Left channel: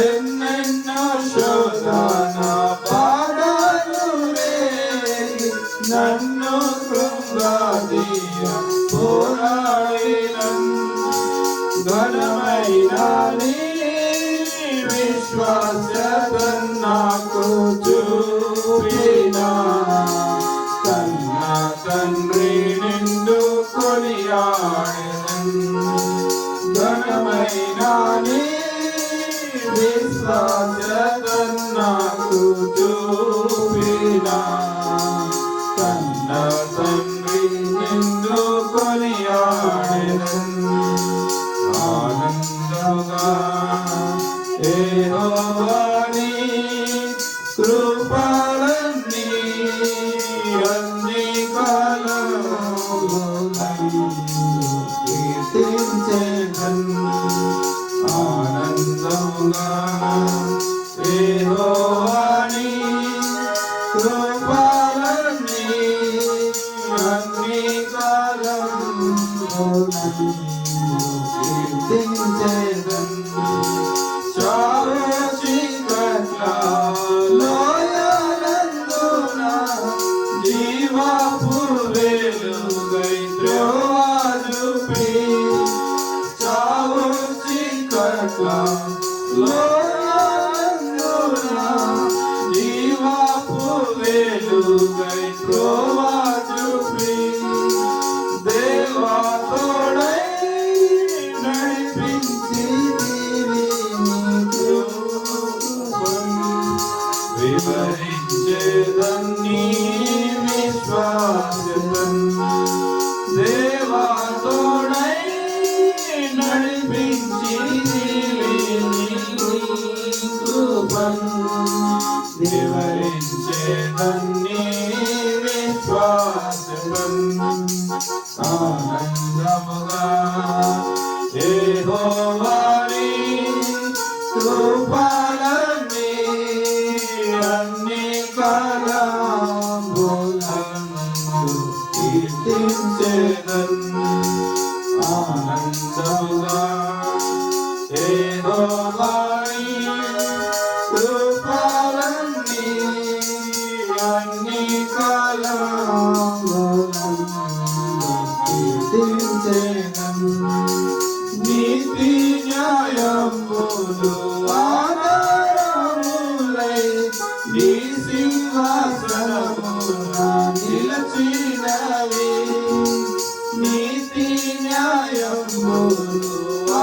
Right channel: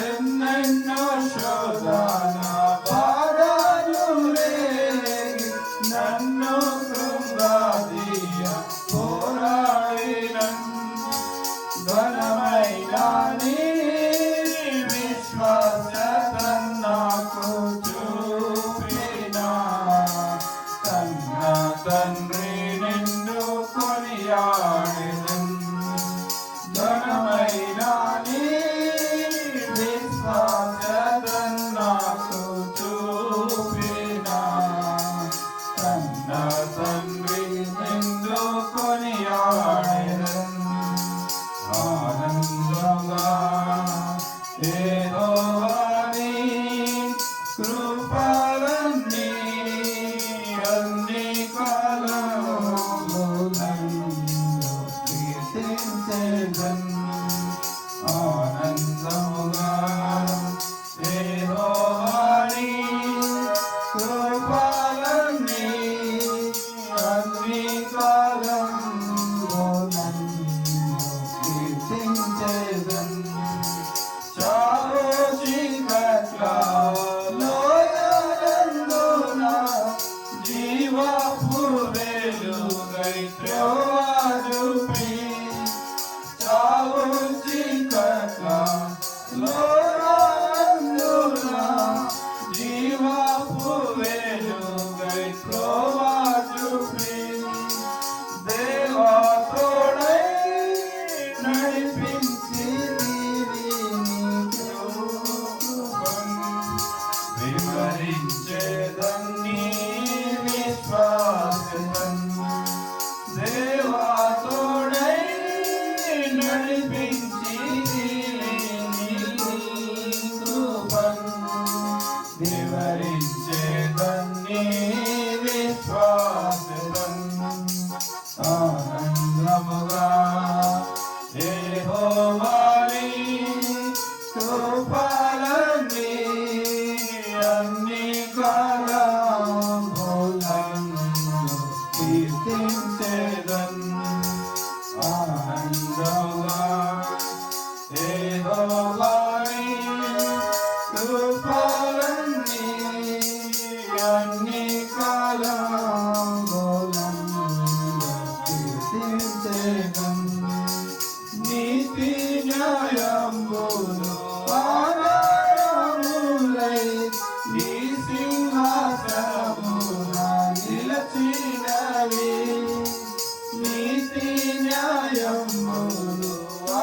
ఎన్నెన్నో శోధన బాధలు రేగి నన్ను కృంగదీయ పోరాడినన్ ఘనమైన నీ విశ్వాసం నాకు చూపినా కన్న తండ్రి నిండు కొనియాడెదన్ ఘనమైన నీ విశ్వాసం నాకు చూపినా కన్న తండ్రి నిండు కొనియాడెదన్ ఆనందముగా యెహోవా నీ కృపలన్నీ అన్ని కాలములు కీర్తించెదన్ ఆనందముగా యెహోవా నీ కృపలన్నీ అన్ని కాలములు కీర్తించెదన్ జీవపు వెలుగై త్రోవ చూపి చావు చీకట్ల లోయలందున జీవపు వెలుగై త్రోవ చూపి దేవా తోడై నడిపించి వివరించేదన్ నీ విశ్వాసం దేవా తోడై నడిపించి కృపన్ వివరించేదన్ నీ విశ్వాసం ఆనందముగా యెహోవా నీ కృపలన్నీ అన్ని కాలములందు కీర్తించెదన్ ఆనందముగా యెహోవా నీ కృపలన్నీ అన్ని కాలములందు కీర్తించెదన్ నీతి న్యాయములు ఆధారములై నీ సింహాసనమున నిలచినవి నీతి న్యాయములు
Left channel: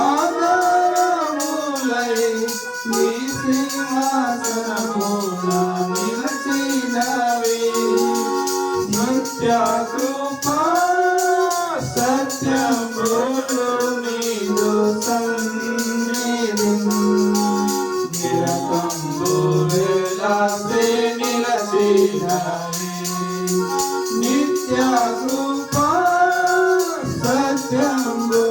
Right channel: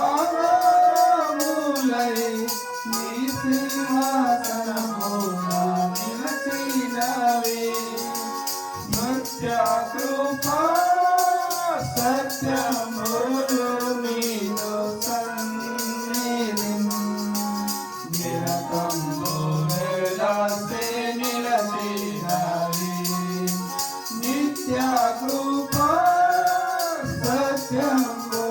ఆధారములై నీ సింహాసనమున నిలచినవి నిత్య కృపా సత్యములు నీదు సన్నిధి నిరతంబు వేలాసే నిలచినవి నిత్య కృపా సత్యములు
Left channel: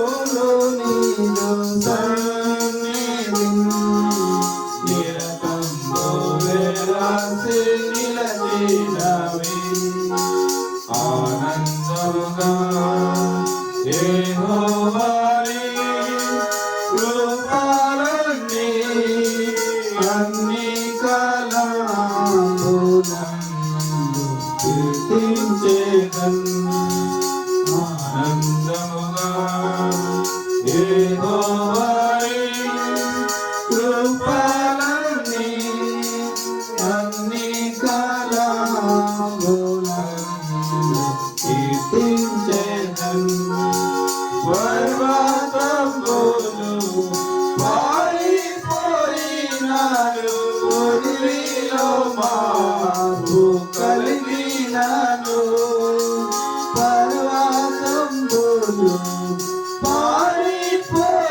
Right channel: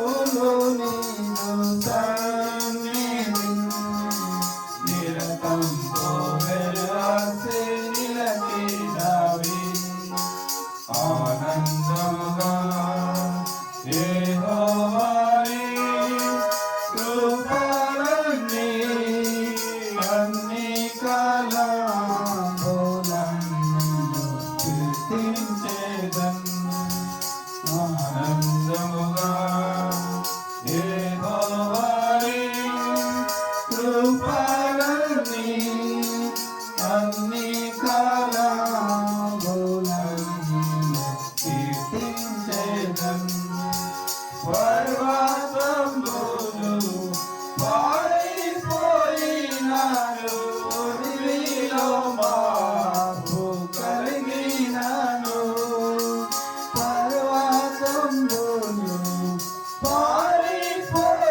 నీదు సన్నిధి నిరతంబు వేలాసే నిలచినవి ఆనందముగా యెహోవా నీ కృపలన్నీ అన్ని కాలములందు కీర్తించెదన్ ఆనందముగా యెహోవా నీ కృపలన్నీ అన్ని కాలములందు కీర్తించెదన్ పర్వతంబులు పారిపోయినాను అడవిలో మార్పు కలిగినాను పర్వతంబులు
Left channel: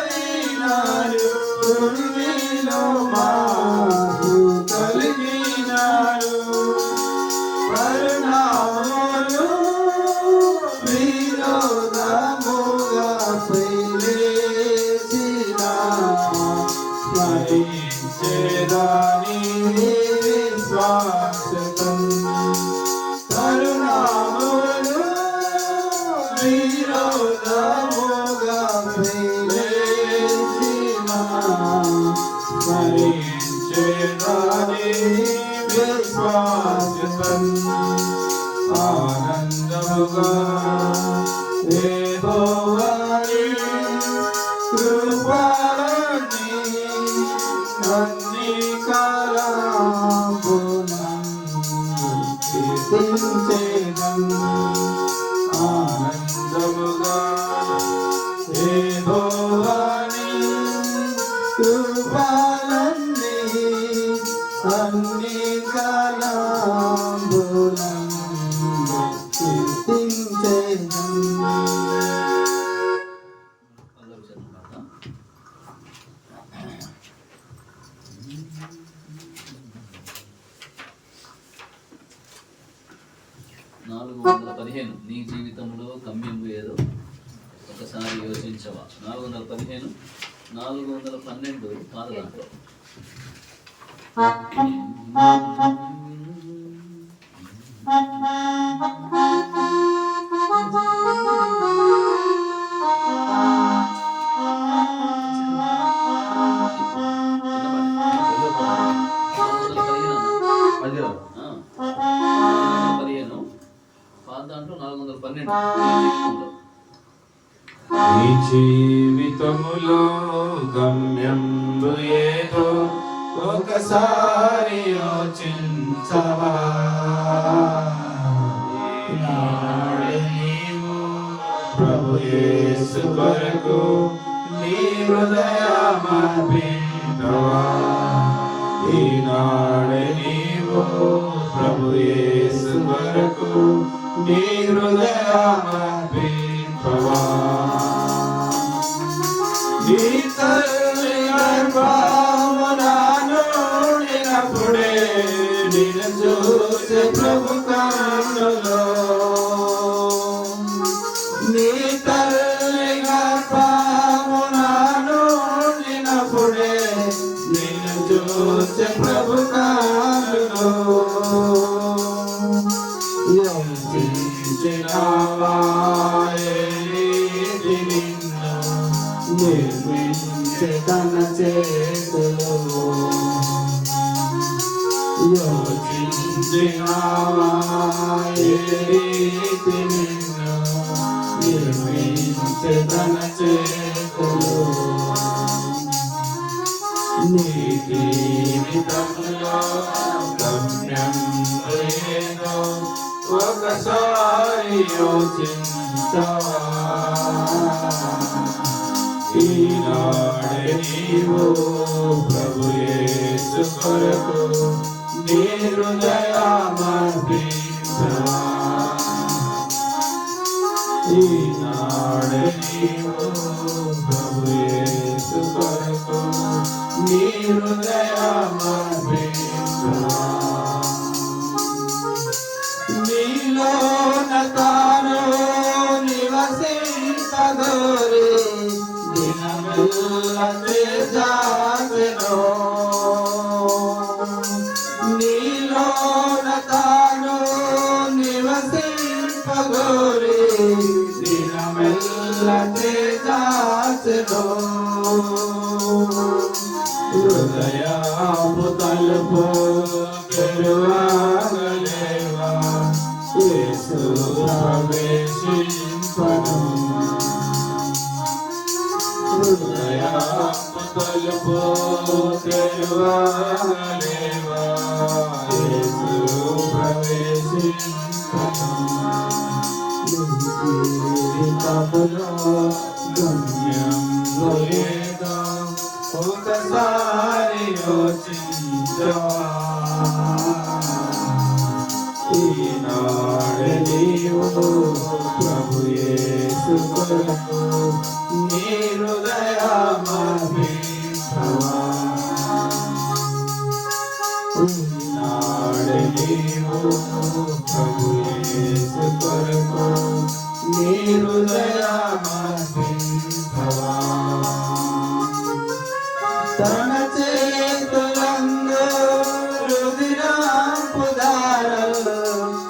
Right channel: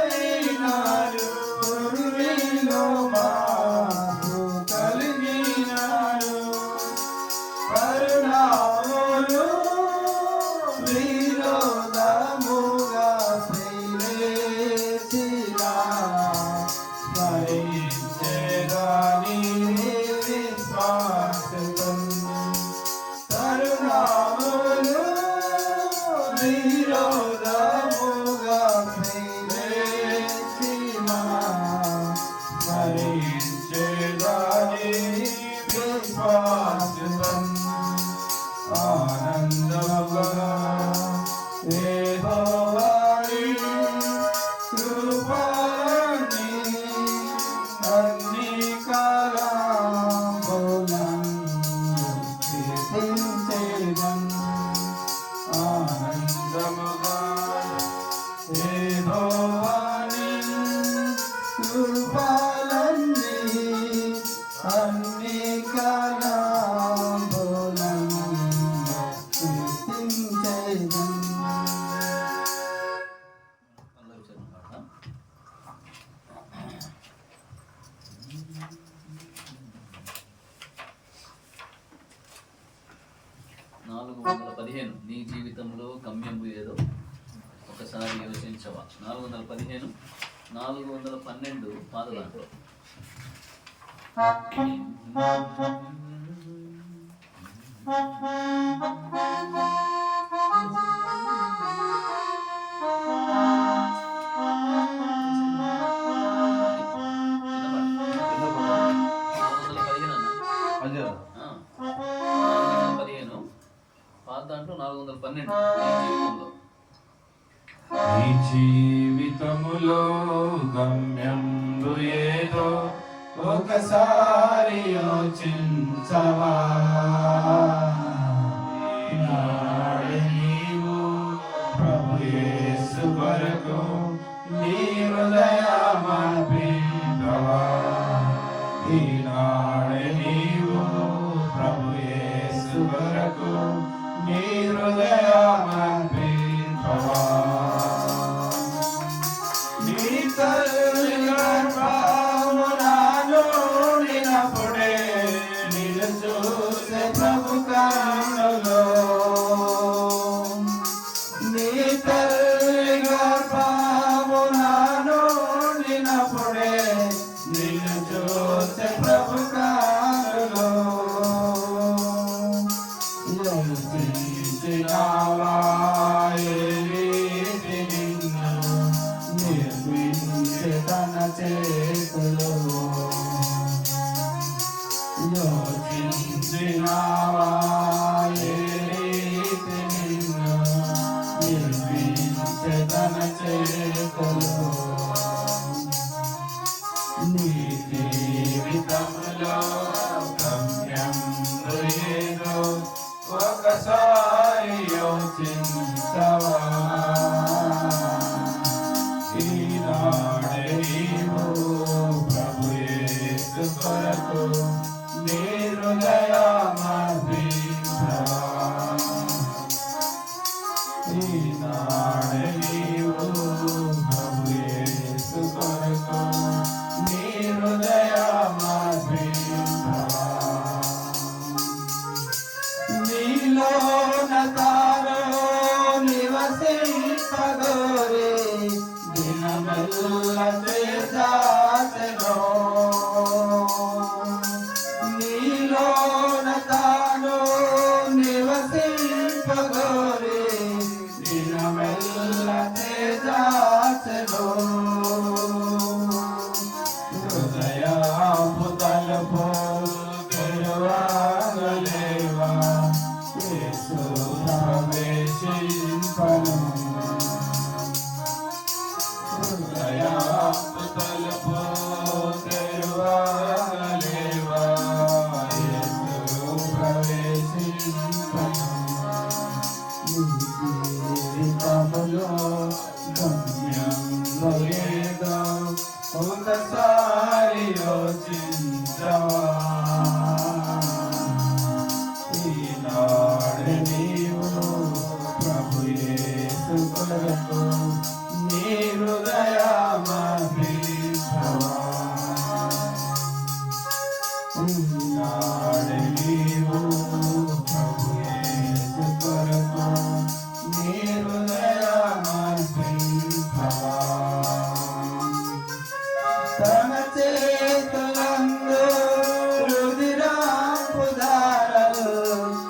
పారిపోయినాను అడవిలో మార్పు కలిగినాను పరిణామములు వినోదముగా పైలేసిన స్మరించేదాని విశ్వాసం పరిణామములు వినోదముగా పైలేసిన స్మరించేదాని కృపలన్నీ అన్ని కాలములందు కీర్తించెదను. ఆనందముగా యెహోవాని కృపలన్నీ అన్ని కాలములందు కీర్తించెదను. 415 నీ జీవితంలో గమ్యము ఏదో ఒకసారి యోచించవా. 415 412 పాత దాంట్లో దాంట్లో 412 నీ జీవితములో గమ్యంబు ఏదో ఒకసారి యోచించవా. ఈనాడు నీవు ప్రభు యేసు కొరకు నీ హృదయమర్పించవా. ఈనాడు నీవు ప్రభు యేసు కొరకు నీ హృదయమర్పించవా. నీ తల్లి గర్భమునప్పుడే నిన్ను చూసే ప్రభు కన్నులు. నీ తల్లి గర్భమునప్పుడే నిన్ను చూసే ప్రభు కన్నులు. యోచించినావా నిన్ను నిర్మించే తన చేతులు. యోచించినావా నిన్ను నిర్మించే తన చేతులు. నీ జీవితంలో గమ్యం ఏదో ఒకసారి యోచించవా. ఈనాడు నీవు ప్రభు యేసు కొరకు నీ హృదయమర్పించవా. ఈనాడు నీవు ప్రభు యేసు కొరకు నీ హృదయమర్పించవా. నీలోన తాను నివసింపగోరే దినమెల్ల తేజాసెను. నీలోన తాను నివసింపగోరే దినమెల్ల తేజాసెను. హృదయపు తలుపు తెరవగలేవా. యేసు ప్రవేశింపను. హృదయపు తలుపు తెరవగలేవా. యేసు ప్రవేశింపను. జీవితములో గమ్యంలో ఏదో ఒకసారి యోచించవా. ఈనాడు నీవు ప్రభు యేసు కొరకు నీ హృదయమర్పించవా. ఈనాడు నీవు ప్రభు యేసు కొరకు నీ హృదయమర్పించవా. తన చేతులందు రుధిరపు ధారలు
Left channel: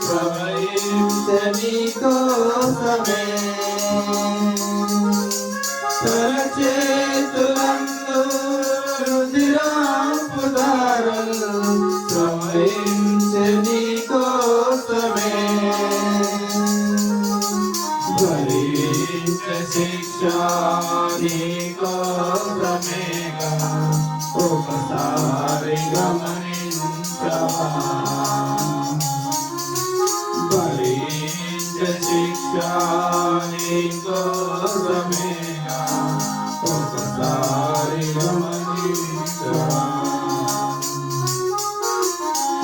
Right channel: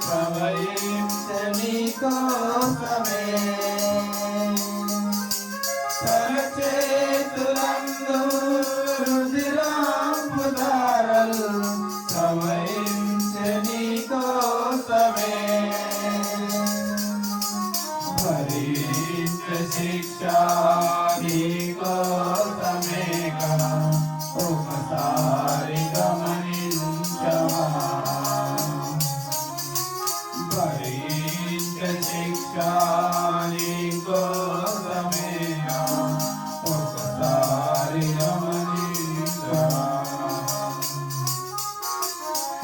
ప్రవహించే నీ కోసమే. తన చేతులందు రుధిరపు ధారలు ప్రవహించే నీ కోసమే. భరించే శిక్ష నీ కోసం కోసమేగా ఒకసారి గమనించవా భరించ శిక్ష నీ కోసమేగా ఒకసారి గమనించవా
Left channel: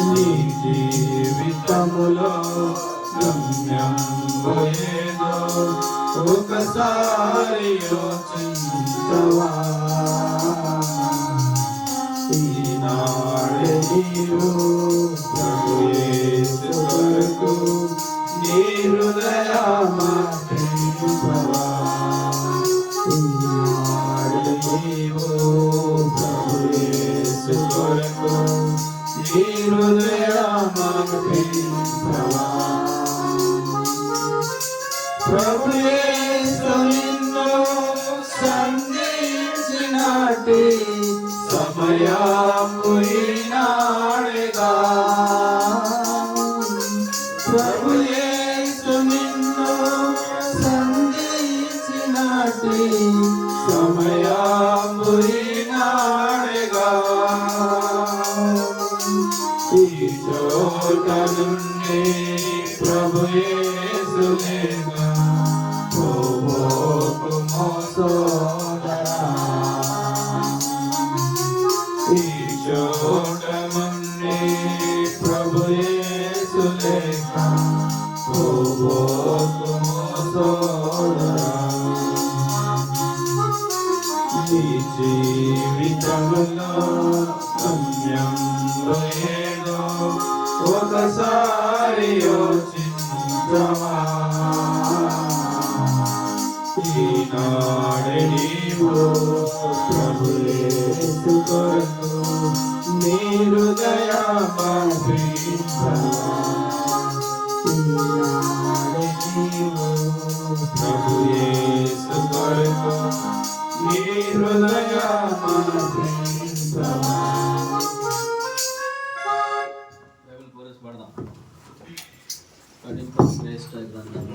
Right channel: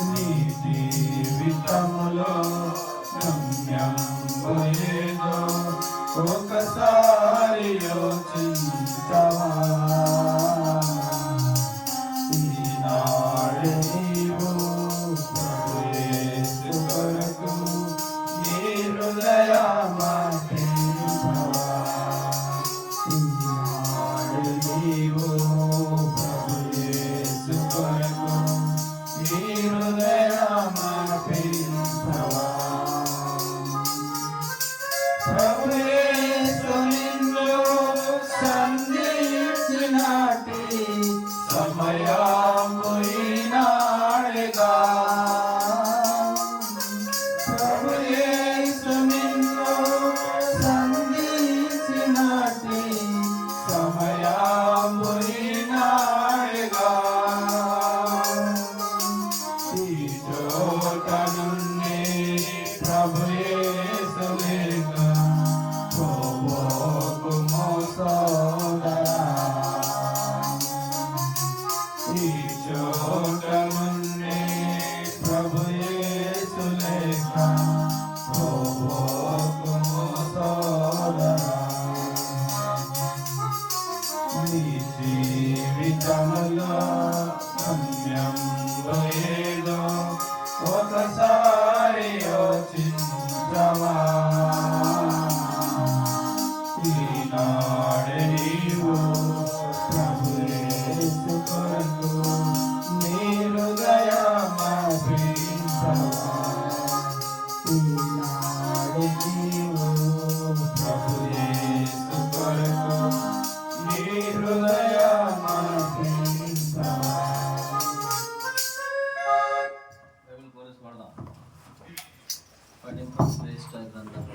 నీ జీవితములో గమ్యం ఏదో ఒకసారి యోచించవా ఈనాడు నీవు ప్రభు యేసు కొరకు నీ హృదయమర్పింపవా ఈనాడు నీవు ప్రభు యేసు కొరకు నీ హృదయమర్పింపవా ప్రభు యేసు నిన్ను సంధించినటి సమయము ఈనాడేగా ప్రభు యేసు నిన్ను సంధించినటి సమయము ఈనాడేగా ఈ చోట నుండి ప్రభు యేసు లేగా పోవోకుమో సోదరా ఈ చోట నుండి ప్రభు యేసు లేక పోవోకుమో సోదరా నీ జీవితంలో గమ్యం ఏదో ఒకసారి యోచించవా ఈనాడు నీవు ప్రభు యేసు కొరకు నీ హృదయమర్పించవా ఈనాడు నీవు ప్రభు యేసు కొరకు నీ హృదయమర్పించవా బైబిల్ కోరస్ పడదాం. పఠింప శ్రేష్ఠ గ్రంథం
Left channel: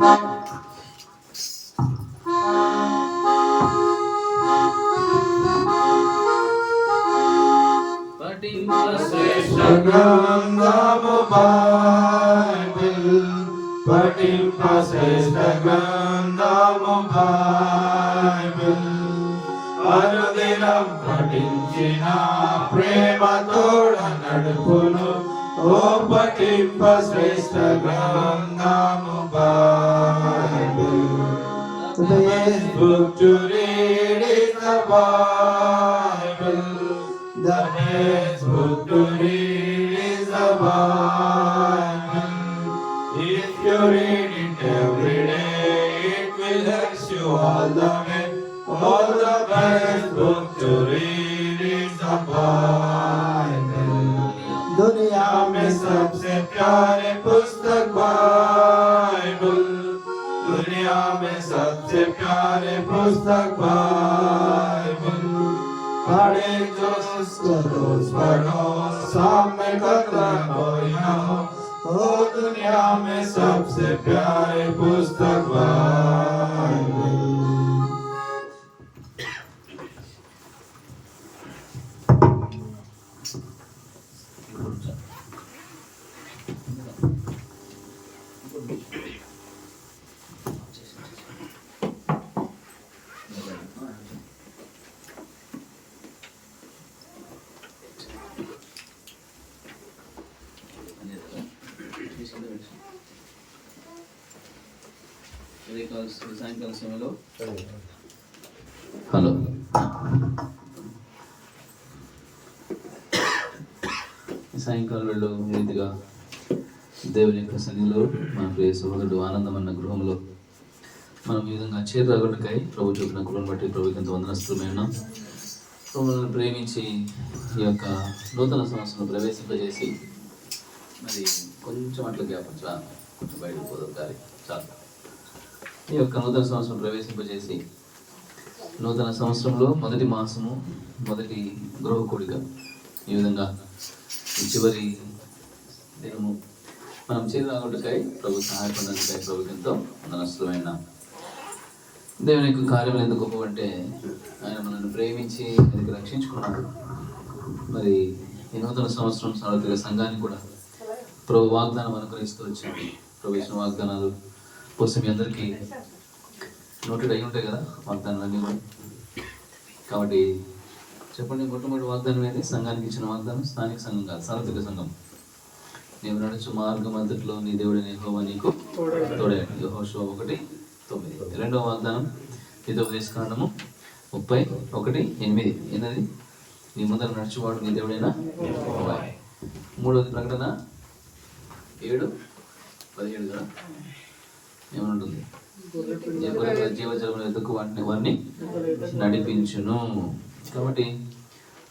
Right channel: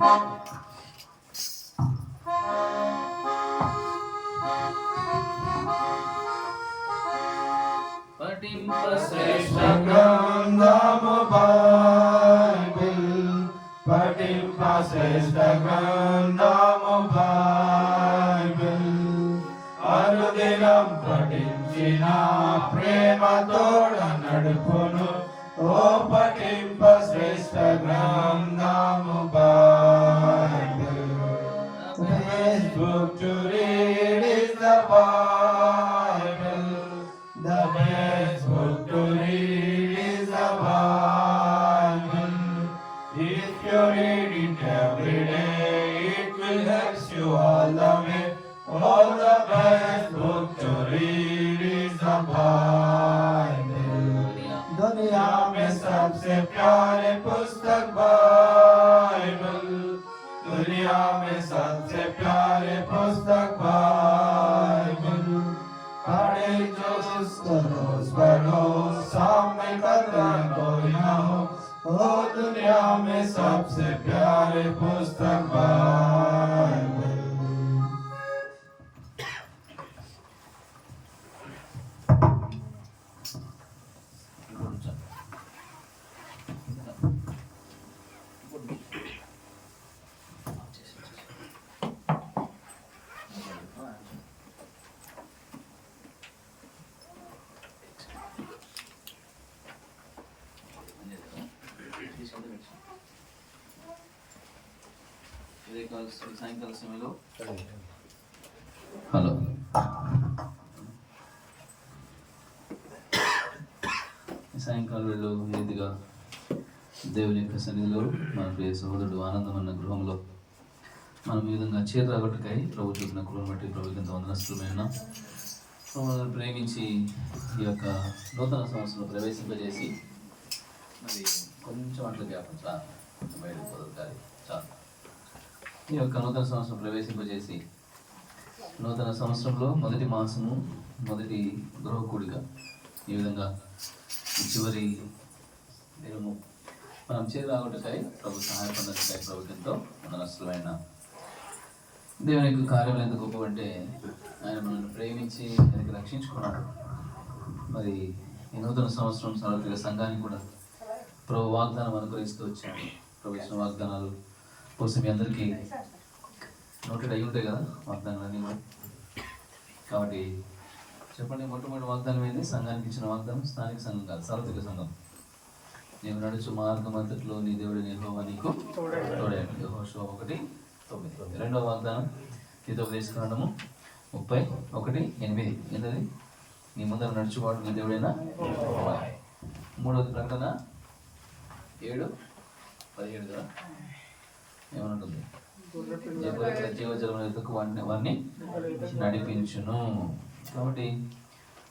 పఠింప శ్రేష్ఠ గ్రంథము బైబిల్ పఠింప శ్రేష్ఠ గ్రంథము బైబిల్ అనుదినం పఠించిన ప్రేమ తోడ నడుపును ఓ పఠింప శ్రేష్ఠ గ్రంథము Bible The best book to read is the Bible. The best book to read is the Bible. If you read it every day, it will help you all the way. Oh, the best book to read is the Bible. दुनिया में सबसे प्यारे पुस्तक Bible दुनिया में सबसे प्यारे पुस्तक बाइबल पढ़े जो उसको रोज पढ़ो सामने कदम कोई ना हो ओ दुनिया में सबसे प्यारे पुस्तक बाइबल సాయంకాల సమయంలో హలో సాయంకాలం వేళలో నీతిగా దేవుని యొక్క సన్నిధిలో మన ప్రియ సహోదరుడు ఆనందమన్న గృహంలో మనం ఈ విధంగా చేరగొట్టుకై ప్రభు చూపిన కృపను బట్టి ప్రభుకి ఎంత వందనస్తులైనా మమ్మల్ని ప్రేమించి ఈ యొక్క నూతన సంవత్సరం ప్రవేశింపజేసి మరి కొంచెం అట్లా గ్యాప్ బయటకు పోదు గారి చాలు ఈ యొక్క నూతన సంవత్సరం ప్రవేశింపజేసి నూతన సంవత్సరంలో మొదటి మాసము మొదటి గృహకుడిగా ఈ విధంగా ఈ చివరి దినము మనం చేరాగుటకై ప్రభు సహాయపడడానికై ప్రభుకి ఎంతో నష్టమైన దేవుని యొక్క కార్యములు ఎందుకు గొప్ప అంటే ఆయన మనల్ని ప్రేమించి ఆయనకి రక్షించుకున్నాడు. మరి ఈ నూతన సంవత్సరం సార్వత్రిక సంఘానికి కూడా ప్రభు వాగ్దానం అనుగ్రహిస్తూ వచ్చాడు. ప్రవేశం వాగ్దానాలు కోసం మీ అందరికీ నోటెడ్ అయి ఉంటాయి కదా వాగ్దానాలు అన్నీ కూడా. కాబట్టి చెప్పండి, మొట్టమొదటి వాగ్దానం ఏంటి? సంఘానికి ఇచ్చిన వాగ్దానం స్థానిక సంఘం కాదు, సార్వత్రిక సంఘం. నీవు నడుచు మార్గం అంతట్లో నీ దేవుడు యెహోవా నీకు తోడయ్యాడు. యెహోషువ 1:9. రెండవ వాగ్దానం ద్వితోపదేశకాండము 31:8. ఏంటది? నీ ముందర నడుచువాడు నీ దేవుడైనా యెహోవా. మూడవది ప్రకటన 7:17 కదా. ఏమనుంటుంది? జీవజలముల ఎదుకు వారిని నడిపించును. కాబట్టి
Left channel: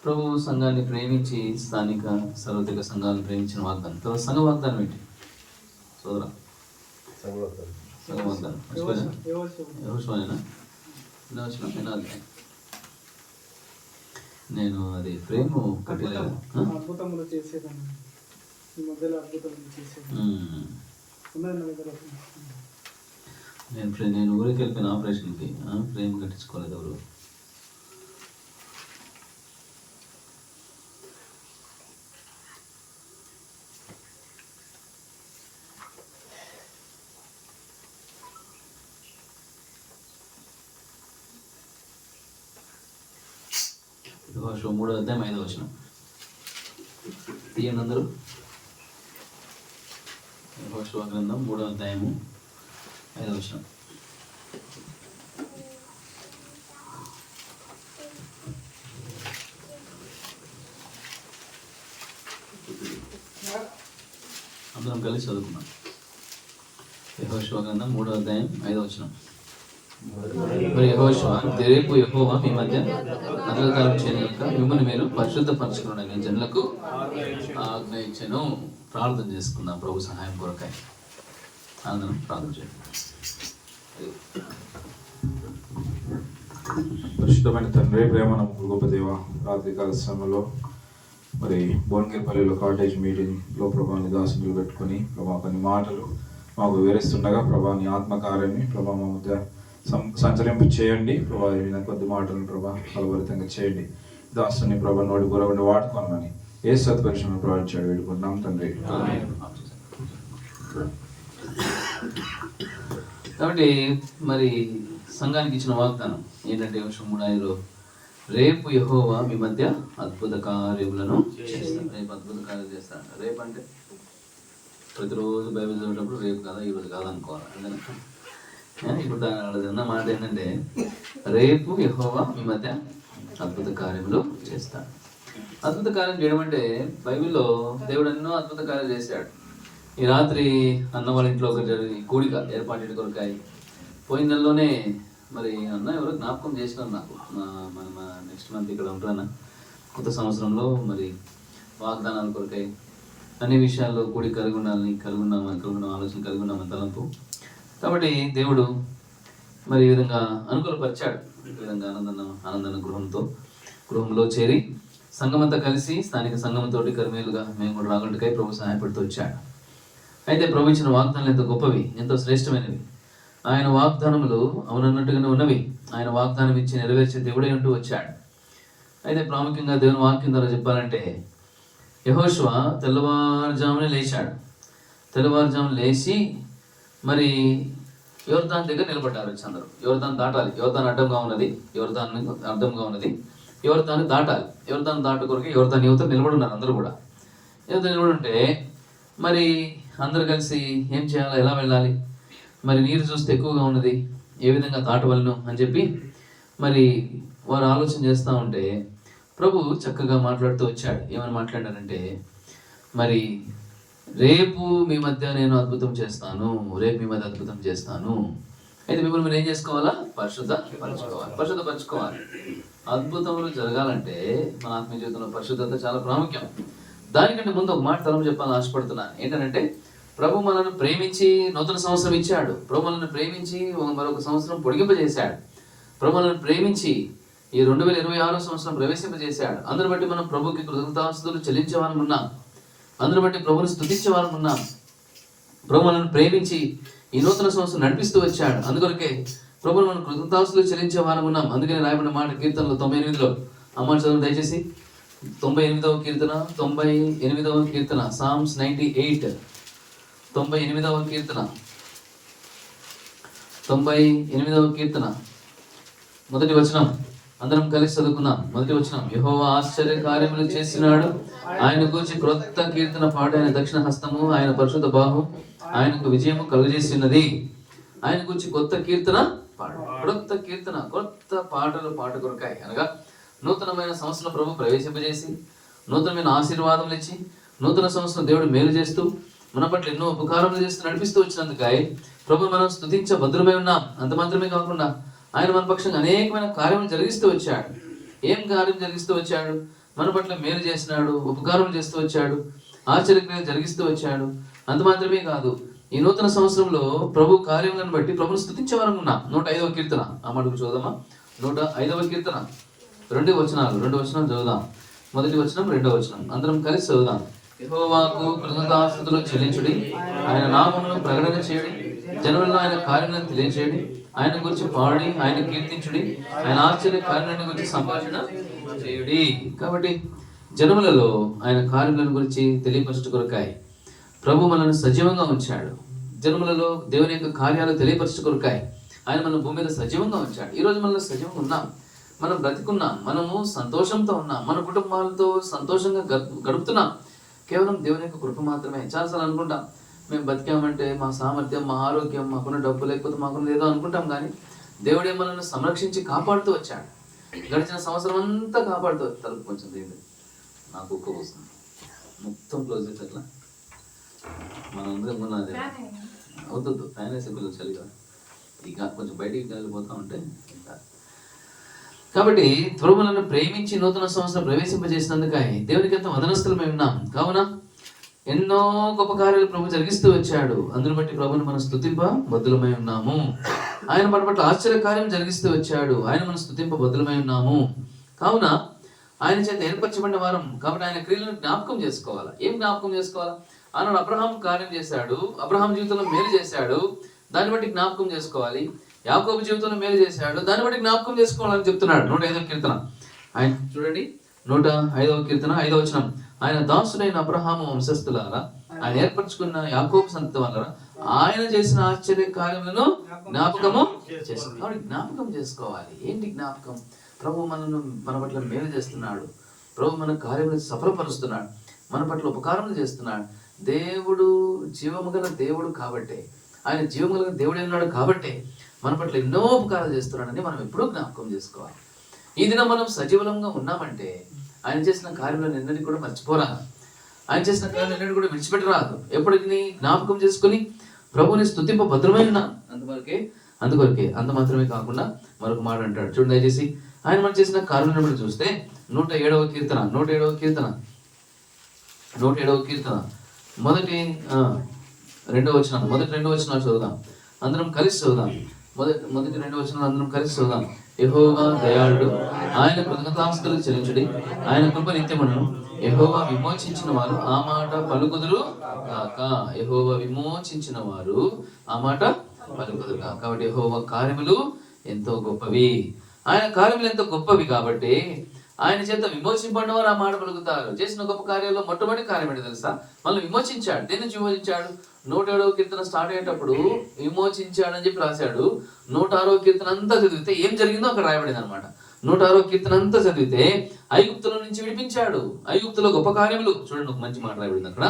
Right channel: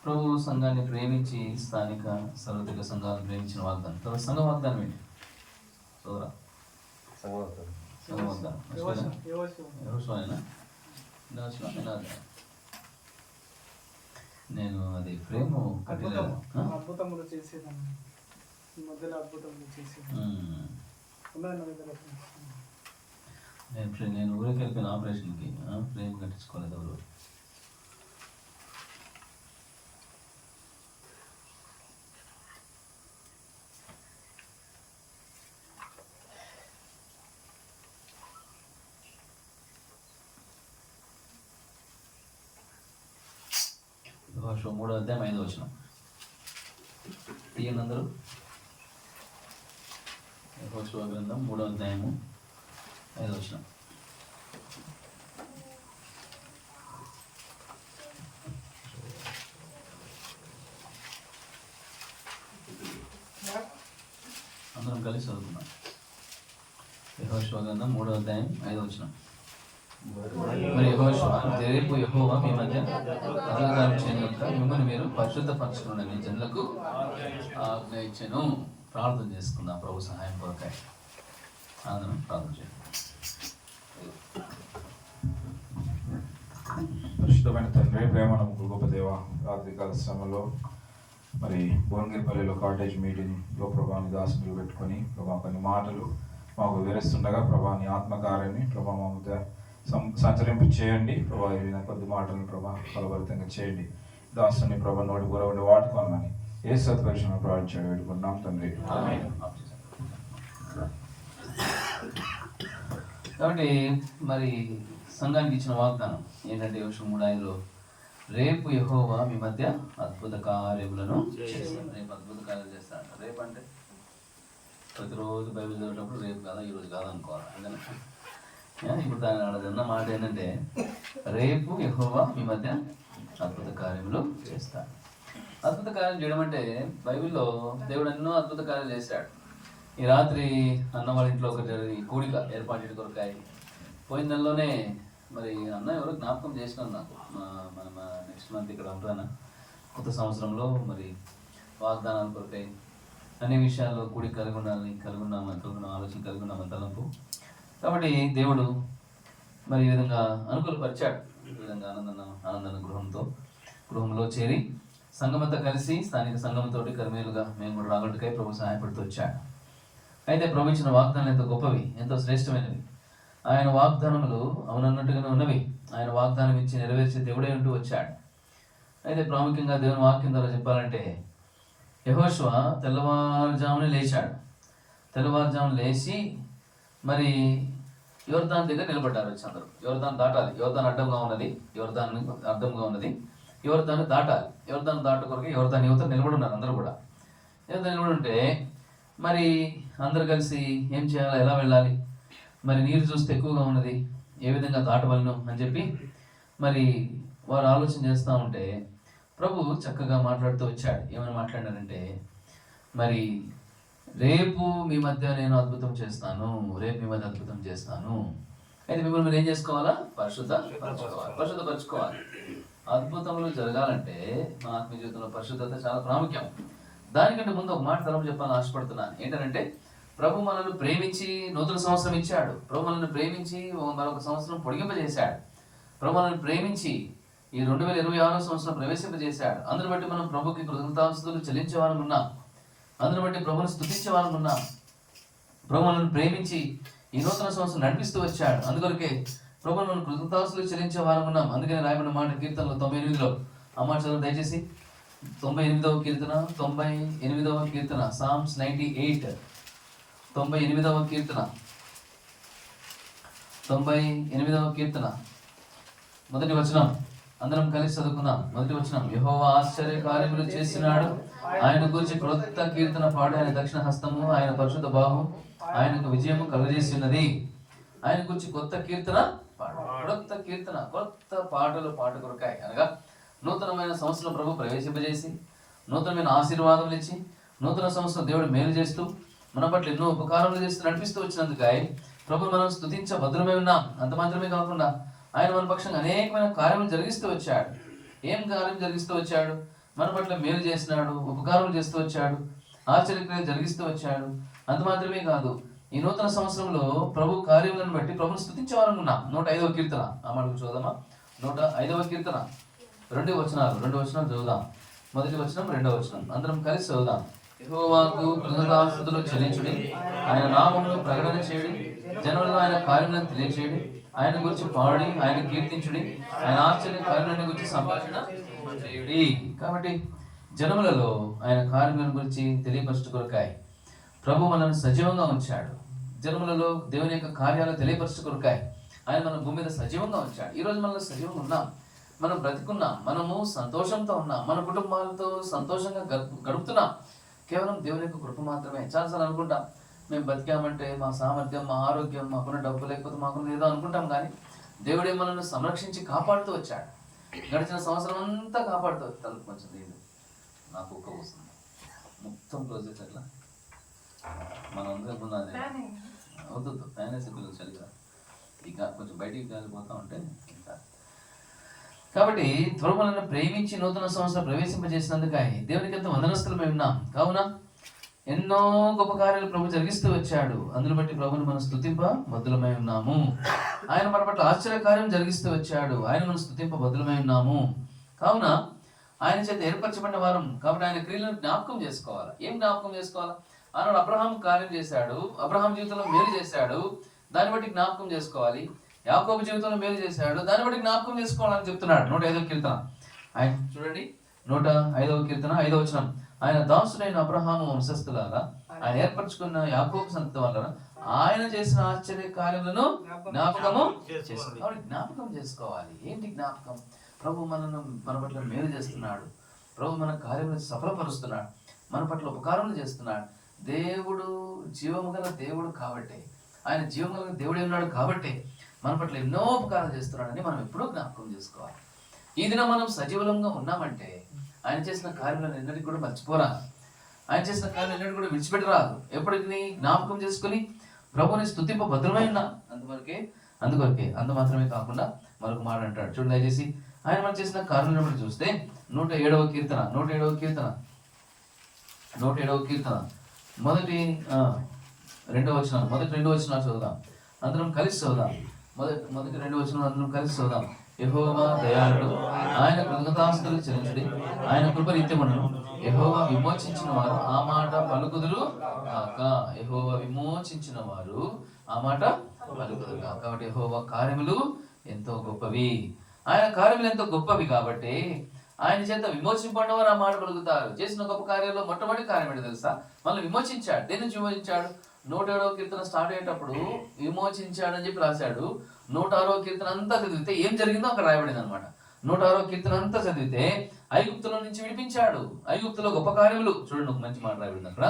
ప్రభు సంఘాన్ని ప్రేమించి స్థానిక సార్వత్రిక సంఘాలను ప్రేమించిన వాగ్దానం. తర్వాత సంఘ వాగ్దానం ఏంటి సోదరా? సంఘ వాగ్దానం యెహోషువనేనా? నేను అది ఫ్రేమ్ కట్టలేదు. అద్భుతములు చేసేదాన్ని ఈ మధ్యలో అద్భుతములు చేసేది నేను ఊరికి వెళ్ళిపోయిన ఆపరేషన్కి ఫ్రేమ్ కట్టించుకోలేదు ఎవరు. యెహోషువ 3:5 తీయండి అందరూ. యెహోషువ గ్రంథం 3:5. అందరం కలిసి చదువుకున్నాం. యెహోషువ గ్రంథం 3:5. మరి యెహోషువ, రేపు యెహోవా మీ మధ్య అద్భుతాలు చేయక మిమ్మల్ని మీరు పరిశుద్ధపరచుకుని జనులకు ఆజ్ఞ ఇచ్చెను. ప్రార్థన చేసుకుందాం ప్రభు సహాయం కొరకాయ. అందరం ప్రార్థన చేయండి. పరిశుద్ధమైన తండ్రి, ప్రేమ నమ్మకం గొప్ప దేవ, రాత్రికాల సమయంలో మరి భువనగిరిపల్లిలో కాటేజ్ మీటింగ్లో ప్రభాని దాసులు పెట్టుకొని ప్రభా కొన్ని మాటలు మాకు వివరిస్తుండగా ప్రభాని ఆత్మకార్యాన్ని ప్రభా మా మధ్య సంచరింపు చేయండి. ప్రభా కొద్ది మాటలను ప్రభా ఫలభరితంగా చేయండి. దాసుని ప్రభా నోటి గురవండి వాడుకోనమని ఏ సత్పరిశ్రమ ప్రార్థించాడు వేడుకుంటున్నాం తండ్రి. కాబట్టి మరి సంఘానికి ఇచ్చిన వాగ్దానం ఏంటంటే వర్షం 3:5 రేపు యెహోవా మీ మధ్య అద్భుత కార్యములను చేస్తాడు. రేపు అద్భుత కార్యాలు చేస్తాడు. రేపు అంటే ప్రతిరోజు బైబిల్ చదివేటప్పుడు రేపు కదా ఈరోజు కాదు అనుకోవాలి. అందుకని ఇప్పుడు అన్న మాట ఏంటంటే రేపు యెహోవా మీ మధ్య అద్భుత కార్యములు చేస్తాడు. అద్భుత కార్యం చేయడం అంటే బైబిల్లో దేవుడు ఎన్నో అద్భుత కార్యాలు చేశాడు. ఈ రాత్రి అన్న వాళ్ళ ఇంట్లో ఒక కూడిక ఏర్పాటు కొరకాయి. పోయిన నెలలోనే మరి అన్న ఎవరో జ్ఞాపకం చేసినారు నాకు. మన నెక్స్ట్ మంత్ ఇక్కడ ఉంటారన్న. కొత్త సంవత్సరంలో మరి వాగ్దానాలు కొరకాయి అన్ని విషయాల్లో కూడి కలిగి ఉన్నాం ఆలోచన కలిగి ఉన్నామని తలంపు. కాబట్టి దేవుడు మరి ఈ విధంగా అనుకూలపరిచాడు. ఈ విధంగా ఆనందన గృహంలో చేరి సంఘమంతా కలిసి స్థానిక సంఘంతో కరిమేలుగా మేము కూడా రాగలకై ప్రభు సహాయపడుతూ వచ్చాడు. అయితే ప్రభు ఇచ్చిన వాగ్దానాలు ఎంతో గొప్పవి, ఎంతో శ్రేష్టమైనవి. ఆయన వాగ్దానములు అవునన్నట్టుగానే ఉన్నవి. ఆయన వాగ్దానం ఇచ్చి నెరవేర్చే దేవుడే అంటూ వచ్చాడు. అయితే ప్రాముఖ్యంగా దేవుని వాక్యం ద్వారా చెప్పాలంటే యెహోషువ తెల్లవారుజామునే లేచాడు. తెల్లవారుజామున లేచి మరి యోర్దాన్ దగ్గర నిలబడ్డారు. వచ్చి అందరూ యోర్దాన్ దాటాలి. యోర్దాన్ అడ్డంగా ఉన్నది. యోర్దాన్ని దాటాలి. యోర్దాన్ దాటు కొరకు యోర్దాన్ యువత నిలబడున్నారు. అందరూ కూడా యువత నిలబడుంటే మరి అందరు కలిసి ఏం చేయాలి, ఎలా వెళ్ళాలి, మరి నీరు చూస్తే ఎక్కువగా ఉన్నది, ఏ విధంగా దాటవలను అని చెప్పి మరి వారు ఆలోచన చేస్తూ ఉంటే ప్రభు చక్కగా మాట్లాడుతూ వచ్చాడు. ఏమని మాట్లాడారంటే మరి రేపు మీ మధ్య నేను అద్భుతం చేస్తాను, రేపు మీ మధ్య అద్భుతం చేస్తాను. అయితే మిమ్మల్ని మీరు ఏం చేసుకోవాలా? పరిశుద్ధపరచుకోవాలి. అద్భుతములు జరగాలంటే మన ఆత్మీయ జీవితంలో పరిశుద్ధత చాలా ప్రాముఖ్యం. దానికంటే ముందు ఒక మాట తరం చెప్పాలని ఆశపడుతున్నాను. ఏంటంటే ప్రభు మనల్ని ప్రేమించి నూతన సంవత్సరం ఇచ్చాడు. ప్రభు మనల్ని ప్రేమించి మరొక సంవత్సరం పొడిగింపజేశాడు. ప్రభు మనల్ని ప్రేమించి ఈ 2026 సంవత్సరం ప్రవేశింపజేశాడు. అందరి బట్టి మనం ప్రభుకి కృతజ్ఞతాస్తుతులు చెల్లించేవారం ఉన్నాం. అందరి బట్టి ప్రభుని స్తుతించేవారం ఉన్నాం. ప్రభు మనల్ని ప్రేమించి ఈ నూతన సంవత్సరం నడిపిస్తూ వచ్చాడు. అందుకొరకే ప్రభువును మనం కృతజ్ఞతాస్తులు చెల్లించే వారం ఉన్నాం. అందుకని రాయబడిన మాట కీర్తనలో 98లో అమ్మ చదువు దయచేసి. 98వ కీర్తన, 98వ కీర్తన, సామ్స్ 98, 98వ కీర్తన, 98వ కీర్తన మొదటి వచనం అందరం కలిసి చదువుకుందాం. మొదటి వచనం, యెహోవా ఆశ్చర్య కార్యములు చేస్తున్నాడు, ఆయన గూర్చి క్రొత్త కీర్తన పాడు. ఆయన దక్షిణ హస్తము, ఆయన పరిశుద్ధ బాహు ఆయనకు విజయము కలుగజేసినది. ఆయన గురించి కొత్త కీర్తన పాడు. క్రొత్త కీర్తన, కొత్త పాటలు పాట కొరకాయి. అనగా నూతనమైన సంవత్సరం ప్రభు ప్రవేశింపజేసి, నూతనమైన ఆశీర్వాదములు ఇచ్చి, నూతన సంవత్సరం దేవుడు మేలు చేస్తూ, మన పట్ల ఎన్నో ఉపకారములు చేస్తూ నడిపిస్తూ వచ్చినందుకై ప్రభు మనం స్తుతించ భద్రమై ఉన్నాం. అంత మాత్రమే కాకుండా ఆయన మన పక్షంగా అనేకమైన కార్యములు జరిగిస్తూ వచ్చాడు. ఏం కార్యం జరిగిస్తూ వచ్చాడు? మన పట్ల మేలు చేసినాడు, ఉపకారం చేస్తూ వచ్చాడు, ఆశ్చర్యక్రియలు జరిగిస్తూ వచ్చాడు. అంత మాత్రమే కాదు, ఈ నూతన సంవత్సరంలో ప్రభు కార్యములను బట్టి ప్రభుని స్తుతించేవారనుకున్నాం. 105వ కీర్తన ఆ మటుకు చూద్దామా. 105వ కీర్తన 2 వచనాలు చదువుదాం. మొదటి వచనం, 2వ వచనం అందరం కలిసి చదువుదాం. యెహోవాకు కృతజ్ఞతాస్తుతులు చెల్లించుడి, ఆయన నామమును ప్రకటన చేయుడి, జనములలో ఆయన కార్యములను తెలియచేయడి, ఆయన గురించి పాడి ఆయన కీర్తించుడి, ఆయన ఆశ్చర్య కార్యాలను గురించి సంభాషణ చేయుడి. కాబట్టి జనములలో ఆయన కార్యములను గురించి తెలియపరచు కొరకాయి ప్రభు మనల్ని సజీవంగా ఉంచాడు. జనములలో దేవుని యొక్క కార్యాలు తెలియపరచు కొరకాయి ఆయన మన భూమి మీద సజీవంగా ఉంచాడు. ఈ రోజు మనలో సజీవంగా ఉన్నాం, మనం బ్రతికున్నాం, మనము సంతోషంతో ఉన్నాం, మన కుటుంబాలతో సంతోషంగా గడుపుతున్నాం. కేవలం దేవుని యొక్క కృప మాత్రమే. చాలాసార్లు అనుకుంటాం, మేము బతికామంటే మా సామర్థ్యం, మా ఆరోగ్యం, మాకున్న డబ్బు, లేకపోతే మాకున్న ఏదో అనుకుంటాం. కానీ దేవుడే మనల్ని సంరక్షించి కాపాడుతూ వచ్చాడు. గడిచిన సంవత్సరం అంతా కాపాడుతూ తలుపు కొంచెం దేవుడు నాకు ఒక్క వస్తుంది మొత్తం క్లోజ్ చేసి అట్లా మనం అందరం ఉన్నది అవుతుంది. ఫ్యాన్ వేసే పిల్లలు చలిగా ఇక కొంచెం బయటికి కాలిపోతా ఉంటే ఇంకా. కాబట్టి త్వరలను ప్రేమించి నూతన సంవత్సరం ప్రవేశింపజేసినందుకై దేవునికి ఎంతో వందనస్తులమై ఉన్నాం. కావున ఎన్నో గొప్ప కార్యాలు ప్రభు జరిగిస్తూ వచ్చాడు. అందును బట్టి ప్రభుని మనం స్తుతింప బద్దులమై ఉన్నాము. ఆయన మన పట్ల ఆశ్చర్య కార్యం జరిగిస్తూ వచ్చాడు. ఆయన మనం స్తుతింప బద్దులమై ఉన్నాము. కావున ఆయన చేత ఏర్పరచబడిన వారం కాబట్టి ఆయన క్రియలను జ్ఞాపకం చేసుకోవాలా. ఏం జ్ఞాపకం చేసుకోవాలా? ఆనాడు అబ్రహాం కార్యం చేశాడు, అబ్రహాం జీవితంలో మేలు చేశాడు, దాన్ని బట్టి జ్ఞాపకం చేసుకోవాలి. యాకోబు జీవితంలో మేలు చేశాడు, దాన్ని బట్టి జ్ఞాపకం చేసుకోవాలని చెప్తున్నాడు. 105వ కీర్తన ఆయన చూడండి. 105వ కీర్తన 5వ వచనం, ఆయన దాసుడైన అబ్రహాము వంశస్థులారా, ఆయన ఏర్పరచుకున్న యాకోబు సంతతి వలన ఆయన చేసిన ఆశ్చర్య కార్యములను జ్ఞాపకము చేసుకోవాలి. జ్ఞాపకం చేసుకోవాలి. ఏంటి జ్ఞాపకం? ప్రభు మనను మన పట్ల మేలు చేస్తున్నాడు, ప్రభు మన కార్యములను సఫలపరుస్తున్నాడు, మన పట్ల ఉపకారములు చేస్తున్నాడు. దేవుడు జీవము గల దేవుడు కాబట్టే, ఆయన జీవము గల దేవుడు ఉన్నాడు కాబట్టే మన పట్ల ఎన్నో ఉపకారాలు చేస్తున్నాడని మనం ఎప్పుడూ జ్ఞాపకం చేసుకోవాలి. ఈ దినం మనం సజీవంగా ఉన్నామంటే ఆయన చేసిన కార్యాలను ఎన్నటికీ కూడా మర్చిపోరా. ఆయన చేసిన కార్యాలను ఎన్నటికీ కూడా విడిచిపెట్టరాదు. ఎప్పటికీ జ్ఞాపకం చేసుకుని ప్రభుని స్తుతింప భద్రమై ఉన్నాం. అందుకొరకే అంత మాత్రమే కాకుండా మరొక మాట అంటాడు చూడండి దయచేసి. ఆయన మనం చేసిన కార్యాలను చూస్తే 107వ కీర్తన 107వ కీర్తన మొదటి 2వ వచనం, మొదటి 2 వచనాలు చదువుదాం. అందరం కలిసి చదువుదాం. మొదటి 2 వచనాలు అందరం కలిసి చదువుదాం. యెహోవా దయాళుడు, ఆయన కృతజ్ఞతాస్తుతులు చెల్లించుడి, ఆయన కృప నిత్యమును. యెహోవా విమోచించిన వారు ఆ మాట పలుకుదురు కాక. యెహోవా విమోచించిన వారు ఆ మాట పలుకుదురు కాక. కాబట్టి యెహోవా కార్యములు ఎంతో గొప్పవి. ఆయన కార్యములు ఎంతో గొప్పవి కాబట్టి ఆయన చేత విమోచింపడిన వారు ఆ మాట పలుకుతారు. చేసిన గొప్ప కార్యాల్లో మొట్టమొదటి కార్యం ఏంటో తెలుసా? మనల్ని విమోచించాడు. దేని నుంచి విమోచించాడు? 107వ కీర్తన స్టార్ట్ అయ్యేటప్పుడు విమోచించాడని చెప్పి రాశాడు. 106వ కీర్తన అంతా చదివితే ఏం జరిగిందో అక్కడ రాయబడింది అనమాట. 106వ కీర్తన అంతా చదివితే ఐగుప్తులో నుంచి విడిపించాడు. ఐగుప్తులో గొప్ప కార్యములు చూడండి, ఒక మంచి మాట రాయబడింది అక్కడ.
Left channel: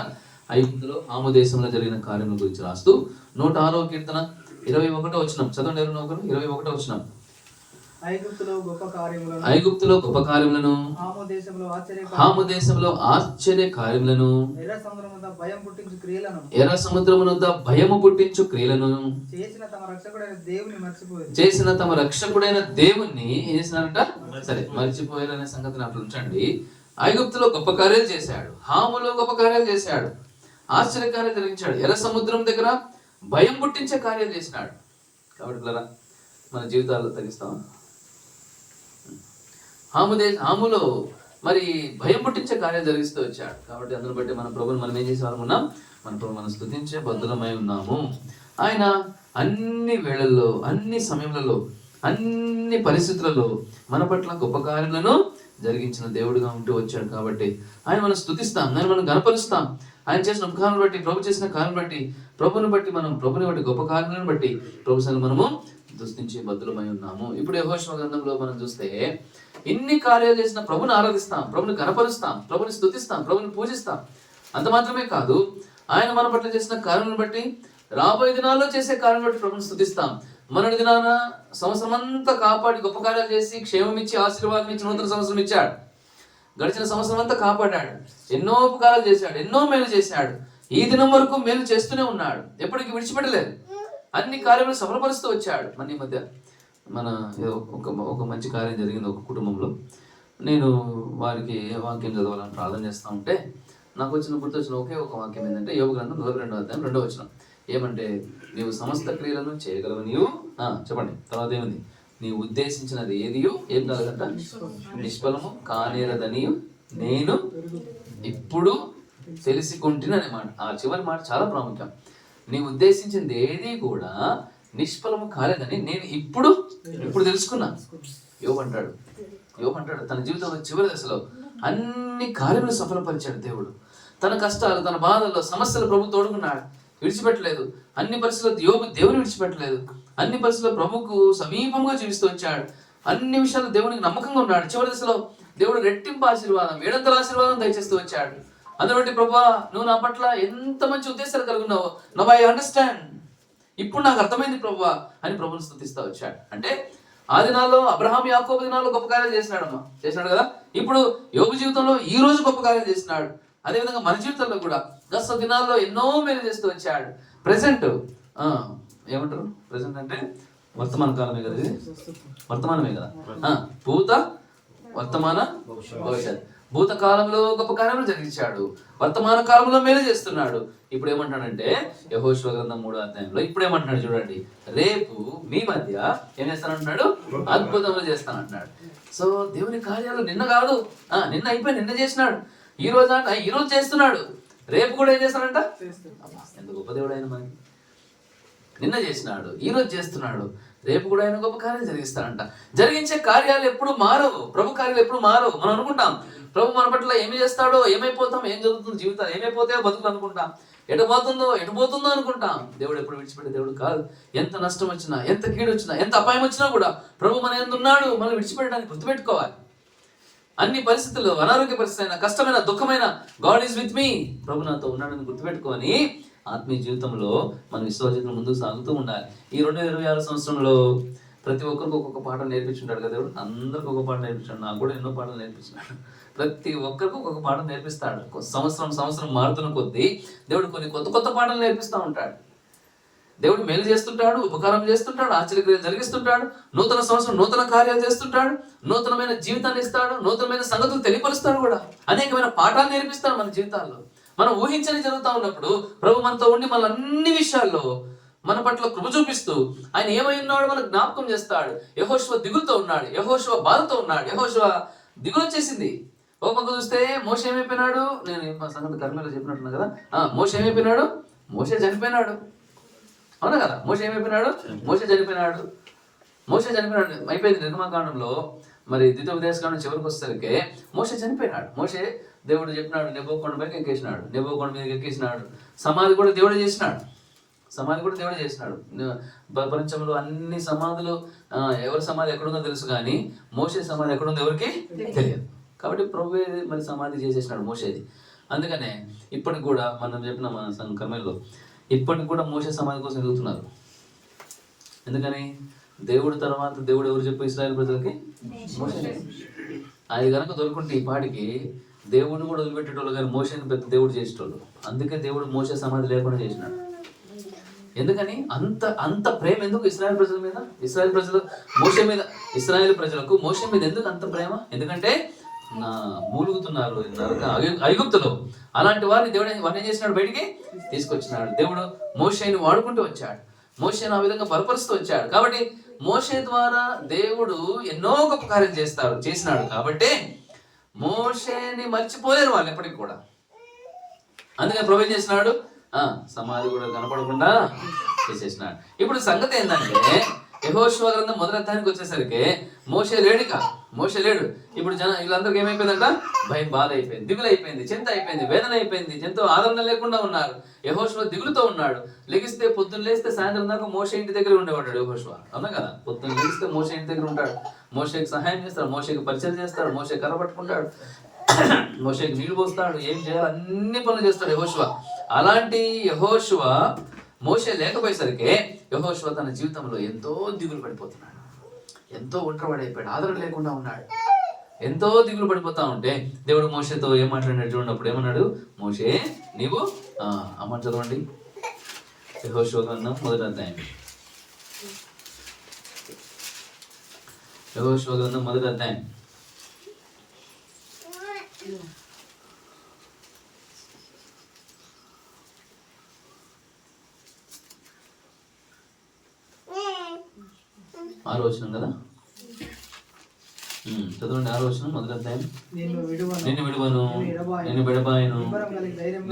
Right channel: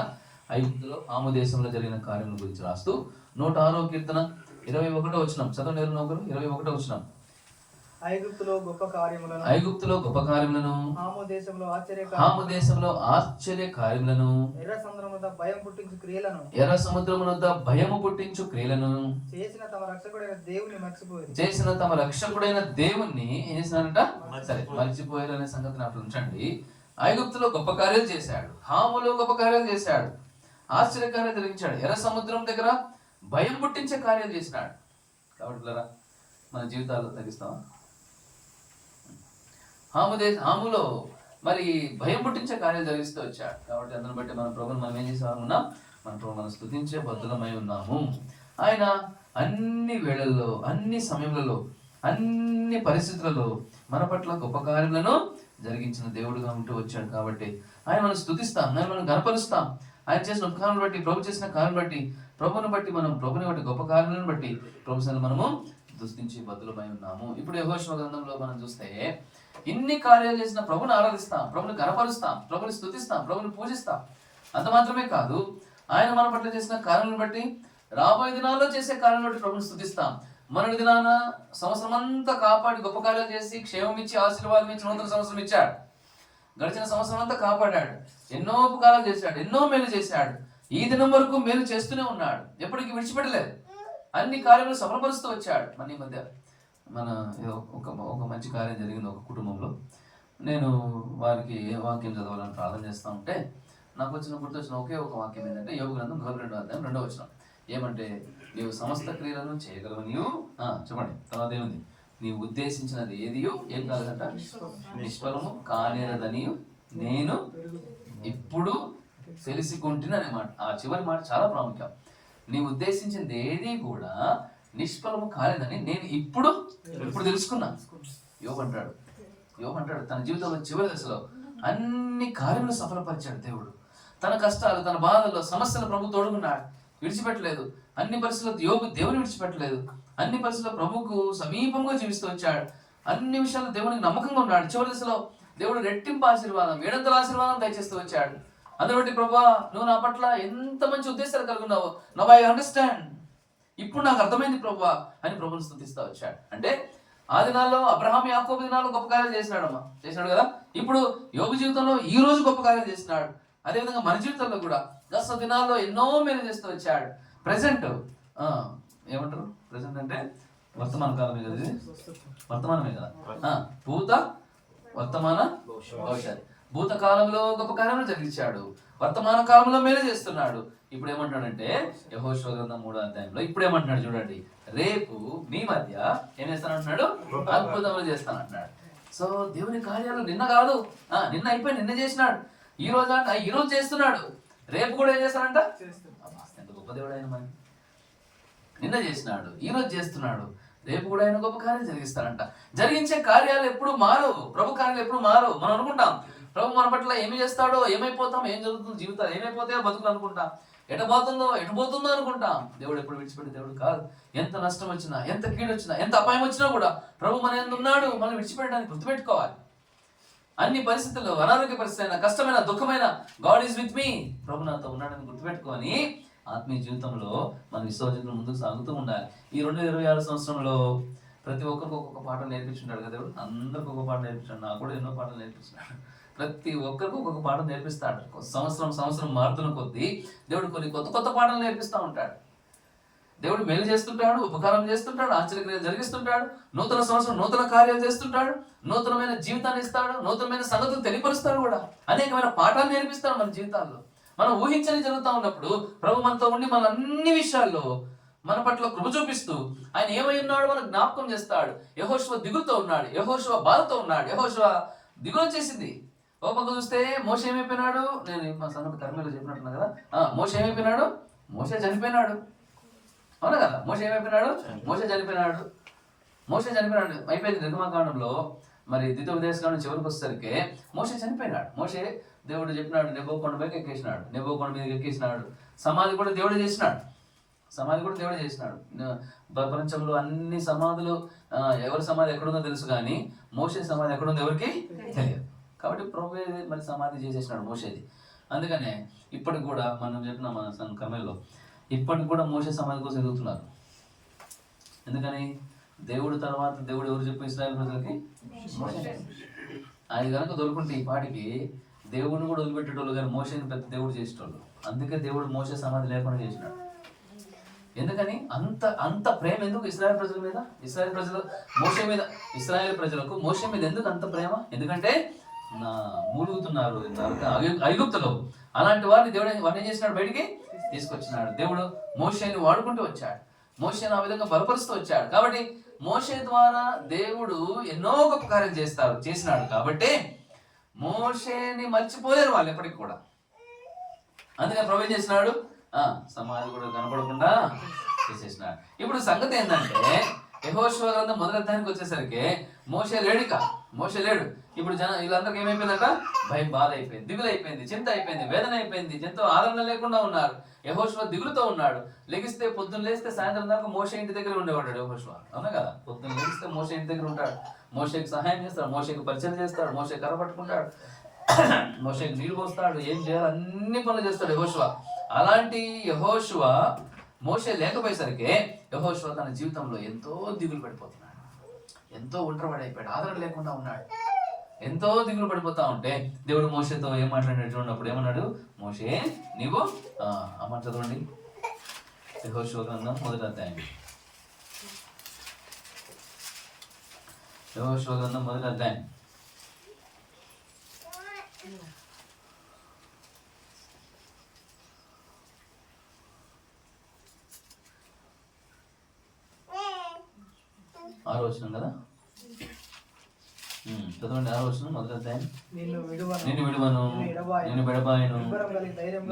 ఐగుప్తులో ఆము దేశంలో జరిగిన కార్యముల గురించి రాస్తూ 106వ కీర్తన 21వ వచనం చదవండి. 21వ వచనం, ఐగుప్తులో గొప్ప కార్యములను హాము దేశంలో ఆశ్చర్య కార్యములను ఎర్ర సముద్రము వద్ద భయము పుట్టించు క్రియలను చేసిన తమ రక్షకుడైన దేవుణ్ణి ఏం చేసినారంట? సరే, మర్చిపోయారనే సంగతిని అట్లా ఉంచండి. ఐగుప్తులో గొప్ప కార్యాలు చేశాడు, హాములో గొప్ప కార్యాలు చేశాడు, ఆశ్చర్య కార్యాలు జరిగించాడు, ఎర్ర సముద్రం దగ్గర భయం పుట్టించే కార్యాలు చేసినాడు. కాబట్టి మన జీవితాల్లో తగ్గిస్తామా? హాములో మరి భయం పుట్టించే కార్యాలు జరిగిస్తూ వచ్చాడు. కాబట్టి అందును బట్టి మన ప్రభుని మనం ఏం చేసే ఉన్నాం? మన ప్రభు మనం స్తుతించే బద్దులమై ఉన్నాము. ఆయన అన్ని వేళల్లో, అన్ని సమయములలో, అన్ని పరిస్థితులలో మన పట్ల గొప్ప కార్యాలను జరిగించిన దేవుడుగా ఉంటూ వచ్చాడు. కాబట్టి ఆయన మనం స్తుతిస్తాం, ఆయన మనం గణపరుస్తాం. ఆయన చేసిన ఉపకారాలను బట్టి, ప్రభు చేసిన కార్యం బట్టి, ప్రభుని బట్టి గొప్ప కార్యాలను బట్టి ప్రభు సంగ మనము స్తుతించి బద్దులమై ఉన్నాము. ఇప్పుడు యెహోషువ గ్రంథంలో మనం చూస్తే ఇన్ని కార్యాలు చేసిన ప్రభుని ఆరాధిస్తాం, ప్రభుని గణపరుస్తాం, ప్రభుని స్తుతిస్తాం, ప్రభుని పూజిస్తాం. అంత మాత్రమే కాదు, ఆయన మన పట్ల చేసిన కార్యాలను బట్టి, రాబోయే దినాల్లో చేసే కార్యం బట్టి ప్రభుని స్తుతిస్తాం. మనడి దినాన సంవత్సరం అంతా కాపాడి గొప్ప కార్యాలు చేసి క్షేమం ఇచ్చి ఆశీర్వాదం ఇచ్చి నూతన సంవత్సరం ఇచ్చాడు. గడిచిన సంవత్సరం అంతా కాపాడాడు, ఎన్నో ఉపకారాలు చేశాడు, ఎన్నో మేలు చేశాడు. ఈ దినం వరకు మేలు చేస్తూనే ఉన్నాడు, ఎప్పటికీ విడిచిపెట్టలేదు. అన్ని కార్యాలు సఫలపరుస్తూ వచ్చాడు. మన ఈ మధ్య ఒక మంచి కార్యం జరిగింది ఒక కుటుంబంలో. నేను వారికి వాక్యం చదవాలని ప్రార్థన చేస్తూ ఉంటే నాకు గుర్తొచ్చిన ఒకే ఒక వాక్యం ఏంటంటే యోబు గ్రంథం 42వ అధ్యాయం 2వ వచనం. ఏమంటే, నీవు సమస్త క్రియలను చేయగలవు, నీవు చెప్పండి. తర్వాత ఏముంది? నీవు ఉద్దేశించినది ఏదియు ఏం కాదంట, నిష్ఫలము కానేరదనియు నేను ఇప్పుడు తెలిసికొంటిని అనే మాట. ఆ చివరి మాట చాలా ప్రాముఖ్యం. నీ ఉద్దేశించింది ఏది కూడా నిష్ఫలము కాలేదని నేను ఇప్పుడు తెలుసుకున్నా. యోబు అంటాడు తన జీవితంలో చివరి దశలో అన్ని కార్యములు సఫలపరిచాడు దేవుడు. తన కష్టాలు, తన బాధల్లో, సమస్యలు ప్రభు తోడుకున్నాడు, విడిచిపెట్టలేదు. అన్ని పరిస్థితుల్లో యోబు దేవుని విడిచిపెట్టలేదు. అన్ని పరిస్థితుల్లో ప్రభుకు సమీపంగా జీవిస్తూ వచ్చాడు. అన్ని విషయాలు దేవునికి నమ్మకంగా ఉన్నాడు. చివరి దశలో దేవుడు రెట్టింపు ఆశీర్వాదం, 700 ఆశీర్వాదం దయచేస్తూ వచ్చాడు. అందుబట్టి ప్రభువా, నువ్వు నా పట్ల ఎంత మంచి ఉద్దేశాలు కలిగి ఉన్నావో, నవ్ ఐ అండర్స్టాండ్, ఇప్పుడు నాకు అర్థమైంది ప్రభువా అని ప్రభుని స్తుతిస్తూ వచ్చాడు. అంటే ఆ దినాల్లో అబ్రహాం, యాకోబు దినాల్లో గొప్ప కార్యాలు చేసినాడు కదా. ఇప్పుడు యోబు జీవితంలో ఈ రోజు గొప్ప కార్యాలు చేసినాడు. అదేవిధంగా మన జీవితంలో కూడా గత దినాల్లో ఎన్నో మేలు చేస్తూ వచ్చాడు. ప్రెసెంట్ ఏమంటారు? ప్రెసెంట్ అంటే వర్తమాన కాలమే కదా, ఇది వర్తమానమే కదా. భూత, వర్తమాన, భవిష్యత్. భూతకాలంలో గొప్ప కార్యములు జరిగించాడు, వర్తమాన కాలంలో మేలు చేస్తున్నాడు. ఇప్పుడు ఏమంటున్నాడంటే యెహోషువ గ్రంథం 3వ అధ్యాయంలో ఇప్పుడు ఏమంటున్నాడు చూడండి, రేపు మీ మధ్య ఏం చేస్తానంటున్నాడు, అద్భుతములు చేస్తానంటున్నాడు. సో దేవుని కార్యాలు నిన్న కాదు, నిన్న అయిపోయి నిన్న చేసినాడు. ఈ రోజు చేస్తున్నాడు, రేపు కూడా ఏం చేస్తాడంట. ఎంత గొప్ప దేవుడు ఆయన మనకి. నిన్న చేసినాడు, ఈ రోజు చేస్తున్నాడు, రేపు కూడా ఆయన గొప్ప కార్యాలు జరిగిస్తాడంట. జరిగించే కార్యాలు ఎప్పుడు మారవు, ప్రభు కార్యాలు ఎప్పుడు మారవు. మనం అనుకుంటాం ప్రభు మన పట్ల ఏమి చేస్తాడో, ఏమైపోతాం, ఏం జరుగుతుంది, జీవితాలు ఏమైపోతాయో బతుకులు అనుకుంటాం, ఎటు పోతుందో అనుకుంటాం. దేవుడు ఎప్పుడు విడిచిపెట్టే దేవుడు కాదు. ఎంత నష్టం వచ్చినా, ఎంత కీడు వచ్చినా, ఎంత అపాయం వచ్చినా కూడా ప్రభు మన యందు ఉన్నాడు. మనం విడిచిపెట్టడానికి గుర్తుపెట్టుకోవాలి. అన్ని పరిస్థితుల్లో, అనారోగ్య పరిస్థితి అయినా, కష్టమైన, దుఃఖమైన, గాడ్ ఈజ్ విత్ మీ, ప్రభు నాతో ఉన్నాడని గుర్తుపెట్టుకొని ఆత్మీయ జీవితంలో మన విశ్వాసంలో ముందుకు సాగుతూ ఉండాలి. ఈ 2026 సంవత్సరంలో ప్రతి ఒక్కరికి ఒక్కొక్క పాఠం నేర్పించుంటాడు కదా దేవుడు. అందరికి ఒక పాఠం నేర్పించాడు, నాకు కూడా ఎన్నో పాఠాలు నేర్పించినాడు. ప్రతి ఒక్కరికి ఒక్కొక్క పాఠం నేర్పిస్తాడు. సంవత్సరం మారుతున్న కొద్దీ దేవుడు కొన్ని కొత్త పాఠాలు నేర్పిస్తూ ఉంటాడు. దేవుడు మేలు చేస్తుంటాడు, ఉపకారం చేస్తుంటాడు, ఆశ్చర్యక్రియలు జరిగిస్తుంటాడు. నూతన సంవత్సరం నూతన కార్యాలు చేస్తుంటాడు, నూతనమైన జీవితాన్ని ఇస్తాడు, నూతనమైన సంగతులు తెలియపరుస్తాడు కూడా. అనేకమైన పాఠాలు నేర్పిస్తాడు మన జీవితాల్లో. మనం ఊహించని జరుగుతూ ఉన్నప్పుడు ప్రభు మనతో ఉండి మన అన్ని విషయాల్లో మన పట్ల కృప చూపిస్తూ ఆయన ఏమై ఉన్నాడో మనకు జ్ఞాపకం చేస్తాడు. యెహోషువ దిగులుతో ఉన్నాడు, యెహోషువ బాధతో ఉన్నాడు, యెహోషువ దిగులు వచ్చేసింది. ఒక పక్క చూస్తే మోషే ఏమైపోయినాడు, నేను మా సంగతి కర్మలో చెప్పినట్టున్నా కదా. మోషే ఏమైపోయినాడు, మోషే చనిపోయినాడు, అవునా కదా. మోషే ఏమైపోయినాడు, మోషే చనిపోయినాడు అయిపోయింది. నిర్గమకాండంలో మరి ద్వితీయోపదేశకాండం చివరికి వచ్చేసరికి మోషే చనిపోయినాడు. మోషే దేవుడు చెప్పినాడు, నెబో కొండ పైకి ఎక్కేసినాడు, నెబో కొండ మీదకి ఎక్కేసినాడు. సమాధి కూడా దేవుడు చేసినాడు. ప్రపంచంలో అన్ని సమాధులు, ఎవరి సమాధి ఎక్కడుందో తెలుసు కానీ మోషే సమాధి ఎక్కడుందో ఎవరికి తెలియదు. కాబట్టి ప్రభువే మరి సమాధి చేసేసినాడు మోషేది. అందుకనే ఇప్పటికి కూడా మనం చెప్పిన మన కర్మల్లో ఇప్పటికి కూడా మోషే సమాధి కోసం ఎదుగుతున్నారు. ఎందుకని? దేవుడు తర్వాత దేవుడు ఎవరు చెప్పు ఇశ్రాయేలు ప్రజలకి? మోషే. అది కనుక దొరుకుంటే ఈ పాటికి దేవుడిని కూడా వదిలిపెట్టేటోళ్ళు, కానీ మోషేని పెద్ద దేవుడు చేసేటోళ్ళు. అందుకే దేవుడు మోషే సమాధి లేకుండా చేసినాడు. ఎందుకని? అంత ప్రేమ ఎందుకు ఇశ్రాయేలు ప్రజల మీద? ఇశ్రాయేలు ప్రజలు మోషే మీద, ఇశ్రాయేలు ప్రజలకు మోషే మీద ఎందుకు అంత ప్రేమ? ఎందుకంటే మూలుగుతున్నారు ఐగుప్తులో. అలాంటి వారిని దేవుడు ఏం చేసినాడు, బయటికి తీసుకొచ్చినాడు. దేవుడు మోషేని వాడుకుంటూ వచ్చాడు, మోషేని ఆ విధంగా బలపరుస్తూ వచ్చాడు. కాబట్టి మోషే ద్వారా దేవుడు ఎన్నో గొప్ప కార్యం చేసినాడు. కాబట్టి మోషేని మర్చిపోలేరు వాళ్ళు ఎప్పటికి కూడా. అందుకని ప్రభు ఏం చేసినాడు, సమాధి కూడా కనపడకుండా చేసేసినాడు. ఇప్పుడు సంగతి ఏంటంటే యెహోషువ గ్రంథం మొదటి అధ్యాయానికి వచ్చేసరికి మోషే లేడు. ఇప్పుడు వీళ్ళందరికీ ఏమైపోయిందంట? భయం, బాధ అయిపోయింది, దిగులు అయిపోయింది, చింత అయిపోయింది, వేదన అయిపోయింది, ఎంతో ఆదరణ లేకుండా ఉన్నారు. యెహోషువ దిగులుతో ఉన్నాడు. లెగిస్తే పొద్దున్న లేస్తే సాయంత్రం దాకా మోషే ఇంటి దగ్గర ఉండేవాడు యెహోషువ. అవునా కదా? పొద్దున్న లేస్తే మోషే ఇంటి దగ్గర ఉంటాడు. మోషేకి సహాయం చేస్తాడు, మోషేకి పరిచయం చేస్తాడు, మోషే కర్ర పట్టుకుంటాడు, మోషేకి నీళ్లు పోస్తాడు, ఏం చేయాలి అన్ని పనులు చేస్తాడు యెహోషువ. అలాంటి యెహోషువ మోషే లేకపోయేసరికి యెహోషువ తన జీవితంలో ఎంతో దిగులు పడిపోతున్నాడు, ఎంతో ఒంటరివాడైపోయాడు, ఆదరణ లేకుండా ఉన్నాడు, ఎంతో దిగులు పడిపోతా ఉంటే దేవుడు మోషేతో ఏం మాట్లాడినట్టు ఉన్నప్పుడు ఏమన్నాడు? మోషే నీవు అమ్మ చదవండి, యెహోషువ గ్రంథం మొదటి అధ్యాయం. యెహోషువ గ్రంథం మొదటి అధ్యాయం. ఆరో వచనం కదా, చదవండి. ఆరో వచనం మొదటి అధ్యాయం. నిన్ను విడువను, నిన్ను విడబాయను,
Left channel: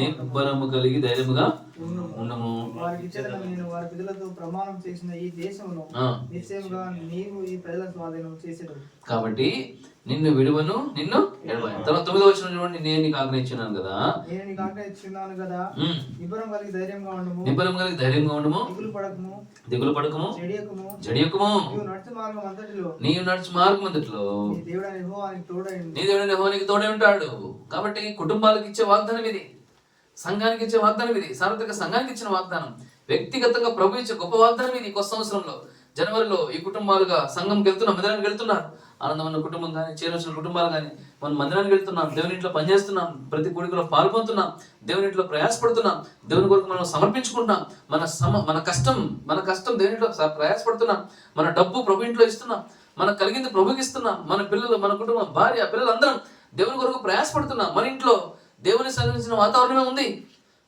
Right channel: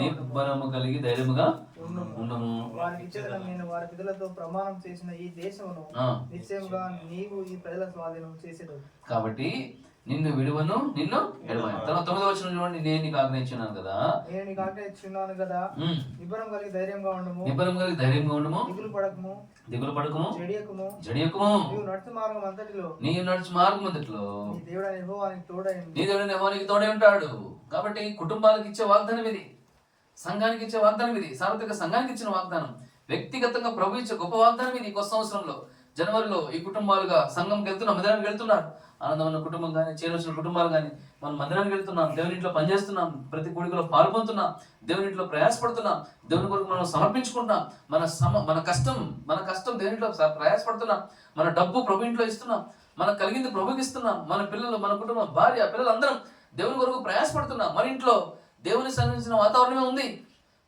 నిబ్బరము కలిగి ధైర్యముగా ఉండము. నేను వారి పిల్లలతో ప్రమాణం చేసిన ఈ దేశమును నిశ్చయముగా నీవు ఈ ప్రజల స్వాధీనం చేసేటప్పుడు. కాబట్టి నిన్ను విడువను, నిన్ను ఎడబాయను. తర్వాత 9వ వచనం చూడండి. నేను నీకు ఆజ్ఞయించున్నాను కదా, నిబ్బరం కలిగి ధైర్యంగా ఉండము, దిగులు పడకము, జడియకుము. నీవు నడుచు మార్గం అంతటిలో నీ దేవుడైన యెహోవానికి తోడై ఉంటాడు. కాబట్టి కుటుంబాలకు ఇచ్చే వాగ్దానం ఇది, సంఘానికి ఇచ్చే వాగ్దానం ఇది, సార్వత్రిక సంఘానికి ఇచ్చిన వాగ్దానం, వ్యక్తిగతంగా ప్రభు ఇచ్చే గొప్ప వాగ్దానం ఇది. కొత్త సంవత్సరంలో జనవరిలో ఈ కుటుంబాలుగా సంఘంకి వెళ్తున్నాం, మందిరానికి వెళ్తున్నారు. ఆనందమైన కుటుంబం కానీ, చేరవలసిన కుటుంబాలు కానీ మనం మందిరానికి వెళ్తున్నాం, దేవుని ఇంట్లో పనిచేస్తున్నాం, ప్రతి కోడికలో పాల్పొందుతున్నాం, దేవుని ఇంట్లో ప్రయాసపడుతున్నాం, దేవుని కొరకు మనం సమర్పించుకుంటున్నాం, మన కష్టం దేవుని ఇంట్లో ప్రయాసపడుతున్నాం, మన డబ్బు ప్రభు ఇంట్లో ఇస్తున్నాం, మనకు కలిగింది ప్రభుకి ఇస్తున్నాం, మన పిల్లలు, మన కుటుంబం, భార్య, పిల్లలందరం దేవుని కొరకు ప్రయాసపడుతున్నాం. మన ఇంట్లో దేవుని సంబంధించిన వాతావరణమే ఉంది,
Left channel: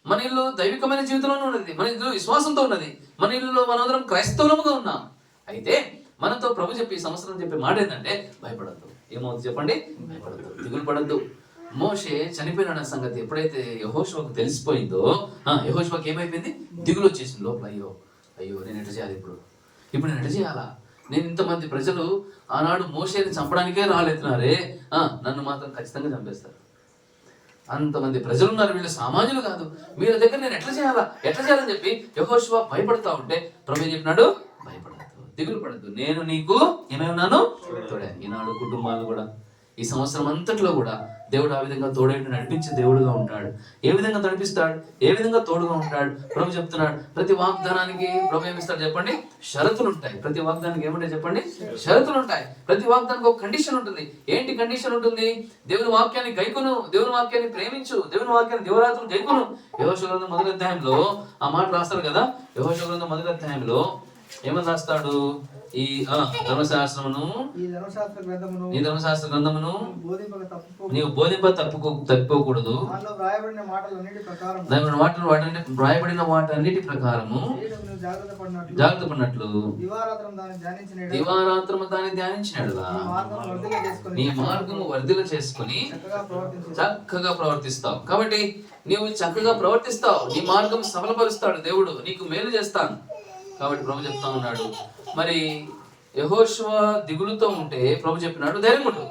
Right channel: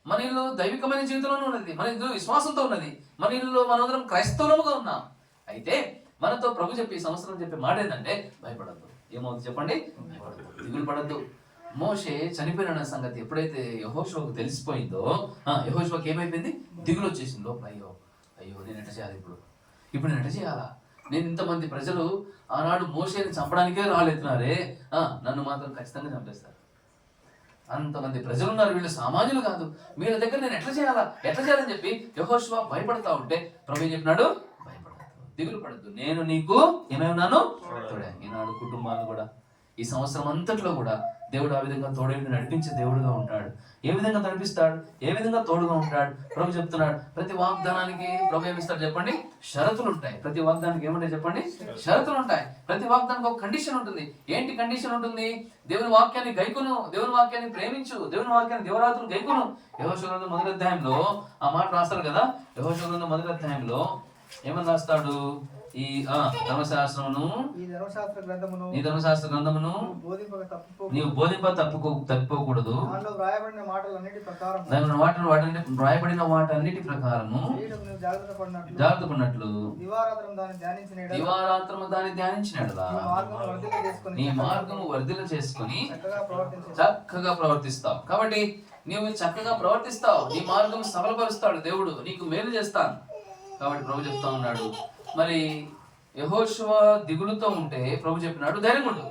మన ఇల్లు దైవికమైన జీవితంలోనే ఉన్నది, మన ఇల్లు విశ్వాసంతో ఉన్నది, మన ఇల్లులో మనందరం క్రైస్తవులముగా ఉన్నాం. అయితే మనతో ప్రభు చెప్పి ఈ సంవత్సరం చెప్పే మాట ఏంటంటే భయపడద్దు. ఏమవుతుంది చెప్పండి? భయపడద్దు, దిగులు పడద్దు. మోషే చనిపోయిన సంగతి ఎప్పుడైతే యెహోషువకు తెలిసిపోయిందో, యెహోషువకి ఏమైపోయింది? దిగులు వచ్చేసింది లోపల. అయ్యో నేను ఎట్లా చేయాలి, ఇప్పుడు నేను ఎట్లా చేయాలా? నేను ఇంతమంది ప్రజలు ఆనాడు మోషేని చంపడానికే రాలేతున్నారే, నన్ను మాత్రం ఖచ్చితంగా చంపేస్తారు. అంతమంది ప్రజలు ఉన్నారు, వీళ్ళు సామాన్యులు కాదు, వీళ్ళ దగ్గర నేను ఎట్లా చేయాలని చెప్పి యెహోషువ భయపడతా ఉంటే ప్రభు ఏం చెప్పినాడు? దిగులు పడద్దు, నేను నీకు ఏమేమన్నాను? తోడే. ఈనాడు కుటుంబాలు కూడా ఈ సంవత్సరం అంతట్లో కూడా దేవుడు ఆ విధంగా తోడై నడిపించే దేవుడుగా ఉంటాడు. ఏ విధంగా నడిపిస్తాడు, ఏ విధంగా తోడుగా ఉంటాడు? ప్రభు చెప్తున్నాడు, ప్రతి వాగ్దానానికి ప్రభు ఏమిస్తాడు చెప్పండి? షరతులు ఉంటాయి. ప్రతి వాగ్దానానికి ఏముంటాయి చెప్పండి? షరతులు ఉంటాయి. ప్రతి వాగ్దానానికి ఒక కండిషన్ ఉంటుంది. ఏంటి కండిషన్ ఉంటుంది? దేవుని వాక్యాన్ని గైకొను, దేవుని వాక్యాన్ని ప్రేమించు, దేవుని వాక్యాన్ని దివరాత్రులు గైకొను. యెహోషువ గ్రంథం మొదటి అధ్యాయంలో ఆ మాట రాస్తారు కదా. యెహోషువ గ్రంథం మొదటి అధ్యాయంలో ఏమని రాస్తాడు? ఈ ధర్మశాస్త్రమును, నీ ధర్మశాస్త్ర గ్రంథమును నీవు బోధింప తప్పిపోకూడదు, వ్రాయబడిన వాటన్నిటి ప్రకారము జాగ్రత్త పడినట్లు దివారాత్రము దాన్ని ధ్యానించినాడు. నీ మార్గము వర్ధిల్ల చేసుకుని చక్కగా ప్రవర్తిస్తావు. కాబట్టి నీవు చక్కగా ప్రవర్తిస్తావు, నీ మార్గం సఫలపరుస్తాడు దేవుడు, నీకు మేలు చేస్తాను. కాబట్టి ప్రభు చెప్తా ఉన్నాడు. మరి యెహోషువ దిగులుతో ఉంటే ప్రభు చెప్పినాడు ధైర్యం ఉండు.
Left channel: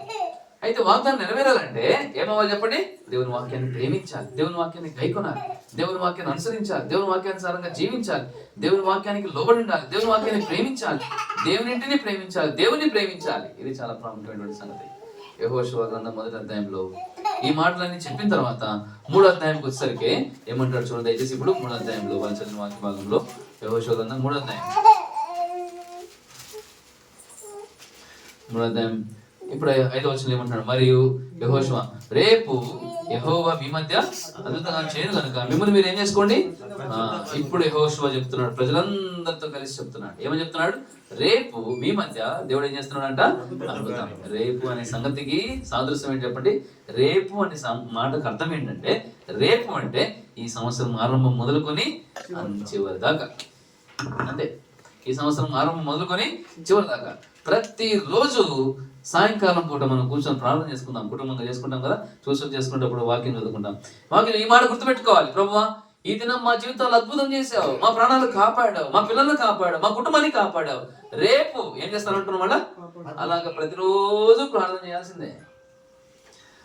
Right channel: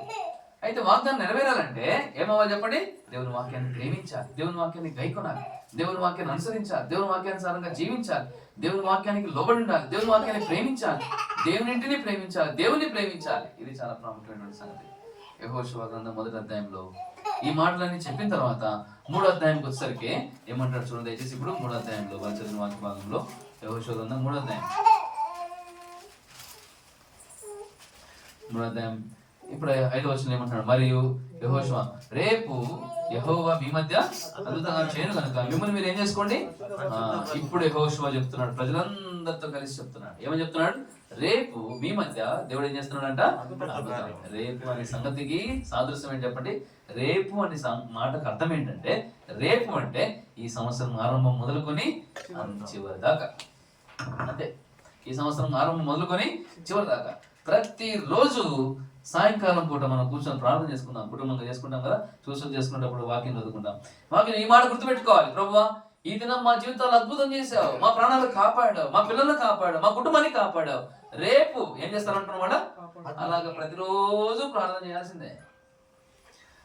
అయితే వాగ్దానం నెరవేరాలంటే ఏమవ్వాలి చెప్పండి? దేవుని వాక్యాన్ని ప్రేమించాలి, దేవుని వాక్యాన్ని గైకొనాలి, దేవుని వాక్యాన్ని అనుసరించాలి, దేవుని వాక్యానుసారంగా జీవించాలి, దేవుని వాక్యానికి లోబడి ఉండాలి, దేవుని వాక్యాన్ని ప్రేమించాలి, దేవునింటిని ప్రేమించాలి, దేవుని ప్రేమించాలి. ఇది చాలా ప్రాముఖ్యమైనటువంటి సంగతి. యెహోషువ గ్రంథం మొదటి అధ్యాయంలో ఈ మాటలన్నీ చెప్పిన తర్వాత 3వ అధ్యాయంకి వచ్చేసరికి ఏమంటాడు చూడండి దయచేసి. ఇప్పుడు 3వ అధ్యాయంలో వాళ్ళు చదివిన వాక్య భాగంలో యెహోషువ గ్రంథం 3వ అధ్యాయం ఇప్పుడు 5వ వచనం ఏమంటున్నాడు? మరియు యెహోషువ, రేపు యెహోవా మీ మధ్య అద్భుతంగా చేయను కనుక మిమ్మల్ని మీరు ఏం చేసుకోండి. ఇప్పుడు యెహోషువ చెప్తున్నాడు, ప్రజలందరితో కలిసి చెప్తున్నాడు. ఏమని చెప్తున్నాడు? రేపు మీ మధ్య దేవుడు ఏం చేస్తున్నాడు అంట? అద్భుతం. రేపు అనే సంగతికి సాదృశ్యం ఏంటి చెప్పండి? రేపు అనే మాటకు అర్థం ఏంటంటే, రేపు అంటే ఈ సంవత్సరం ఆరంభం మొదలుకొని చివరి దాకా. అంతే, ఈ సంవత్సరం ఆరంభం మొదలుకొని చివరి దాకా ప్రతిరోజు సాయంకాలం పూట మనం కూర్చొని ప్రార్థన చేసుకుందాం, కుటుంబంగా చేసుకుంటాం కదా. చేసుకునేటప్పుడు వాక్యం చదువుకుంటాం. వాక్యం ఈ మాట గుర్తుపెట్టుకోవాలి, ప్రభువా ఈ దినం మా జీవితాలు అద్భుతం చేసావు, మా ప్రాణాలు కాపాడావు, మా పిల్లల్ని కాపాడావు, మా కుటుంబాన్ని కాపాడావు. రేపు ఏం చేస్తానంటున్నావు మళ్ళా? అలాగ ప్రతిరోజు ప్రార్థన చేయాల్సిందే.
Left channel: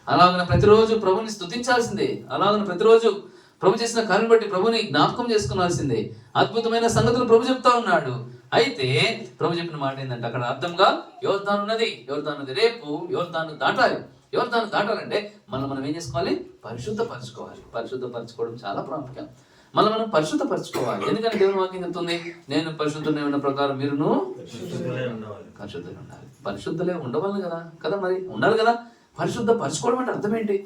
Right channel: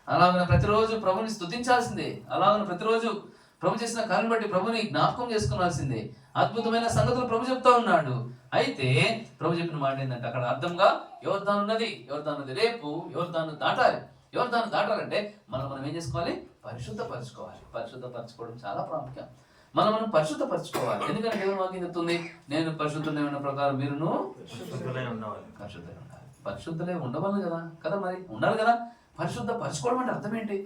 అలాగ ప్రతిరోజు ప్రభుని స్తుతించాల్సిందే. అలాగ ప్రతిరోజు ప్రభు చేసిన కార్యం బట్టి ప్రభుని జ్ఞాపకం చేసుకోవాల్సిందే. అద్భుతమైన సంగతులు ప్రభు చెప్తా ఉన్నాడు. అయితే ప్రభు చెప్పిన మాట ఏంటంటే అక్కడ అర్థంగా యోర్దాను నది రేపు యోర్దాను దాటాలి. యోర్దాను దాటాలంటే మనం ఏం చేసుకోవాలి? పరిశుద్ధపరచుకోవాలి. పరిశుద్ధపరచుకోవడం చాలా ప్రాముఖ్యం. మనం పరిశుద్ధపరచుకోవాలి. ఎందుకంటే దేవుని వాక్యం చెప్తుంది, నేను పరిశుద్ధులై ఉన్న ప్రకారం మీరును పరిశుద్ధులై ఉండాలి. పరిశుద్ధులే ఉండవాలి కదా మరి ఉండాలి కదా. పరిశుద్ధపరచుకోవడం అంటే అర్థం ఏంటి?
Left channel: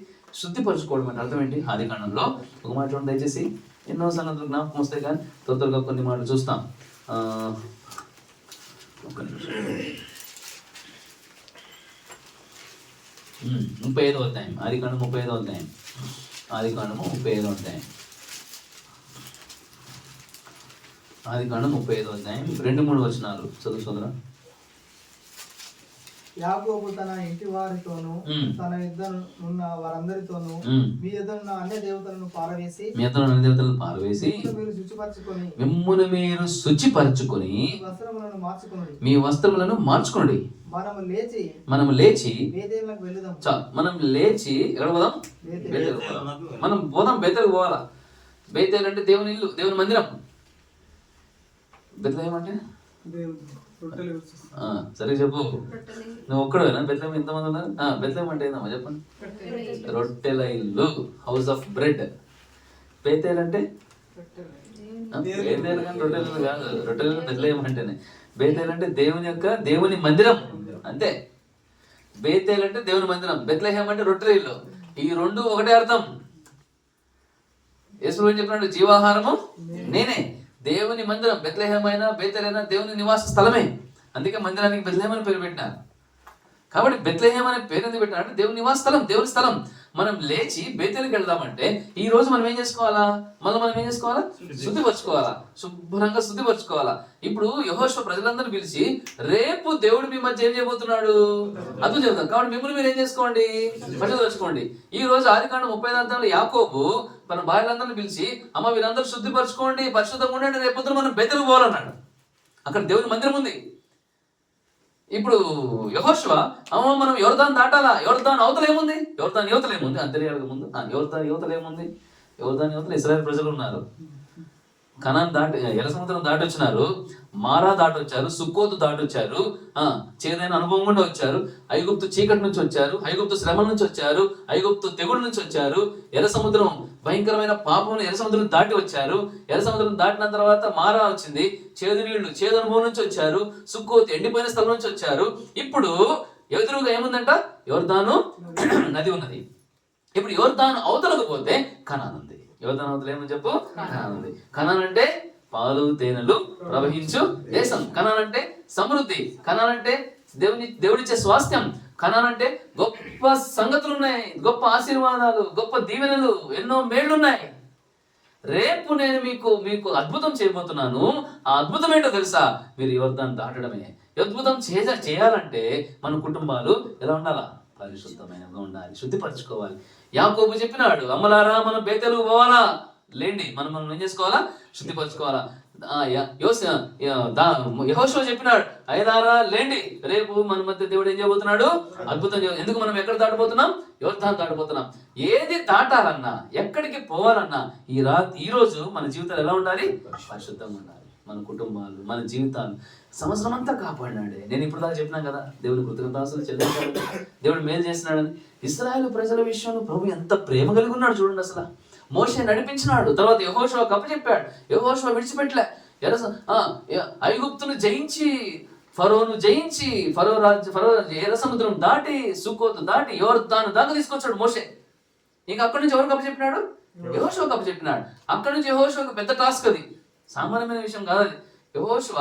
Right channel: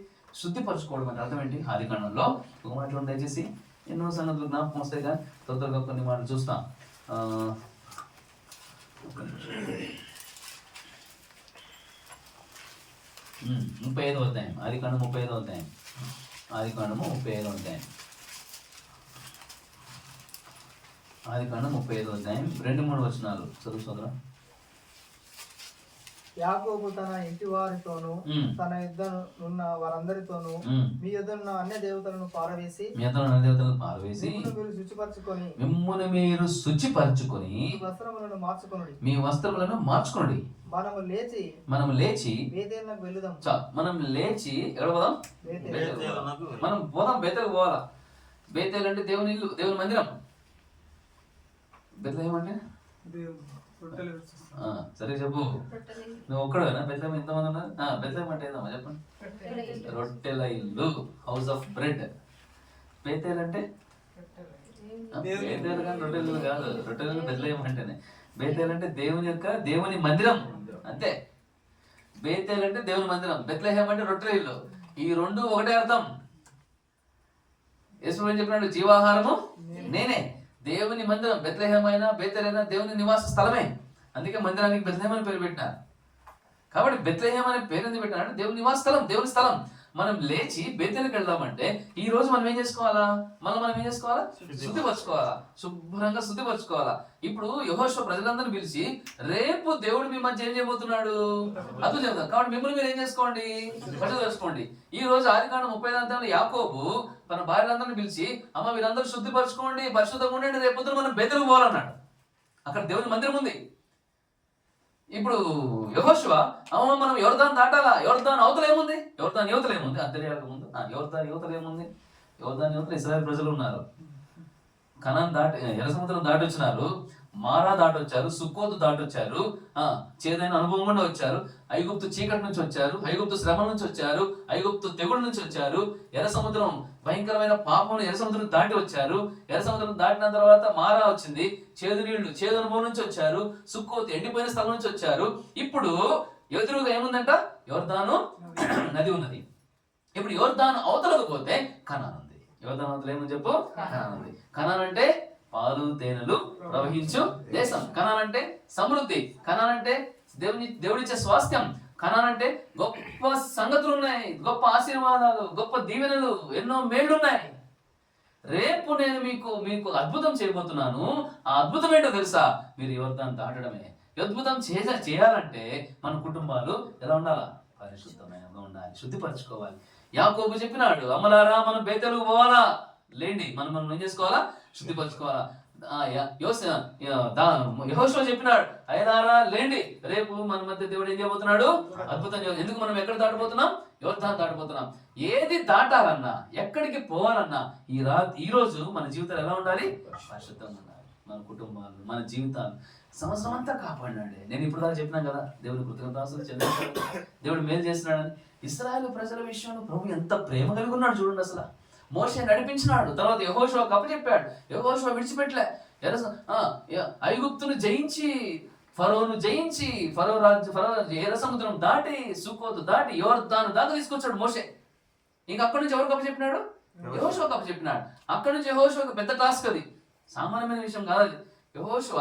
శుద్ధిపరచుకోవడం అంటే అర్థం ఏంటి? ఆది కాండంలో ఒక మాట చూడండి దయచేసి. ఎన్నో సంగతులు జ్ఞాపకం వస్తాయి కానీ త్వరగా కొన్ని మాటలు చూస్తాం. 35వ అధ్యాయం, ఆది కాండం 35వ అధ్యాయం, ఆది కాండము 35వ అధ్యాయం, ఆది కాండం 35వ అధ్యాయం 2-3 వచనాలు చదువు సోదరా. యాకోబు తన ఇంటి వారితోను తన యుద్ధనున్న వారందరితోను మీ యుద్ధనున్న అన్య దేవతలను పారవేసి మీరు శుచిపరచుకొని మీ వస్త్రములను మార్చుకొనుడి. మనము లేచి బేతేలునకు వెళ్ళుదాం. మనం లేచి ఎక్కడ పోదాం? మనం పోదాం, బేతేలుకు పోవాలా. బేతేలు అంటే దేవుని ఇల్లు, దేవుని మందిరం. బెత్లెహేం అంటే సరే చెప్పు. నువ్వు ఒక్కడేనా బెత్లెహేం? ఎంతమంది ఉన్నారు? బెత్లెహేం అంటే ఏందమ్మా చెప్పండి. రొట్టెల ఇల్లు, హౌస్ ఆఫ్ బ్రెడ్. బేతేల్ అంటే బేతేల్ కానీ రొట్టెలు కాదు. రొట్టెలు బెత్లెహేం అంటేనే. బేతేల్ అంటే దేవుని మందిరం అంతే. బేతేల్ అంటే దేవుని మందిరం, బెత్లెహేం అంటే రొట్టెల ఇల్లు. ఈ రెండు ఒకటే అర్థం. యేసు ఏం చెప్పినాడు? జీవాహారము నేనే. దేవుని మందిరం బెత్లెహేం అయినా బేతేల్ అయినా దేవుని నివాస స్థలమే. అందుకే మందిరానికి బెత్లెహేం అని పేరు పెట్టినారు. కాబట్టి బెత్లెహేం అనే పేరు ఎందుకు పెట్టినారు అంటే దేవుని నివాస స్థలం, దేవుని స్థలం. మనం లేచి బేతేలుకి వెళ్దామంటే ఈ రోజు మనం ఏం చేసుకోవాలా? మనం ఏం చేసుకోవాలా? శుద్ధిపరచుకోవాలా, శుభ్రంగా శుద్ధిపరచుకోవాలా. ఇప్పుడు యెహోషువ ప్రజలందరినీ పిలిచి రేపు దేవుడు మీ మధ్య ఏం చేయబోతున్నాడు అద్భుతం చెప్తాం. కాబట్టి మిమ్మల్ని మీరు ఏం చేసుకోండి? పరిశుద్ధపరచుకోండి. ఈ రోజు ఆదికాండం 35 యాకోబు మన భార్యలందరినీ పిలిచి అమ్మ వీళ్ళందరూ శుద్ధిపరచుకోండి, పరిశుద్ధంగా ఉండండి, రేపు మనం బేతేలుకు పోవాలన్నాడు. అక్కడ దేవుని మందిరం ఉంది. ఇప్పుడు యెహోషువ అమ్మ మనం యోర్దాను దాటాలా. యోర్దాను అవతల ఏముంది? యోర్దాను యువతలు ఏముంది అని తెలియాలి ముందు. యోర్దాను యువతలు ఏముంది? యోర్దాను యువతలు ఇశ్రాయేలు ప్రజలు ఉన్నారు. కనాన్ దాటి ఎర్ర సముద్రం దాటి వచ్చినారు, మారా దాటి వచ్చారు, సుక్కోతు దాటి వచ్చారు, చేదైన అనుభవం గుండా వచ్చారు, ఐగుప్తు చీకటి నుంచి వచ్చారు, ఐగుప్తు శ్రమ నుంచి వచ్చారు, ఐగుప్తు తెగుడు నుంచి వచ్చారు, ఎర్ర సముద్రం భయంకరమైన పాపం ఎర్ర సముద్రం దాటి వచ్చారు. ఎర్ర సముద్రం దాటిన తర్వాత మారా వచ్చింది, చేదు నీళ్లు, చేదు అనుభవం నుంచి వచ్చారు, సుక్కోతు ఎండిపోయిన స్థలం నుంచి వచ్చారు. ఇప్పుడు ఎదురుగా ఏముందంట? యోర్దాను నది ఉన్నది. ఇప్పుడు యోర్దాను అవతలకు పోతే కనాన్ ఉంది. యోర్దాను అవతల ఏమని చెప్పు? కనాన్ ఉంది. కనాన్ అంటే పాలు తేనెలు ప్రవహించు దేశం. కనాన్ అంటే సమృద్ధి. కనాన్ అంటే దేవుడిచ్చే స్వాస్థ్యం. కనాన్ అంటే గొప్ప సంగతులు ఉన్నాయి, గొప్ప ఆశీర్వాదాలు, గొప్ప దీవెనలు, ఎన్నో మేళ్లున్నాయి. రేపు నేను మీకు అద్భుతం చేయబోతున్నాను. ఆ అద్భుతం ఏంటో తెలుసా? మీరు యోర్దాను దాటడమే. అద్భుతం చేయాలంటే మన కుటుంబాలు ఎలా ఉండాలా? పరిశుద్ధమైనగా ఉండాలి, శుద్ధిపరచుకోవాలి. యాకోబు చెప్పినాడు, అమ్మలారా మనం బేతేలుకు పోవాలా, లేండి మనం ఏం చేసుకోవాలా? శుద్ధిపరచుకోవాలా. యెహోషువ చెప్పినాడు, అయ్యలారా లేండి, రేపు మన మధ్య దేవుడు ఏం చేయబోతున్నాడు? అద్భుతం. ఎందుకు మనం ఎక్కడ దాటబోతున్నాం? యోర్దాను దాటబోతున్నాం. ఏది దాటాలన్నా, ఎక్కడికి పోవాలన్నా ఈ రోజు మన జీవితాలు ఎలా ఉండాలి? పరిశుద్ధంగా ఉండాలి. మన కుటుంబాలు, మన జీవితాలు సంవత్సరం అంతా కాపాడినాడే. నేను ఇప్పుడు దాకా చెప్పినాను కదా, దేవుని కృతజ్ఞతాస్తులు చెల్లించాలి, దేవుడు మేలు చేసినాడని. ఇశ్రాయేలు ప్రజల విషయంలో ప్రభు ఎంత ప్రేమ కలిగి ఉన్నాడు చూడండి. అసలు మోషే నడిపించినాడు, తర్వాత యెహోషువ అప్పచెప్పాడు. యెహోషువ విడిచిపెట్టలే. ఐగుప్తును జయించి, ఫరోను జయించి, ఫరో ఎర్ర సముద్రం దాటి, సుక్కోతు దాటి, యోర్దాను దాకా తీసుకొచ్చాడు మోషే. ఇంకా అక్కడి నుంచి ఎవరికి అప్పచెప్పినాడు? యెహోషువకు అప్పచెప్పినాడు. అక్కడి నుంచి యెహోషువకు పెద్ద టాస్క్ అది, సామాన్యమైన విషయం కాదు అది. యెహోషువ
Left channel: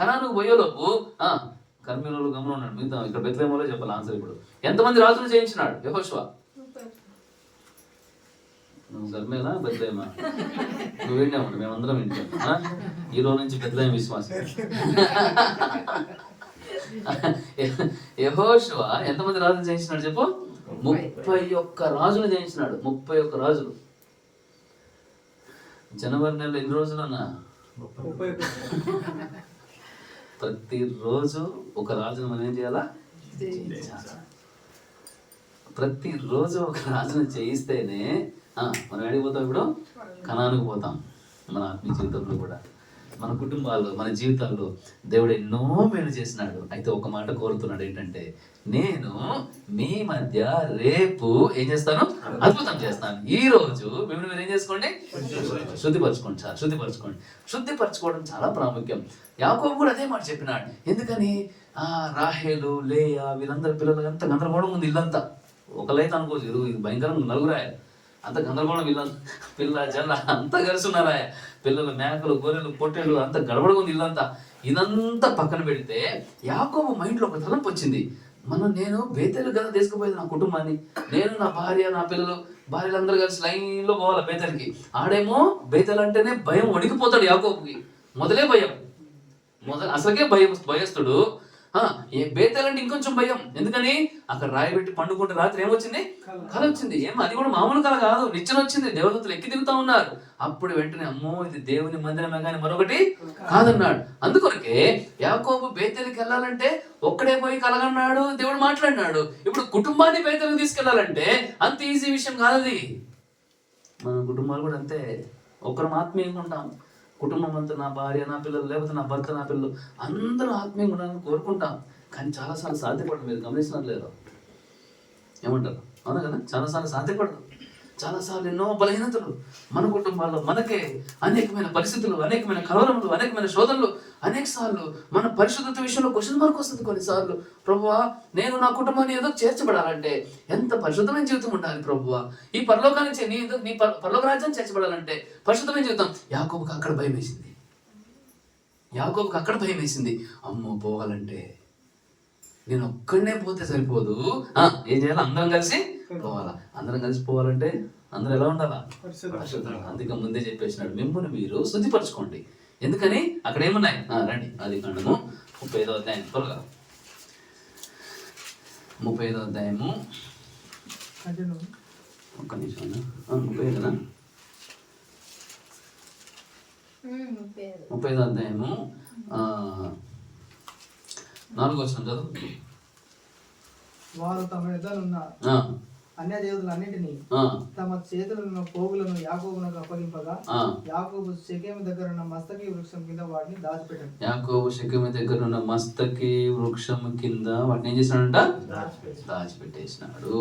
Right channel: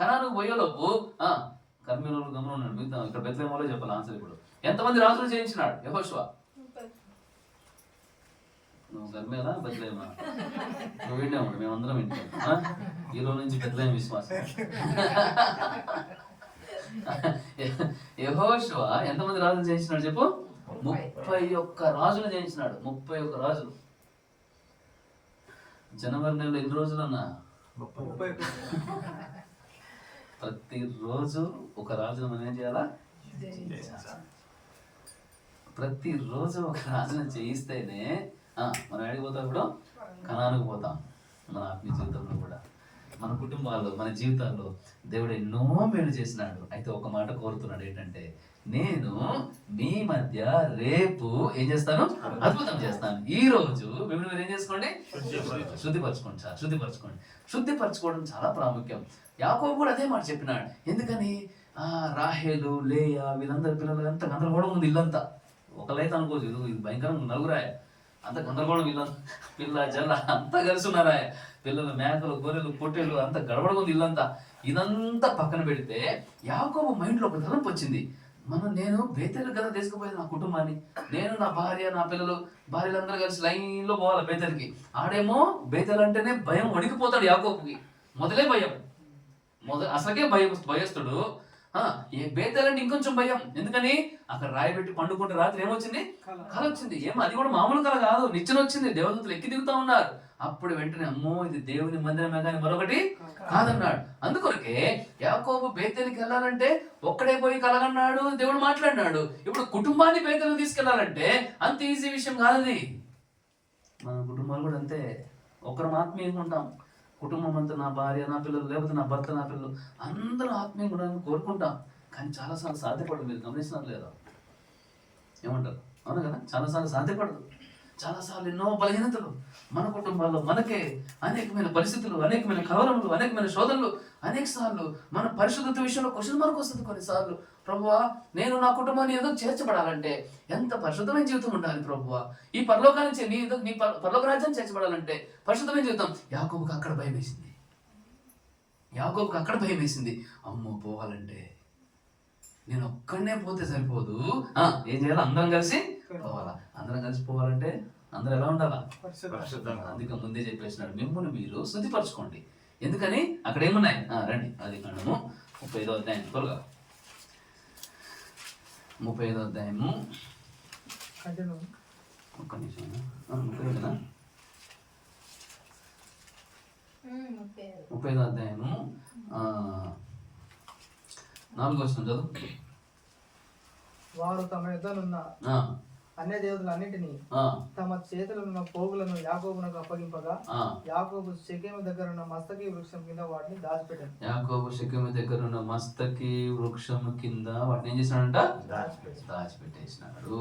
కనానుకు పోయేలోపు కర్మీలో గమనం ఉన్నాడు. మిగతా ఇక్కడ బెత్లెహేములో చెప్పాలి ఆన్సర్. ఇప్పుడు ఎంతమంది రాజులు జయించినాడు యెహోషువ? నువ్వు కర్మేనా బెత్లెహేమా? నువ్వు వింటే ఉండు, మేమందరం వింటాం. ఈ రోజు నుంచి బెత్లెహేం విశ్వాసం. యెహోషువ ఎంతమంది రాజులు జయించినాడు చెప్పు? 31 రాజులు జయించినాడు. 31 రాజులు. జనవరి నెలలో ఎన్ని రోజులన్నా 31. ప్రతిరోజు ఒక రాజును మనం ఏం చేయాలా? ప్రతిరోజు ఒక రాజును చేయిస్తేనే మనం అడిగిపోతాం. ఇప్పుడు కనానికి పోతాం. మన ఆత్మీయ జీవితంలో కూడా, మన కుటుంబాల్లో, మన జీవితాల్లో దేవుడు ఎన్నో మేలు చేసినాడు. అయితే ఒక మాట కోరుతున్నాడు, ఏంటంటే నేను మీ మధ్య రేపు ఏం చేస్తాను? అద్భుతం చేస్తాను. ఈ రోజు మీరు ఏం చేసుకోండి? శుద్ధిపరచుకోండి సార్, శుద్ధిపరచుకోండి. శుద్ధిపరచుకోవడం చాలా ప్రాముఖ్యం. యాకోబు కూడా అదే మాట చెప్పినాడు. ఎందుకని? రాహేలు, లేయా, వీళ్ళందరూ పిల్లలు ఎంత గందరగోళం ఉంది. ఇల్లంతా ఒకలైతే అనుకోవచ్చు, ఇది భయంకరంగా నలుగురాయ, అంత గందరగోళం, పిల్ల జల్ల అంతా కలిసి ఉన్నారా, పిల్లలు, మేకలు, గొర్రెలు, పొట్టేళ్ళు, అంత గడబడగా ఉంది ఇల్లంతా. ఇదంతా పక్కన పెడితే యాకోబు మైండ్లో ఒక తలంపు వచ్చింది. నేను బేతేలు కదా తీసుకుపోయేది నా కుటుంబాన్ని, నేను, నా భార్య, నా పిల్లలు, భార్యలందరూ కలిసి లైన్లో పోవాలి బేతేలకి. ఆడేమో బేతేలు అంటేనే భయం, వణికిపోతాడు యాకోబుకి. మొదలే భయం, అసలుకే భయస్తుడు. బేతేలు అంటే ఇంకొంచెం భయం. ఎందుకని? అక్కడ రాయబెట్టి పండుకుంటే రాత్రి ఏమొచ్చింది? కళ వచ్చింది. అది కూడా మామూలు కళ కాదు, నిచ్చెన వచ్చింది. దేవదూతలు ఎక్కి దిగుతా ఉన్నారు. అప్పుడు వెంటనే అమ్మో ఇది దేవుని మందిరమే కానీ మరొకటి కాదన్నాడు. అందుకొరకే యాకోబు బేతేలుకి వెళ్ళాలంటే ఒక్కడే పోయి కలగన్నాడు, దేవుడు మాట్లాడినాడు. ఇప్పుడు కుటుంబాన్ని బేతేలుకి తీసుకెళ్లాలంటే అంత ఈజీ విషయం కాదు. మన కుటుంబాలు కూడా అంతే. ఒక్కరం ఆత్మీయంగా ఉంటాం. కుటుంబం అంతా, నా భార్య, నా పిల్లలు, లేకపోతే నా భర్త, నా పిల్లలు అందరూ ఆత్మీయంగా ఉండాలని కోరుకుంటాం. కానీ చాలాసార్లు సాధ్యపడదు. మీరు గమనిస్తున్నారు లేదా? ఏమంటారు? అవును కదా, చాలాసార్లు సాధ్యపడదు. చాలాసార్లు ఎన్నో బలహీనతలు మన కుటుంబాల్లో, మనకే అనేకమైన పరిస్థితులు, అనేకమైన కలవరములు, అనేకమైన శోధనలు. అనేక సార్లు మన పరిశుద్ధత విషయంలో క్వశ్చన్ మార్క్ వస్తుంది. కొన్నిసార్లు, ప్రభువా నేను నా కుటుంబాన్ని ఏదో చేర్చబడాలంటే ఎంత పరిశుద్ధమైన జీవితం ఉండాలి ప్రభువా, ఈ పరలోకానికి నీ పరలోక రాజ్యాన్ని చేర్చబడాలంటే పరిశుద్ధమైన జీవితం. యాకోబుకి అక్కడ భయం వేసింది. అమ్మో పోవాలంటే నేను ఒక్కడనే పోతే సరిపోదు, ఏం చేయాలి? అందరం కలిసి పోవాలా. అందరం కలిసి పోవాలంటే అందరూ ఎలా ఉండాలా? పరిశుద్ధంగా. అందుకే ముందే చెప్పేసినాడు, మిమ్మల్ని మీరు శుద్ధిపరచుకోండి. ఎందుకని? అక్కడ ఏమున్నాయి? రండి, అది కాండము 35వ అధ్యాయం, త్వరగా 35వ అధ్యాయము. ఒక్క నిమిషం, 35వ అధ్యాయము 4వ వచనం చదువు. వారు తమ యుద్ధనున్న అన్య దేవతలన్నిటినీ తమ చేతులను పోగులను యాకోబునకు అప్పగింపగా యాకోబు షెకెము దగ్గర ఉన్న మస్తకి వృక్షం కింద వాటిని దాచిపెట్టాడు. యాకోబు షెకెము దగ్గర ఉన్న మస్తకి వృక్షం కింద వాటిని ఏం చేసినాడంట? దాచిపెట్టేసినాడు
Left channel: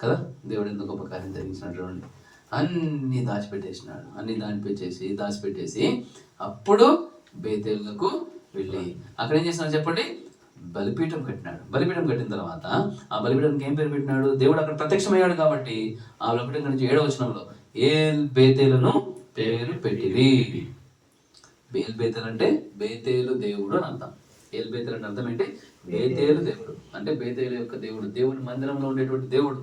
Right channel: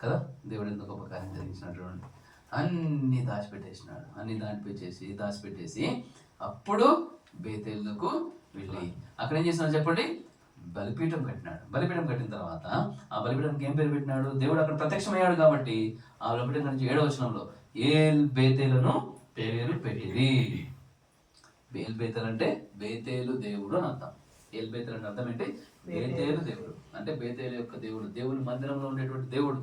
కదా. దేవుడు ఎంత గొప్ప కార్యం జరిగించినట్టు. అన్ని దాచిపెట్టేసినాడు. అన్ని దాచిపెట్టేసి అప్పుడు బేతేలుకు వెళ్ళి అక్కడ ఏం చేసినాడు చెప్పండి? బలిపీఠం కట్టినాడు. బలిపీఠం కట్టిన తర్వాత ఆ బలిపీఠానికి ఏం పేరు పెట్టినాడు? దేవుడు అక్కడ ప్రత్యక్షమయ్యాడు కాబట్టి ఆ బలిపీఠం నుంచి 7వ వచనంలో ఏల్ బేతేలను పేరు పెట్టిరి. ఏల్ బేతేలు అంటే బేతేలు దేవుడు అని అర్థం. ఏల్ బేతేలు అంటే అర్థం ఏంటి? బేతేలు దేవుడు అంటే బేతేలు యొక్క దేవుడు, దేవుని మందిరంలో ఉండేటువంటి దేవుడు,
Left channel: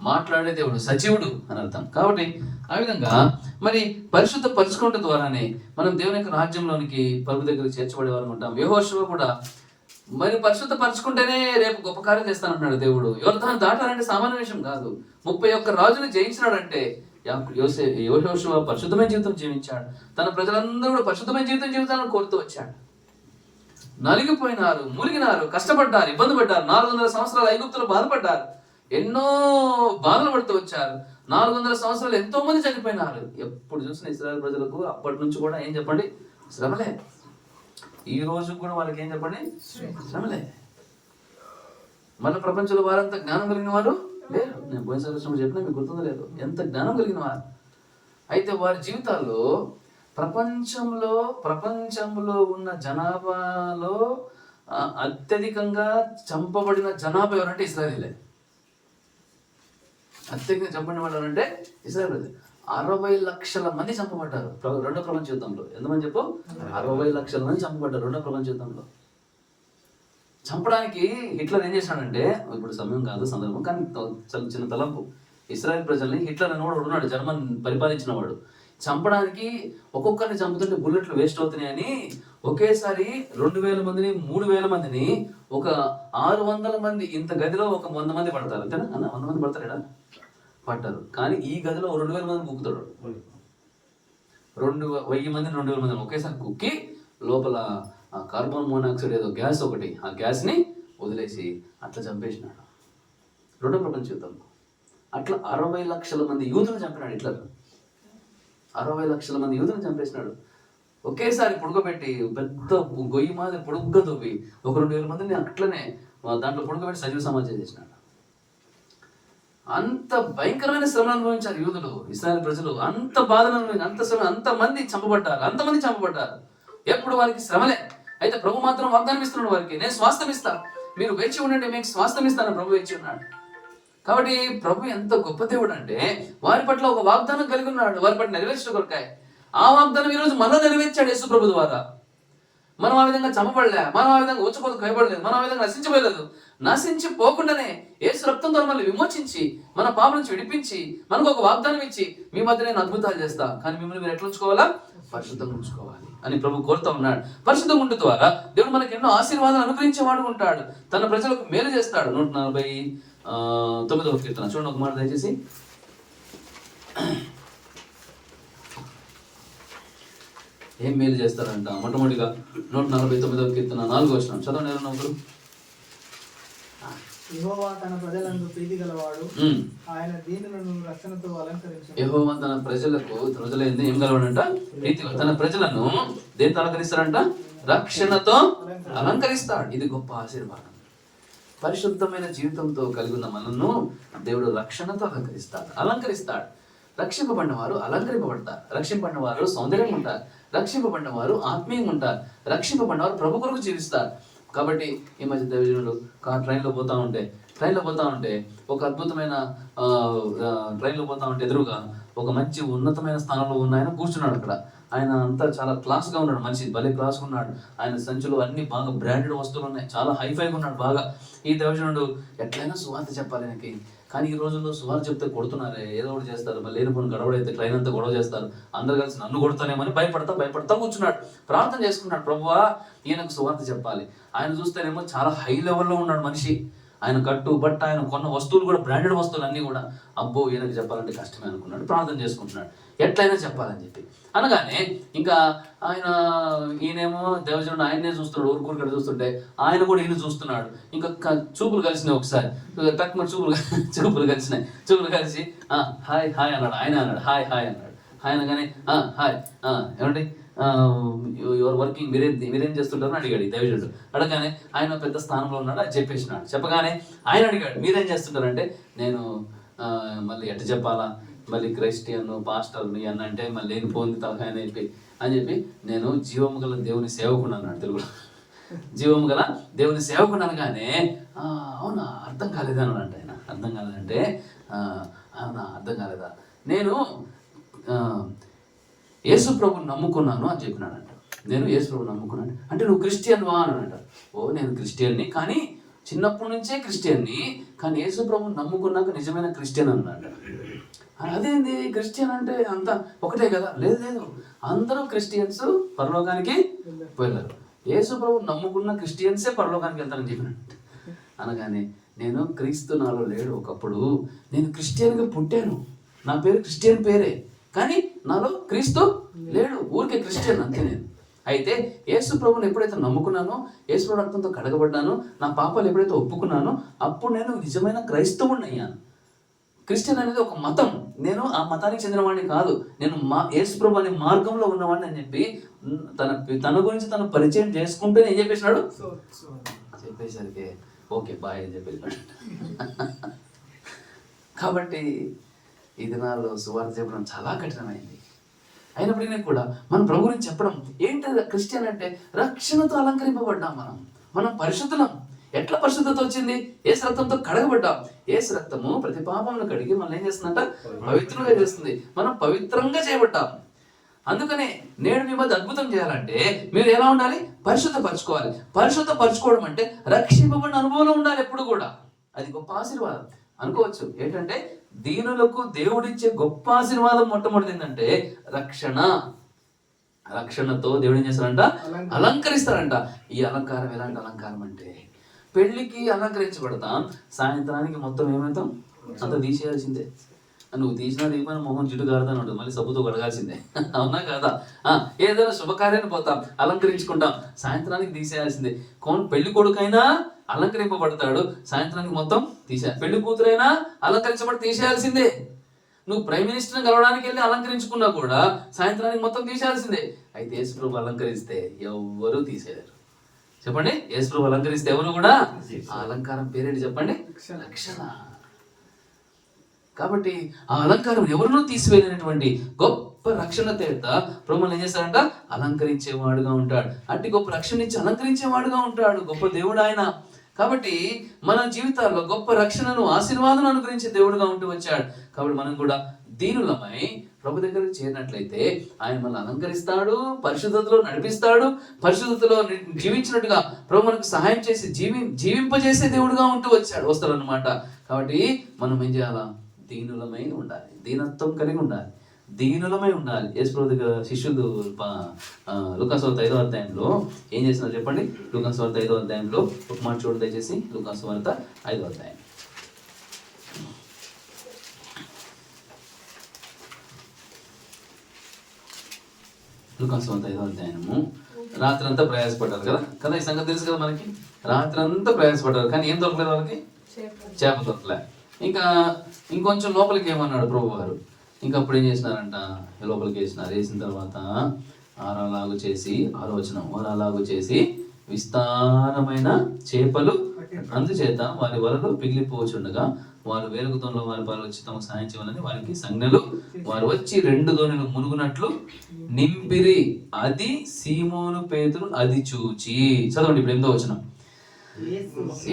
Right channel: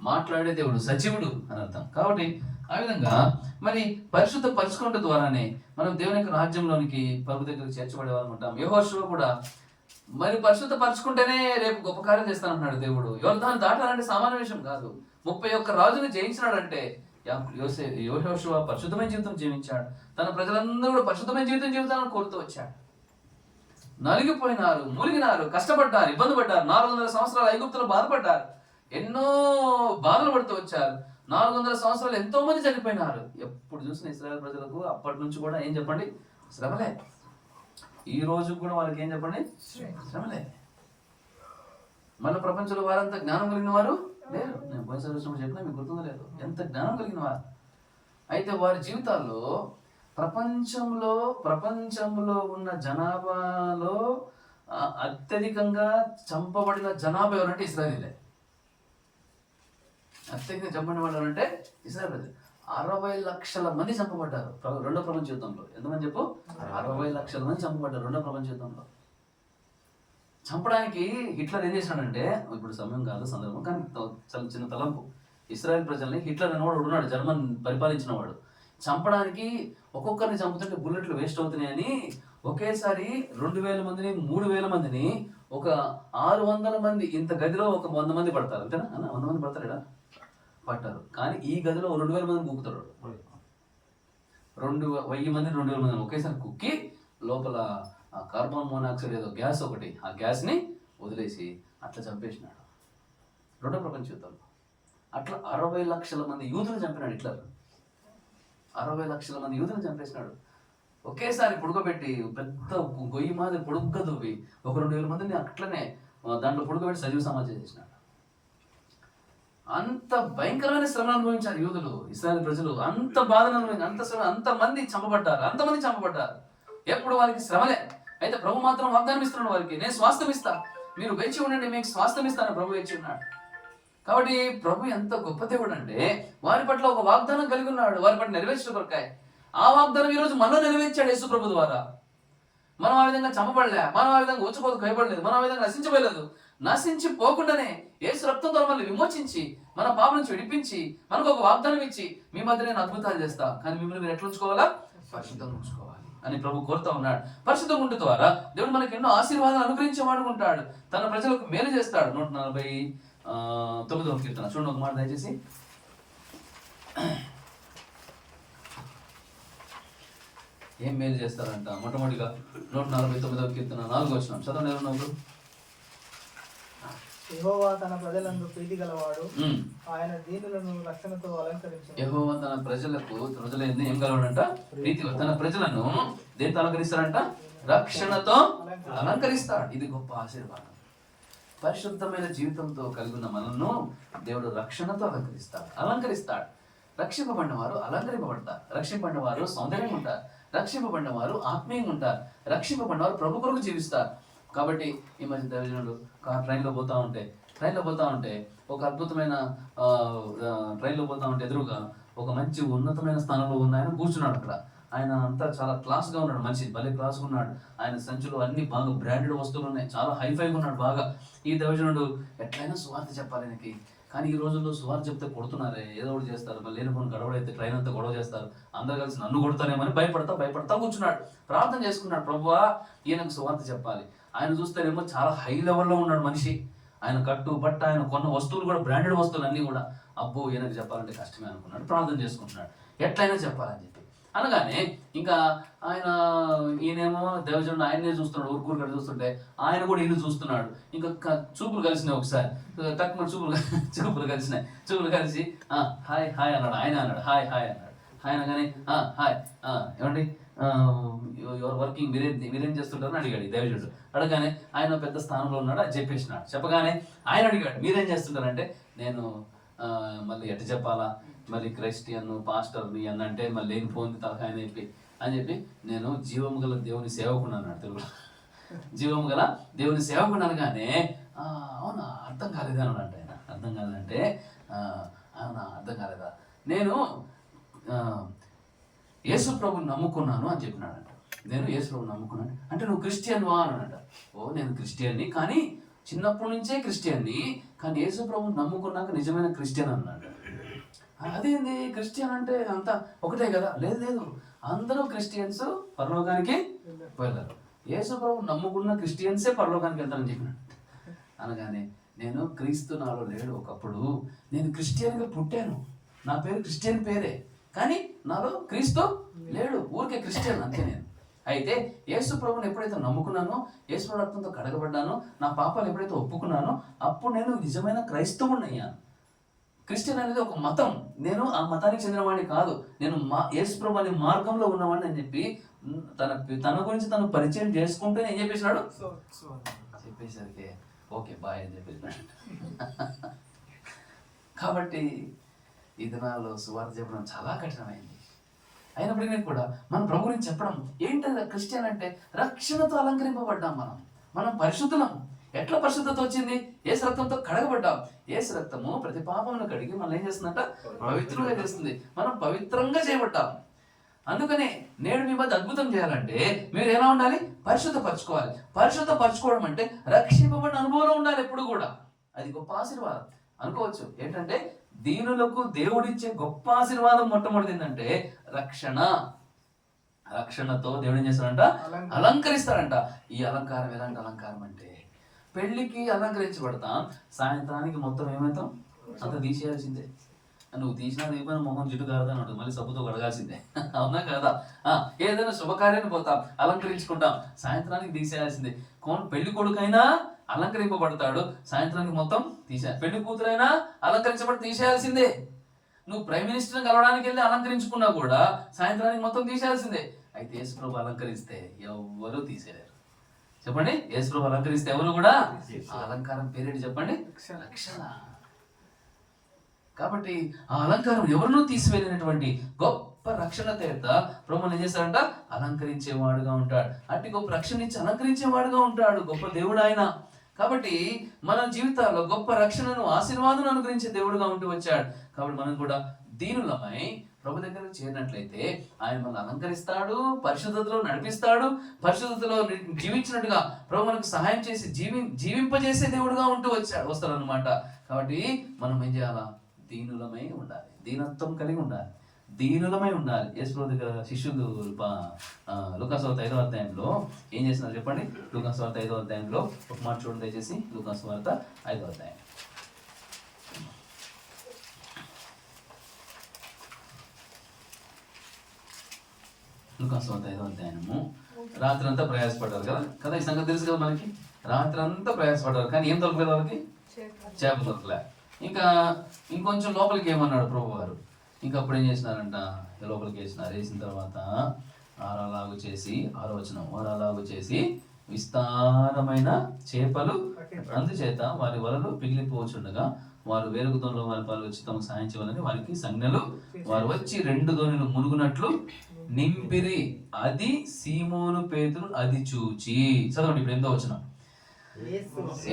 మాట్లాడే దేవుడు, సజీవుడు అని అర్థం. కాబట్టి ఆ విధంగా మరి పరిశుద్ధ పరచుకోవడం ద్వారానే మనం దేవుని యొక్క రాజ్యంలోనికి ప్రభు దగ్గర చేర్చబడేవారు ఉంటాం. యెహోషువ కూడా మరి పరిశుద్ధ పరచుకుంటేనే రేపు గొప్ప కార్యం చేస్తానంటున్నాడు దేవుడు. యోర్దాను దాటాలంటే సామాన్య విషయం కాదు. 31 రాజుని జయించినాడంటే యెహోషువ పరిశుద్ధమైన జీవితం జీవించాడు. తన ప్రజలందరూ పరిశుద్ధమైన జీవితాన్ని కోరుతూ వచ్చాడు. నలిగిపోయినారు, మునిగినారు, కష్టపడ్డారు, ఇబ్బంది పడ్డారు. 400 సంవత్సరాలు ఐగుప్తులో బాధపడ్డారు. ఎన్నో బాధలు పడుతూ వచ్చారు. 400 సంవత్సరాలు ఎంతో మంది చనిపోయినారు. ఎప్పుడు చూసిన ఇశ్రాయేలు ప్రజలకు అప్పటి నుంచి కూడా ఏం చెప్పండి? శ్రమలే. ఈ రోజు కూడా వాళ్ళకి ఏం చెప్పండి? శ్రమలే. మళ్ళీ ప్రపంచంలో వారంతా జ్ఞానం కలిగిన వారు లేరు. నేను పోయినసారి చెప్పినా మీకు గుర్తుందో లేదు, ఎంత జ్ఞానం కలిగిన వారు. అయితే వారి జీవితాల్లో ప్రపంచంలో ఉన్న జనాభాలో అత్యధికంగా చంపబడిన జనాభా ఎవరంటే ఇశ్రాయేలీలే. అత్యధికంగా చంపబడిన వాళ్ళు అంటే ఇశ్రాయేలీలే. 60 లక్షల మంది చంపబడ్డారు రెండో ప్రపంచ యుద్ధంలో. ఎంతమంది చెప్పు? 60 లక్షల మంది చంపబడ్డారు రెండో ప్రపంచ యుద్ధంలో. చంపడానికి హిట్లర్ ఏం చేశాడంటే, ఇప్పుడు సమయం కాదు సందర్భం, కానీ చాలా చిన్న తలంపు. ఇశ్రాయేల్ ప్రజల్ని హిట్లర్ అనేవాడు ఉన్నాడు, జర్మన్ పరిపాలించిన వాడు. చంపడానికి ఒక్కొక్కరిని చంపుతుంటే బుల్లెట్లు వేస్ట్ అవుతున్నాయని ఒకేసారి 2000 మందిని 3000 మందిని ఒక 600 మంది ఇంత గదిలో ఒక 100 మంది పడతారు. అంతేనా అన్న? 100 మంది పడతారు ఇక్కడ. పట్టరు. కానీ ఈ గదిలో 2000 మందిని కుక్కుతాడు. 1000 మందిని 2000 మందిని ఒకేసారి కుక్కి లోపల కార్బన్ మోనాక్సైడ్ ఏదో గ్యాస్ ఒకటి, ఆ గ్యాస్ని వదిలేసి అట్లా చంపేసినాడు. రెండో ప్రపంచ యుద్ధంలో అట్లా 60 లక్షల మంది యూదులు చంపినాడు హిట్లర్. 60 లక్షల మంది యూదులు చంపేసినాడు. ఒకేసారి పుడుకోబెట్టి పెద్ద గొయ్యి మాదిరి పొడుగ్గా దువ్వి 1-2 మందిని అట్లనే దాంట్లో పుడుకోబెట్టి సజీవ సమాజం చేసినాడు. అంత భయంకరమైన శ్రమను అనుభవించారు యూదులు, ఇశ్రాయేలు ప్రజలు. అంత బాధను అనుభవించారు, అంత శ్రమ, అంతమంది చంపబడ్డారు. ఎప్పుడు వారికి శ్రమలే. అయితే ప్రభు మాత్రం వాగ్దానం ఇస్తున్నాడు వారికి, నేను స్వాస్థ్యం ఇస్తా, మీరు వేచి ఉండండి, మీకు స్వాస్థ్యం ఇస్తాను ప్రభు వేచి ఉన్నాడు. కాబట్టి ప్రభు ఎంత గొప్ప దేవుడు అంటే వారి పట్ల ఒక వాగ్దానం కలిగి ఉన్నాడు, వారి పట్ల నెరవేర్చడం కొరకాయ. ఆ వాగ్దానం ఈరోజు మనం నెరవేర్చాడు యేసు ప్రభు ద్వారా. మనం ఆ విధంగా చంపబడలే, మనం ఆ విధంగా ఊచకోతకు భయపడలేదు, మనం ఆ విధంగా నశించబడలేదు. నశించిపోకుండానే యేసు రక్తంతో మనల్ని విమోచించి మన పాప నుంచి విడిపించి మనకు ఒక వాగ్దానం ఇచ్చి, మీ మధ్య నేను అద్భుతాలు చేస్తా, కానీ మిమ్మల్ని మీరు ఎట్లా ఉంచుకోవాలా? పరిశుద్ధంగా ఉంచుకోవాలి అని ప్రభు కోరుతూ ఉన్నాడు. పరిశుద్ధంగా ఉండే ద్వారా దేవుడు మనకు ఎన్నో ఆశీర్వాదాలు అనుగ్రహించేవాడు ఉంటాడు, తన ప్రజలకు మేలు చేస్తాడు. 149వ కీర్తన చూడండి ఒక మాట దయచేసి. ఏం మేలు చేస్తారంట? మొట్టమొదటిగా 149వ కీర్తన 4వ వచనం చదవండి. యెహోవా తన ప్రజలందు ప్రీతి గలవాడు, ఆయన దీనులను రక్షణతో అలంకరించాడు. యెహోవా తన ప్రజలైంది ఏం గలవాడంట? ప్రీతి. తన ప్రజలను దేనితో అలంకరిస్తాడంట? రక్షణతో అలంకరిస్తాడు. ఇది గొప్ప ఆశీర్వాదం. పరిశుద్ధమైన జీవితంతో కలిగి ఉన్న మనల్ని దేవుడు రక్షణతో అలంకరిస్తాడు. రక్షింపబడిన వారు అలంకరింపబడతారు, రక్షింపబడిన వారు సౌందర్యంగా ఉంటారు, రక్షింపబడిన వారు ఆత్మీయంగా ఉంటారు, రక్షింపబడిన వారు ప్రభు కొరకు జీవిస్తారు. కాబట్టి ఈ మధ్య దైవజనుడు ట్రైన్లో పోతా ఉంటే ఒక అద్భుతమైన ఎదురుగా ఒక మంచి ఉన్నతమైన స్థానంలో ఉన్న ఆయన కూర్చున్నాడు అక్కడ. ఆయన అంతా చాలా క్లాస్గా ఉన్నాడు, మనిషి భలే క్లాస్గా ఉన్నాడు. ఆయన సంచులు అన్ని బాగా బ్రాండెడ్ వస్తువులు ఉన్నాయి, చాలా హైఫైగా ఉన్నాడు బాగా. ఈ దైవజనుడు ఎట్లయినా సువార్త చెప్పాలి ఆయనకి. కానీ ఈ రోజుల్లో సువార్త చెప్తే కొడుతున్నారే, ఏదో ఒకటి చేస్తారు, మళ్ళీ లేని పోని గడవడైతే ట్రైన్ అంతా గొడవ చేస్తారు, అందరు కలిసి నన్ను కొడతానేమని భయపడతా కూర్చున్నాడు. ప్రార్థన చేసుకున్నాడు, ప్రభువా ఈయనకు సువార్త చెప్పాలి. ఆయన చూస్తేనేమో చాలా హై లెవెల్లో ఉన్నాడు మనిషి. ఆయన కట్టు బట్ట, ఆయన కొన్న వస్తువులు కూడా బ్రాండెడ్ వస్తువులు అన్నీ కూడా. అబ్బో ఈయనకు చెప్పాలంటే కష్టమే అనుకున్నాడు, ప్రార్థన చేసుకుంటున్నాడు ఎట్లయినా చెప్పాలని చెప్పి. అనగానే ఇంకా ఈయనేమో దేవజనుడు ఆయనే చూస్తున్నాడు, ఊరుకూరుగడ చూస్తుంటే ఆయన కూడా ఈయన చూస్తున్నాడు. ఇంకా చూపులు కలిసినాయి, ఒకసారి తక్కువ చూపులు కలిసి హాయ్ అన్నాడు. ఆయన అన్నాడు హాయ్ అన్నాడు. ఆయన కానీ హాయ్ ఏమండి యువర్ వర్కింగ్, మీరేం చేస్తుంటారని అడిగాడు దేవజనుడు. అడగానే ఆయన పెద్ద స్థానంలో ఉన్నాడు, అది చెప్పేసినాడు. చెప్పగానే ఆయన అడిగాడు మీరేం చేస్తుంటారంటే, నేను మళ్ళీ ఎట్ట చెప్పాలా, మళ్ళీ క్రైస్టియన్ పాస్టర్ని అని అంటే మళ్ళీ లేనిపోయింది తలకాయ అని చెప్పి నేను జీవము గల దేవుని సేవకుడు అన్నాడు తెలుగులో. జీవము గల దేవుని సేవకుడు అనగానే అవునా అర్థం కాలేదన్నాడు ఆయన. అర్థం కాలేదంటే అవునా అర్థం కాలేదా, నేను యేసు ప్రభుని నమ్ముకున్నాను అని చెప్పినాడంట. నేను యేసు ప్రభుని నమ్ముకున్నాను అంటే నువ్వు క్రిస్టియన్వా అని అంట. ఓ నేను క్రిస్టియన్ని, కానీ చిన్నప్పటి నుంచే క్రిస్టియన్ని, కానీ యేసు ప్రభుని నమ్ముకున్నాక నిజమైన క్రిస్టియన్ అన్నాడు. అదేంది క్రిస్టియన్ అంటే అంతా ఒకటే కదా? లేదు, అందరూ క్రిస్టియన్స్ పరలోకానికి వెళ్ళారు, యేసు ప్రభుని నమ్ముకున్న క్రిస్టియన్సే పరలోకానికి వెళ్తారని చెప్పినాడు. అనగానే నేను క్రీస్తు నాలో లేడు, ఒకప్పుడు నేను క్రిస్టియన్గా పుట్టాను, నా పేరు క్రిస్టియన్ పేరే, కానీ నాలో క్రీస్తు లేడు, ఊరికే క్రిస్టియన్ అంతే నేను. అయితే యేసు ప్రభుని ఎప్పుడైతే నమ్ముకున్నానో, యేసు ప్రభు రక్తంతో కడగబడ్డానో, నా పాపాలు ఎప్పుడైతే ఒప్పుకున్నానో, అప్పుడు నేను నిజమైన క్రైస్తవుని అయ్యాను. క్రిస్టియన్ అనేది ఒక మతం, నేను ఆ మతానికి చెందినవాడిని కాదు, నేను యేసు ప్రభు అనే మార్గంలో ఉన్నవాడిని అని చెప్పి తన గురించి తను పరిచయం చేసుకుంటే ఏం చెప్పేసినాడు, చెప్పేసరికి ఓకే బాయ్ అని చెప్పేసినాడు. కాబట్టి ఈ దినాల్లో సువార్త చెప్పడం చాలా కఠినమైంది. అయినప్పటికీ కూడా మనం ప్రభు గురించి చెప్పడం ఏంటి? క్రిస్టియన్ అంటే రక్షణతో అలంకరింపబడ్డాం, మనం పరిశుద్ధులం. ఎట్లా పరిశుద్ధత వచ్చింది? యేసు రక్తంతో కడగబడ్డాం. యేసు రక్తము ప్రతి పాపమును కడిగి మనం ఏం చేస్తుందంట? పవిత్రంగా చేస్తుంది. మనం పవిత్రంగా చేయబడ్డాం. అందుకనే నేడు మీ మధ్య అద్భుతం చేయాలంటే మీరు ఎలా ఉండాలి? పరిశుద్ధపరచుకోవాలి. పరిశుద్ధపరచుకోవడం అంటే రక్షింపబడిన అనుభవం ఉండాలి ఎప్పుడు కూడా. అది గొప్ప ఆశీర్వాదం అనుకోవచ్చు. ఏంటంటే దీనులకు దేవుడిచ్చే గొప్ప ఆశీర్వాదం మొట్టమొదటి ఏంటంటే రక్షణతో దేవుడు ఏం చేస్తాడంట? అలంకరిస్తాడంట. ఈ అలంకారం ఎలాంటి అలంకారం అంటే, పెళ్లికి అలంకరించబడతాం, సాయంత్రానికి మొత్తం ఏమవుతాం? అంత తీసేయాల్సిందే. నువ్వు తీసిన దీపాన్ని మొహం జిడ్డు కారుతాను ఉంటుంది, మళ్ళీ సబ్బుతో కడగాల్సిందే. అవునా కాదా? ఏదైనా శుభకార్యాన్ని పోతాం, అలంకరించుకుంటాం, సాయంత్రానికి తీసేయాల్సిందే. పెళ్లి కొడుకైనా అలంకరింపబడతాడు, సాయంత్రానికి మొత్తం పెళ్లి కూతురైనా అలంకరించబడి తీసేయాల్సిందే. నువ్వు ప్రైమ్ మినిస్టర్ని కలవడానికి వెళ్ళి అలంకరించుకున్నా కూడా సాయంత్రానికి మొత్తం తీసేయాల్సిందే. అయితే యేసు ప్రభు అలంకరిస్తే ఎవ్వరూ తీసేయలేరు. చెప్పండి, యేసు ప్రభు అలంకరిస్తే ఎవరు కూడా, ఆ అలంకారం పేరేంటి చెప్పండి? రక్షణ. కాబట్టి ఆ అలంకారం ఎవరినూ తీసివేయలేనటువంటి గొప్ప రక్షణ చేత ప్రభువుని ఏం చేస్తాడంట? అలంకరించేవాడుగా ఉంటాడు. అట్టి గొప్ప రక్షణ ఇచ్చి అలంకరించేవాడుగా ఉంటాడు గొప్ప దేవుడు ఆయన. కాబట్టి మన జీవితాల్లో గొప్ప రక్షణను, ఆశీర్వాదం అనుగ్రహించే దేవుడుగా ఉంటూ వచ్చాడు. కాబట్టి మనం కూడా దీనులమై ప్రభు దగ్గరకు చేరినట్లయితే ఆయన మనల్ని అలంకరిస్తాడు, పరిశుద్ధతలో నడిపిస్తాడు, పరిశుద్ధతలో జీవించినట్టుగా ప్రభు మనకు సహాయం చేసి జీవింపజేసే దేవుడుగా ఉంటూ వస్తాడు అనమాట. కాబట్టి మనం ఏం చేయాలా? దీనులమై ఉండాలి, దీనత్వం కలిగి ఉండాలి, దీనులమై ఉండాలి. యేసు ప్రభు దగ్గర శిష్యులు లూకాసు వార్త 5వ అధ్యాయంలో ఏం చేస్తున్నారు చెప్పండి? లూకాసు వార్త 5వ అధ్యాయంలో ఒక మాట చూడండి దయచేసి. లూకాసు వార్త 5వ అధ్యాయం. లూకాసు వార్త 5వ అధ్యాయము. రాత్రి అంతా ప్రయాసపడ్డారు కదా ఈ సంగతి తెలుసు కదా మనకి. రాత్రి అంతా ప్రయాసపడ్డారు, కానీ ఏం దొరకలేదు వాళ్ళకి? చేప దొరకలే. ఇంకొంచెం లోపలికి ఏమన్నాడు ప్రభు వారు? ఇంకా అప్పుడు ఏం చేసినారంట? లోపలికి వేసిన తర్వాత ఆరలాగు చేసి, ఆరలాగు చేసి విస్తారమైన చేపలు అందుచేత వారి వలలు పిగిలిపోవచ్చుండగా వారు వేరొక దోణిలో వారి పాలు వచ్చి తమకు సాయం చేయమని వారికి సంజ్ఞలు. వారు వచ్చి 2 దోణులు మునుగునట్లు నింపిరి. అది సీమోను పేతురు అది చూచి. చదవండి ఇప్పుడు 8వ వచనం.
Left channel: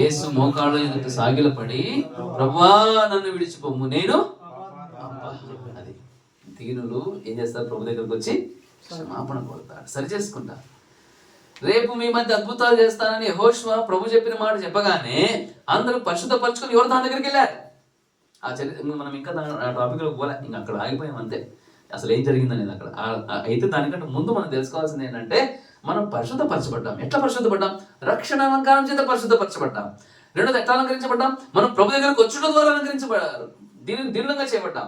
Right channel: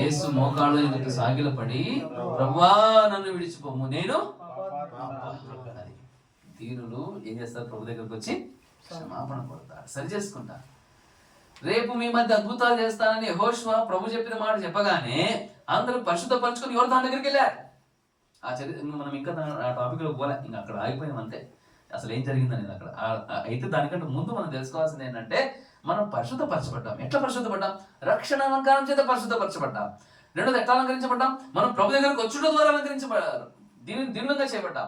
యేసు మోకాళ్ళ ఎదుట సాగిలపడి, ప్రభువా నన్ను విడిచిపోము, నేను. అది దీనులు ఏం చేస్తారు? ప్రభు దగ్గరకు వచ్చి క్షమాపణ కోరుతారు, సరి చేసుకుంటారు. రేపు మీ మధ్య అద్భుతాలు చేస్తానని యెహోషువ ప్రభు చెప్పిన మాట చెప్పగానే అందరూ పరిశుద్ధపరచుకొని యోర్దాను దగ్గరికి వెళ్ళారు. ఆ చరిత్ర మనం ఇంకా ఆ టాపిక్లో పోలే, ఇంకా అక్కడ ఆగిపోయాం అంతే. అసలు ఏం జరిగిందని అక్కడ అయితే దానికంటే ముందు మనం తెలుసుకోవాల్సింది ఏంటంటే, మనం పరిశుద్ధపరచబడ్డాం. ఎట్లా పరిశుద్ధపడ్డాం? రక్షణ అలంకారం చేత పరిశుద్ధపరచబడ్డాం. రెండోది ఎట్లా అలంకరించబడ్డాం? మనం ప్రభు దగ్గరకు వచ్చుట ద్వారా అలంకరించబడ్డారు, దీనులుగా చేయబడ్డాం,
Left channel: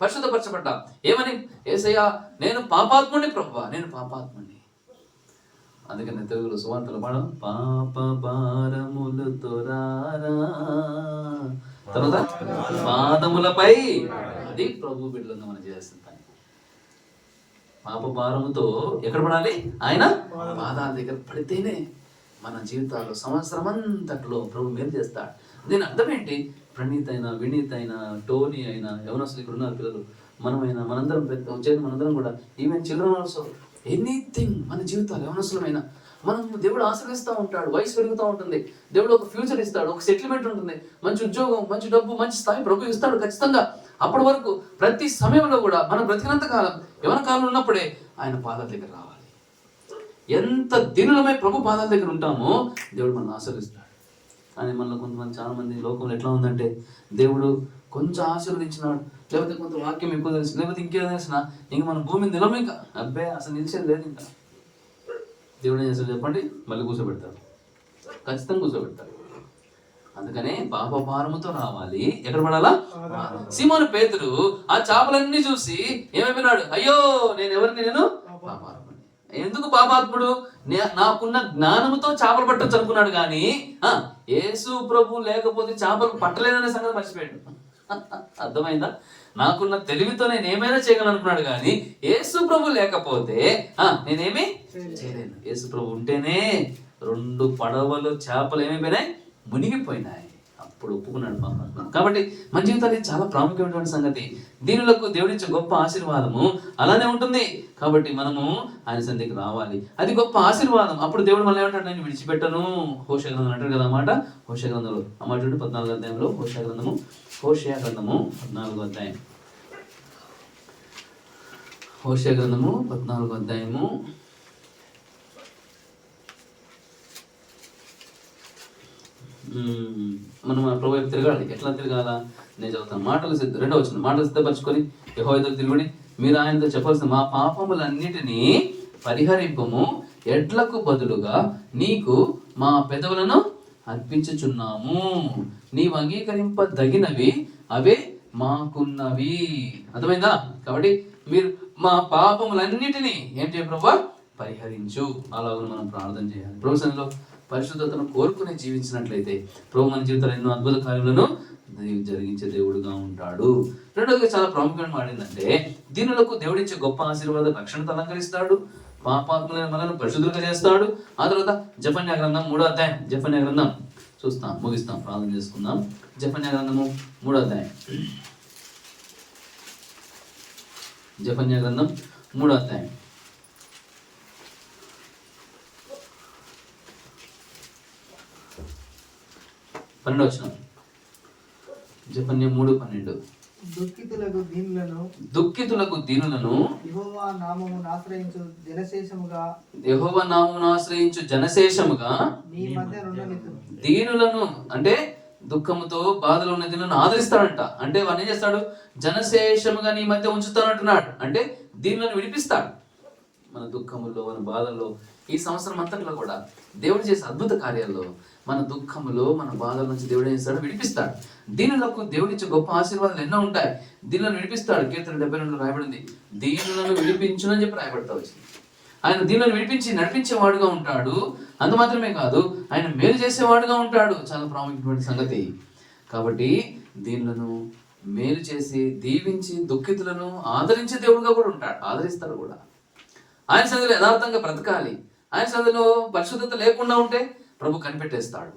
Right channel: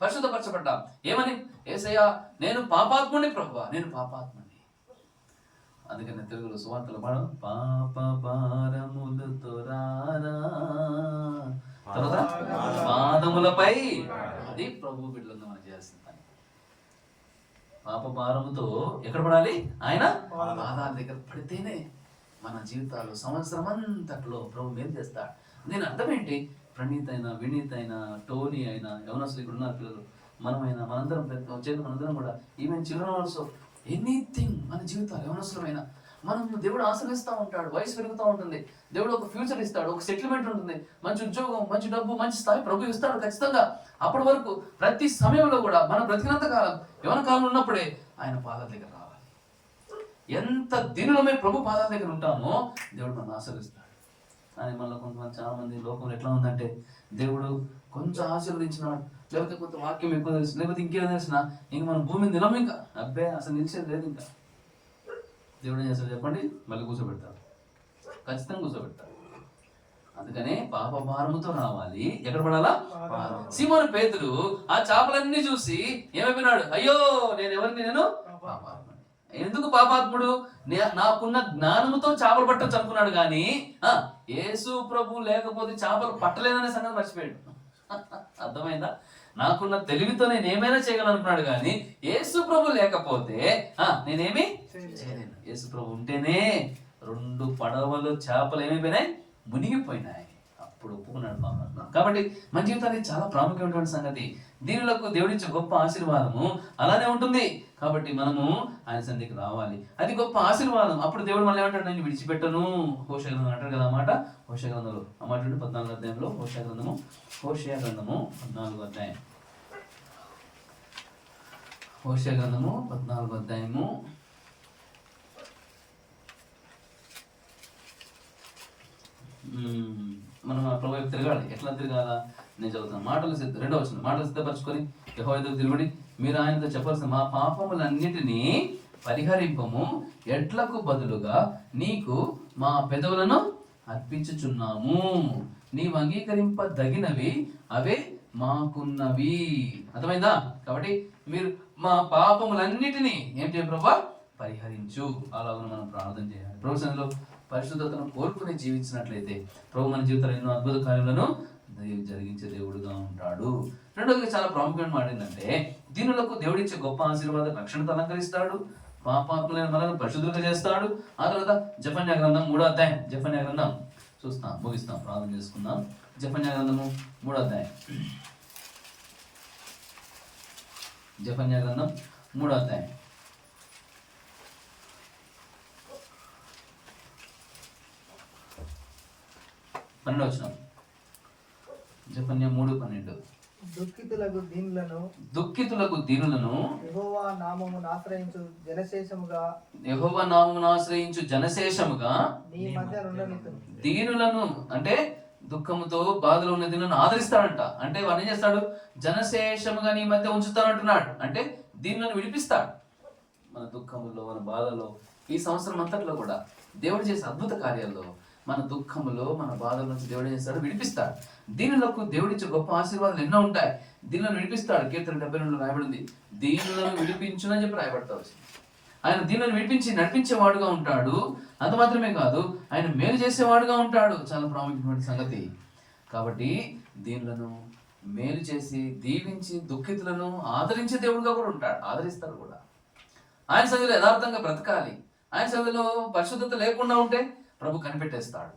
పరిశుద్ధపరచబడ్డాం. ఏమని? యేసయ్యా నేను పాపాత్ముడిని ప్రభువా, నేను పాపాత్ముడిని. అందుకని తెలుగులో సువార్తలు పాడం, పాప భారములతో రారా తర్వాత పాదములపై. అది ప్రభు బిడ్డలుగా మనం చేయాల్సిన పని. పాప భారముతో ఎక్కడ పడాలి? ఆయన పాదాల దగ్గర పడితేనే మన జీవితాల్లో సంవత్సరం అంతట్లో ప్రభు మేలు చేస్తాడు. దీని అర్థం ఏంటి? ప్రణీత్ అయినా, వినీత్ అయినా, టోనీ అయినా, యవనస్తులు ఇక్కడ ఉన్నారు పిల్లలు, మనమైనా, మనందరం వచ్చేది మనందరం కూడా, ఈవెన్ చిల్డ్రన్ ఆల్సో, ఎనీథింగ్ మన జీవితాలు యవనస్తులమైనా మనం దేవుడు ఆశీర్వదిస్తూ ఉంటాడు. వయసు పెరుగుతూ ఉంటుంది, దేవుడు ఒక ఫ్యూచర్ ఇస్తాడు, ఒక సెటిల్మెంట్ ఉంటుంది, మంచి ఉద్యోగం, మంచి డబ్బు, మంచి స్థాయి ప్రభు ఇస్తాడు ఖచ్చితంగా. అప్పటి వరకు ప్రతి సమయంలో కూడా మనం బ్రతికినంత కాలం, యవన కాలంలో ఉన్నప్పుడే ఆయన పాదాల దగ్గర రావాలి. ఎంత దీనులమై ప్రభు పాదాల దగ్గర ఉంటామో దేవుడు మనల్ని ఆశీర్వదిస్తాడు. కానీ మనలో కొంతమంది, చాలా మంది లోకంలో ఎట్లా ఉందంటే, దేవుడు కొంచెం ఆశీర్వదించినాడు, లేకపోతే కొంత వాక్యం ఎక్కువ తెలిసి, లేకపోతే ఇంకేం తెలిసిన ఇంక మన భూమి నిలమ, ఇంకా అబ్బే అసలు నిలిచేది లేదు. ఇంకా దేవుడు ఏం చేస్తాడు చెప్పండి? మళ్ళీ కూర్చోబెడతాడు, ఖచ్చితంగా కూర్చోబెడతాడు. అందుకనే పాప భారముతో రావాలి. ఎక్కడ పడాలా? సీమోను పేతురు ఆ చేపలన్నీ చూసి ఏమైపోయినాడు? అయ్యో నేను పాపాత్ముడు. ఎందుకు పాపాత్ముడు? నాకున్న జ్ఞానముతో చేపలు పట్టొచ్చు అనుకున్నాడు, కానీ యేసు ప్రభు లేకపోతే చేపలు పట్టలేననే సంగతి మర్చిపోయాడు. అర్థమైందా? నాకున్న తెలివితో నేను ఏమైనా చేయగలను అనుకున్నాడు, కానీ యేసు ప్రభు లేకపోతే నేనేమి చేయలేను. యేసు ప్రభు ఉంటేనే 2 పడవలు చేపలు ఏమైపోయినాయి? మునిగిపోయినాయి. అప్పుడు ఒప్పుకున్నాడు పాపం. కాబట్టి మన జీవితానికి చాలా ప్రాముఖ్యమైనటువంటి సంగతి. దీనులకు దేవుడిచ్చే గొప్ప ఆశీర్వాదము అలానే ఉంటుంది. కాబట్టి మనము ఆయన సన్నిధికి రావాలి, అది గొప్ప ఆశీర్వాదం. అప్పుడు దేవుడు మళ్ళీ ఏమంటాడు? నేను విడిచిపెట్టను. హోషేయ గ్రంథం అంటాడు కదా అన్నమాట. హోషేయ గ్రంథంలో అన్నమాట 14వ అధ్యాయంలో, హోషేయ గ్రంథము 14వ అధ్యాయం, హోషేయ గ్రంథము 14వ అధ్యాయము మనం ప్రభు వైపు తిరగాలి. ఎట్లా తిరగాలా? నేను చదువుతాను. మాటలు 2వ వచనం. మాటలు సిద్ధపరచుకొని యెహోవా ఎదుట తిరుగుడి, మీరు ఆయనతో చెప్పాల్సిన మా పాపములన్నిటినీ పరిహరింపము, ఎడ్లకు బదులుగా నీకు మా పెదవులను అర్పించుచున్నాము, నీవు అంగీకరింపదగినవి అవే మాకున్నవి. అర్థమైందా? కాబట్టి మీరు మా పాపములన్నిటినీ ఏం చేయ ప్రభువా, పరిహరించు. అలాగ మనం ప్రార్థన చేయాలి. ప్రభు సన్నిధిలో పరిశుద్ధతను కోరుకుని జీవించినట్లయితే ప్రభు మన జీవితంలో ఎన్నో అద్భుత కార్యాలను జరిగించే దేవుడుగా ఉంటాడు. రెండోదిగా చాలా ప్రాముఖ్యమైన మాట ఏంటంటే, దీనులకు దేవుడిచ్చే గొప్ప ఆశీర్వాద రక్షణతో అలంకరిస్తాడు, పాపాత్ములైన మనల్ని పరిశుద్ధులుగా చేస్తాడు. ఆ తర్వాత జెఫన్యా గ్రంథం 3వ అధ్యాయం, జెఫన్యా గ్రంథం చూస్తాం, ముగిస్తాం, ప్రార్థన చేసుకుందాం. జెఫన్యా గ్రంథము 3వ అధ్యాయం, జెఫన్యా గ్రంథం 3వ అధ్యాయం 12వ వచనం. జెఫన్యా 3:12. దుఃఖితులకు దీనులను యెహోవా నామమును ఆశ్రయించు జనశేషముగా నీ మధ్య నుండనిత్తును. దీనులను అంటే దుఃఖముతో బాధలో ఉన్న దీనులను ఆదరిస్తాడంట. అంటే వాడు ఏం చేస్తాడు? జనశేషముగా నీ మధ్య ఉంచుతానంటున్నాడు. అంటే దీనులను విడిపిస్తాడు. మన దుఃఖములో, మన బాధల్లో, ఈ సంవత్సరం అంతట్లో కూడా దేవుడు చేసే అద్భుత కార్యాల్లో మన దుఃఖములో, మన బాధల నుంచి దేవుడు ఏం చేస్తాడు? విడిపిస్తాడు. దీనులకు దేవుడిచ్చే గొప్ప ఆశీర్వాదాలు ఎన్నో ఉంటాయి. దీనులను విడిపిస్తాడు. కీర్తన 72 రాయబడింది, దీనులను విడిపించునని చెప్పి రాయబడతా వచ్చింది. ఆయన దీనులను విడిపించి నడిపించేవాడుగా ఉంటాడు. అంత మాత్రమే కాదు, ఆయన మేలు చేసేవాడుగా ఉంటాడు. చాలా ప్రాముఖ్యమైన సంగతి. కాబట్టి దీనులను మేలు చేసి దీవించి దుఃఖితులను ఆదరించే దేవుడుగా కూడా ఉంటాడు. ఆదరిస్తాడు కూడా. ఆయన సన్నిధిలో యథార్థంగా బ్రతకాలి. ఆయన సన్నిధిలో పరిశుద్ధత లేకుండా ఉంటే ప్రభు కనిపెట్టేస్తాడు.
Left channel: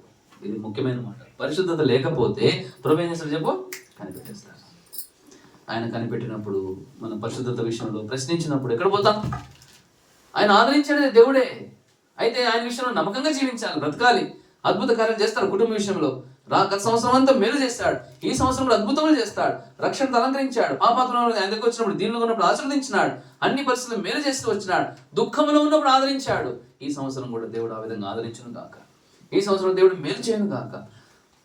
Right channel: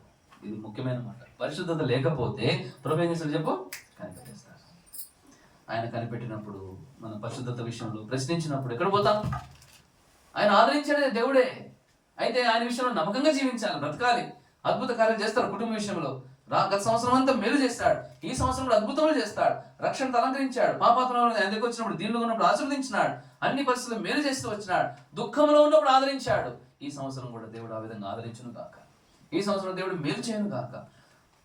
ఇది ముఖ్యమైన మాట. పరిశుద్ధత లేకపోతే ప్రభు ఏం చేస్తాడు చెప్పు? కనిపెట్టేస్తాడు. ఆయన కనిపెట్టినప్పుడు, మన పరిశుద్ధత విషయంలో ప్రశ్నించినప్పుడు ఎక్కడ పోతాం? ఆయన ఆదరించాడే దేవుడే. అయితే ఆయన విషయంలో నమ్మకంగా జీవించాలి, బ్రతకాలి. అద్భుత కార్యాలు చేస్తాడు కుటుంబ విషయంలో. గత సంవత్సరం అంతా మేలు చేస్తాడు, ఈ సంవత్సరం కూడా అద్భుతములు చేస్తాడు. రక్షణ అలంకరించాడు. పాపాత్మలో ఆయన దగ్గర వచ్చినప్పుడు, దీనిలో ఉన్నప్పుడు ఆశీర్వదించినాడు. అన్ని పరిస్థితులు మేలు చేస్తూ వచ్చినాడు. దుఃఖంలో ఉన్నప్పుడు ఆదరించాడు. ఈ సంవత్సరం కూడా దేవుడు ఆ విధంగా ఆదరించును గాక. ఈ సంవత్సరం దేవుడు మేలు చేయను గాక.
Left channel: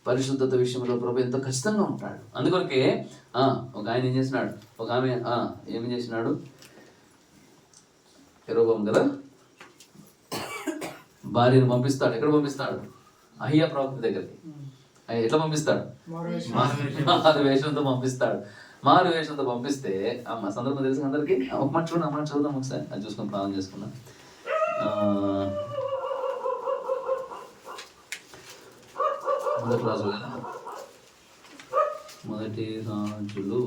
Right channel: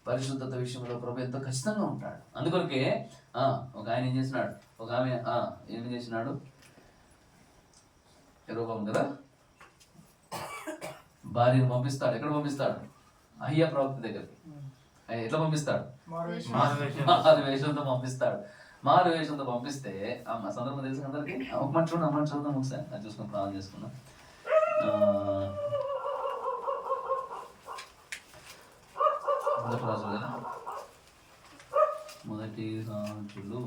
పరిశుద్ధత విషయంలో ప్రభు ఎంతో ఖచ్చితంగా ఉంటాడు. అందుకొరకే ఒక ఆయన ఏం చేసినాడు, ఒక ఆమె ఏమి చేసినాడు? యెరోబోము కదా, భార్యను పంపిస్తాడు. ఎక్కడ పంపిస్తాడు? అహియా ప్రవక్త దగ్గరికి. ఎట్లా పంపిస్తాడు? మారు వేషంతో పంపిస్తాడు. మారు వేషంతో పంపిస్తే మా సందర్భం తెలిసిన అందరికీ ఒక మాట చూడండి, అమ్మ చదువుదాం ఒకసారి, అది చూసుకొని ప్రార్థన చేసుకున్నాం. మొదటి రాజులు కదా, మొదటి రాజులు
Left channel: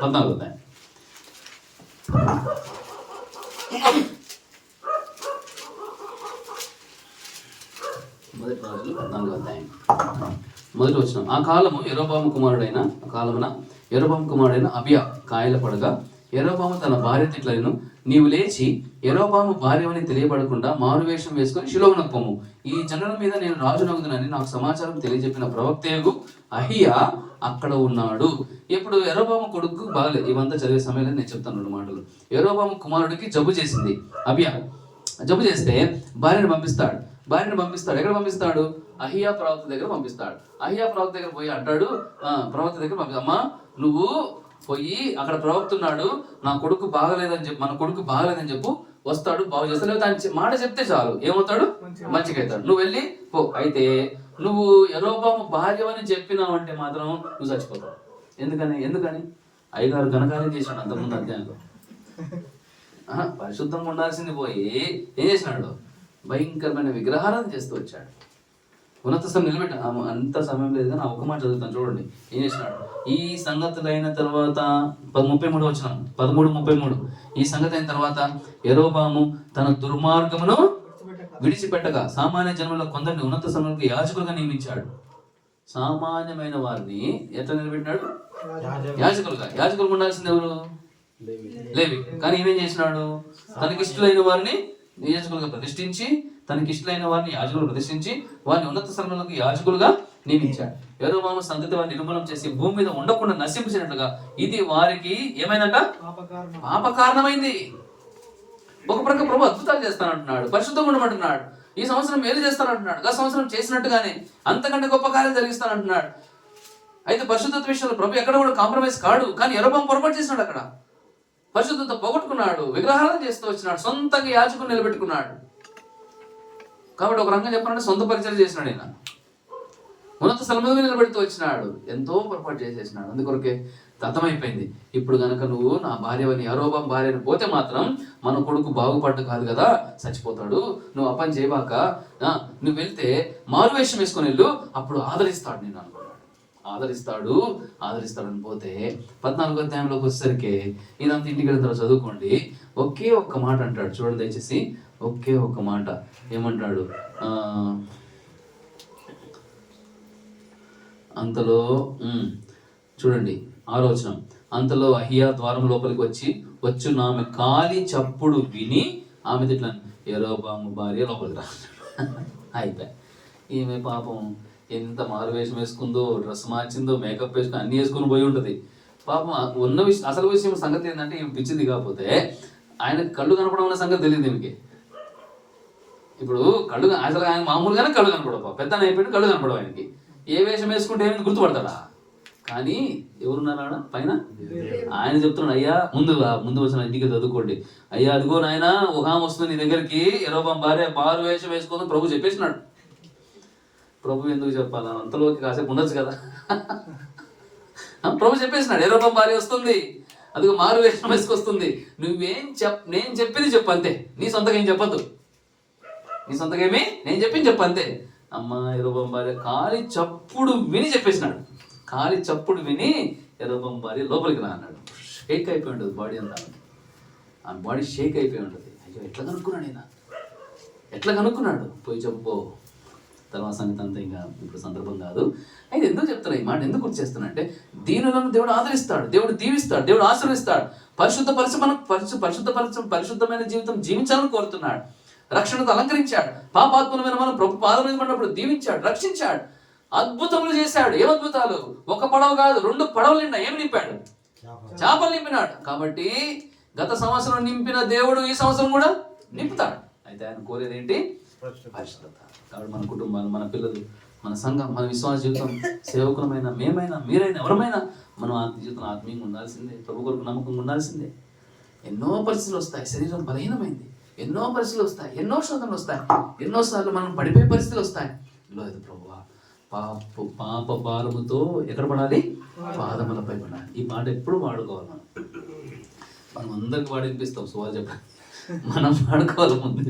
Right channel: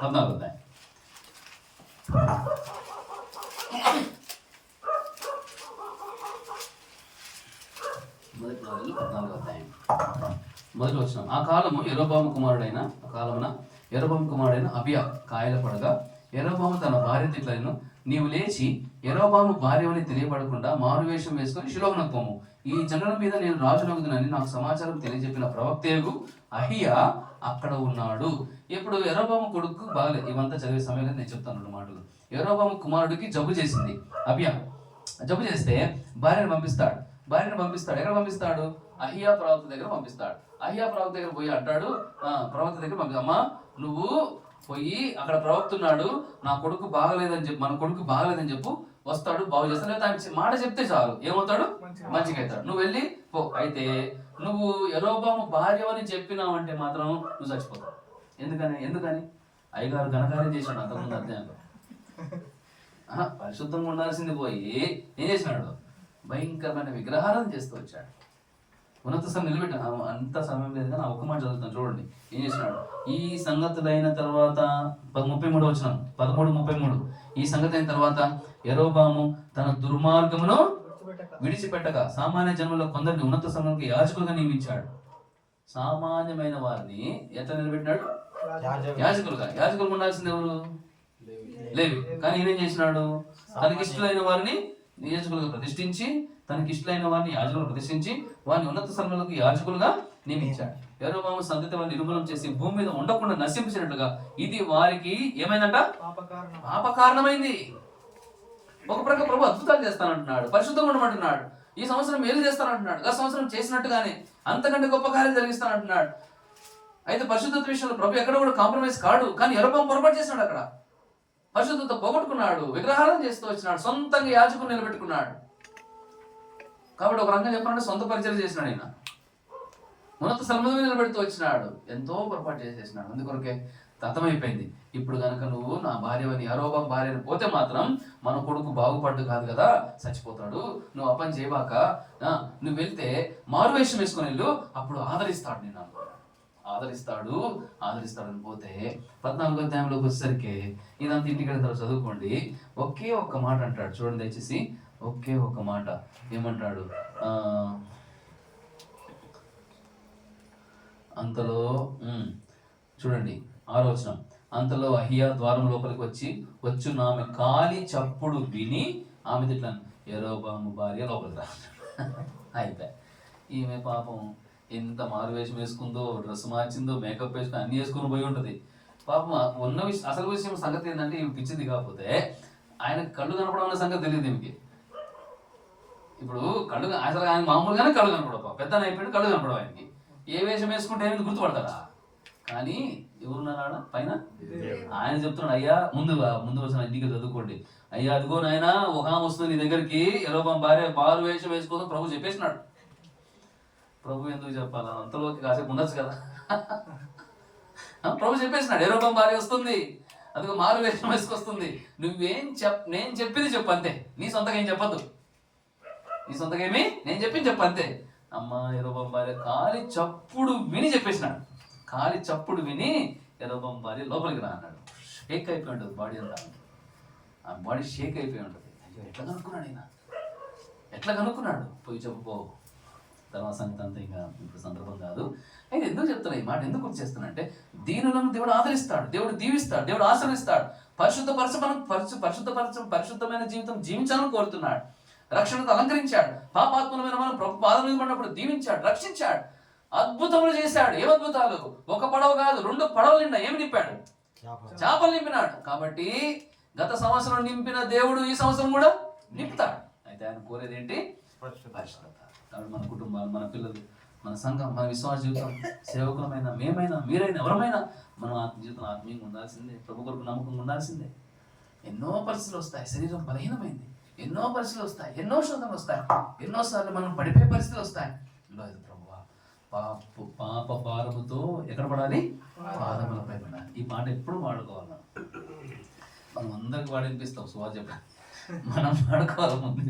14వ అధ్యాయం. మొదటి రాజులు 14వ అధ్యాయం మొదటి వచనం. ఆ కాలమున యెరోబాము కుమారుడైన అబియా కాయల పడగా యెరోబాము తన భార్య తిట్లను, నీవు లేచి యెరోబాము భార్యవని తెలియబడకుండా మారువేషం వేసుకుని షిలోమునకు పొమ్ము. ఈ జనుల మీద నేను రాజునగుదునని నాకు సమాచారం తెలియజెప్పిన ప్రవక్తయగు అహియా అక్కడ ఉన్నాడు. ఇప్పుడు యెరోబాము కొడుకు బాగలేదు. ఇవంతా చదివే సమయంలో నేను చెప్తాను 2 మాటలు. యెరోబాము కుమారుడికి జబ్బు చేసింది అబియా. జబ్బు చేస్తే భార్యను పంపిస్తాడు. ఎక్కడ పంపిస్తాడు? అహియా ప్రవక్త దగ్గర పంపిస్తాడు. అహియా ప్రవక్త దగ్గర పోయి అంటాడు, ప్రవక్త దగ్గర అమ్మా నువ్వు పోయి అక్కడ ప్రవక్త ఉన్నాడు, నా కొడుకు బాగలేదని చెప్పు, మన కొడుకు బాగలేదని చెప్పు, వస్తాడు, బాగు చేస్తాడు. లేదా ఆయన మాట చెప్తే చాలు, ఏమవుతాడు? మంచిగా అవుతాడు. నువ్వు వెళ్ళి పో. అయితే నువ్వు యెరోబాము భార్య అని చెప్పినావంటే మాత్రం నువ్వు చచ్చిపోతావు. ఎందుకని అయ్యగారు ఘనకార్యం చేశాడు అంతకుముందు అధ్యాయంలో. పరిశుద్ధంగా ఉండాల్సింది పోయి ఏం చేసినాడు? భయంకరమైన విగ్రహాలను చేస్తూ వచ్చాడు. ఉన్నత స్థలం నిలబెట్టాను. అంత సమయం లేదు కానీ ఒక మాట చదువుతాను చూడండి. ఏం చేసినాడు? ఈ సంగతులు అయిన తర్వాత 33 వచనం, 13:33. ఈ సంగతి అయిన తర్వాత యెరోబాము తన దుర్మార్గమును విడిచిపెట్టగా సామాన్య జన్మలో కొందరిని ఉన్నత స్థలంలో యాజకులుగా నియమించాడు. సామాన్యమైన వారిని ఎట్లా నిలబెట్టినాడు? యాజకులుగా ఉండాల్సింది ఎవరు? లేవి. కానీ ఈయనేం చేసినాడు? తనకిష్టులైన వారిని యాజకులుగా ప్రతిష్ఠించి, తనకిష్టులైన వారిని యాజకులు ప్రతిష్ఠించి వారిని ఉన్నత స్థలంలోకి యాజకులుగా నియమించాడు. యెరోబాము సంతతి వారిని నిర్మూలన చేసి భూమి మీద ఉండకుండా నశించినట్టుగా ఇది వారికి ఏమైందంట? పాపకారణమైంది. ఒక ప్రక్క ప్రభు అద్భుతాలు చేస్తానంటున్నాడు, పరిశుద్ధంగా ఉండమంటున్నాడు, ఈ సంవత్సరం మేలు చేస్తానంటున్నాడు, గత సంవత్సరం చేసినట్టుగానే అంతకంటే గొప్ప కార్యాలు జరిగిస్తానంటున్నాడు. అయితే పరిశుద్ధత విషయంలో ప్రభు ఎక్కడ కూడా కాంప్రమైజ్ కాడు. కానీ యెరోబాము పొరపాటు చేసినాడు. అక్కడ పరిశుద్ధత పోగొట్టుకున్నాడు, విగ్రహాలను చేస్తూ వచ్చినాడు, సొంతంగా యాజకులు నిలబెట్టుకున్నాడు. కాబట్టి ఒక రంగం చెప్పాలంటే సొంత పరిచయం చేసినాడు ఆయన. ఉన్నత స్థలం మీద నిలబెడుతూ వచ్చినాడు. ఎంతో పొరపాటు చేసేసినాడు. అందుకొరకే అర్థమైపోయింది. ఇప్పుడు కనుక నువ్వు నా భార్యవని యరొబాము భార్యని పోతే మాత్రం మన కొడుకు బాగుపడ్డు కాదు కదా, చచ్చిపోతాడు. నువ్వు అపని చేయబాక, నువ్వు వెళ్తే మారువేషం వేసుకొని వెళ్ళు, అప్పుడు ఆదరిస్తాడు నేను అనుకున్నాడు. ఆదరిస్తాడని పోతే 14వ అధ్యాయంలోకి వచ్చేసరికి ఇదంతా ఇంటికి వెళ్ళిన తర్వాత చదువుకోండి. ఒకే ఒక్క మాట అంటాడు, చూడండి దయచేసి. ఒకే ఒక్క మాట ఏమంటాడు? అంతలో చూడండి 6వ వచనం. అంతలో అహియా ద్వారం లోపలికి వచ్చి ఆమె కాలి చప్పుడు విని ఆమె ఇట్లా యరొబాము భార్య లోపలికి రా అయిపోయా. ఈమె పాపం ఎంత మారువేషం వేసుకుందో, డ్రెస్ మార్చిందో, మేకప్ వేసుకుని అన్ని వేసుకుని పోయి ఉంటుంది. పాపం ఉన్న విషయం, అసలు విషయం సంగతి ఏంటంటే ఈమె పిచ్చిది కాకపోతే ఆయన కళ్ళు కనపడం అన్న సంగతి తెలియదు ఈమెకి. ఇప్పుడు అసలు ఆయన మామూలుగానే కళ్ళు కనపడవు, పెద్ద అయిపోయి కళ్ళు కనపడవు ఆయనకి. ఏ వేషం వేసుకుంటే ఏమైంది గుర్తుపడతాడా? కానీ ఎవరున్నారా పైన? ఆయన చెప్తున్నాడు, అయ్యా ముందు వచ్చిన ఇంటికి చదువుకోండి. అయ్యా అదిగో నాయన ఒక ఆమె వస్తుంది నీ దగ్గరికి, యరొబాము భార్య మారు వేషం వేసుకొని ప్రభు చెప్పేసినాడు. ప్రభు ఎందుకు చెప్పాలా? అంతలోకి కాసేపు ఉండొచ్చు కదా. ప్రభు చెప్పేసినాడు, యరొబాము భార్య వస్తుంది, అదిగో మారు వేషం వేసుకొస్తుంది. నేను చెప్పింది చెప్పు అంతే, నీ సొంతగా ఏం చెప్పొద్దు. నేను చెప్పింది చెప్పు అంతే. అమ్మ యరొబాము భార్య కాలి చప్పుడు విని చెప్పేసినాడు. కాలి చప్పుడు విని యరొబాము భార్య లోపలికి రా అన్నాడు. షేక్ అయిపోయి ఉంటుంది బాడీ అంతా, ఆ బాడీ షేక్ అయిపోయి ఉంటుంది. అయ్యో ఎట్లా కనుక్కున్నాడు? పోయి చెప్పుకో. తర్వాత సంగతి అంతా ఇంకా ఇప్పుడు సందర్భం కాదు. అయితే ఎందుకు చెప్తాను ఈ మాట, ఎందుకు గుర్తు చేస్తున్నా అంటే, దీనులను దేవుడు ఆదరిస్తాడు, దేవుడు దీవిస్తాడు, దేవుడు ఆశీర్వదిస్తాడు. పరిశుద్ధమైన జీవితం జీవించాలని కోరుతున్నాడు. రక్షణకు అలంకరించాడు. పాపాత్మమైన మనం ప్రభు పాదం మీద పడినప్పుడు దీవించాడు, రక్షించాడు, అద్భుతములు చేశాడు. ఏం అద్భుతాలు! ఒక పడవ కాదు, 2 పడవలు నిండా ఏమి నింపాడు? చేపలు నింపినాడు. కాబట్టి గత సంవత్సరం నింపిన దేవుడు ఈ సంవత్సరం కూడా నింపుతాడు. అయితే ఆయన కోరేది ఏంటి? పరిశుద్ధత. కాబట్టి మన కుటుంబాలు, మన పిల్లలు, మన సంఘం, మన విశ్వాస జీవితం, సేవకులమైన మేమైనా, మీరైనా, ఎవరమైనా మనం జీవితం ఆత్మీయంగా ఉండాల్సిందే. ప్రభు కొరకు నమ్మకంగా ఉండాల్సిందే. ఎన్నో పరిస్థితులు వస్తాయి, శరీరం బలహీనమైంది, ఎన్నో పరిస్థితులు వస్తాయి, ఎన్నో శోధనలు వస్తాయి, ఎన్నోసార్లు మనం పడిపోయే పరిస్థితులు వస్తాయి. లేదు ప్రభువా, పాప భారముతో ఎక్కడ పడాలి? పాదములపై పడాలి. ఈ మాట ఎప్పుడు వాడుకోవాలి. మనం అందరికి వాడినిపిస్తాం సువార్త చెప్పాలి, మనం వాడుకోవాలి ముందు.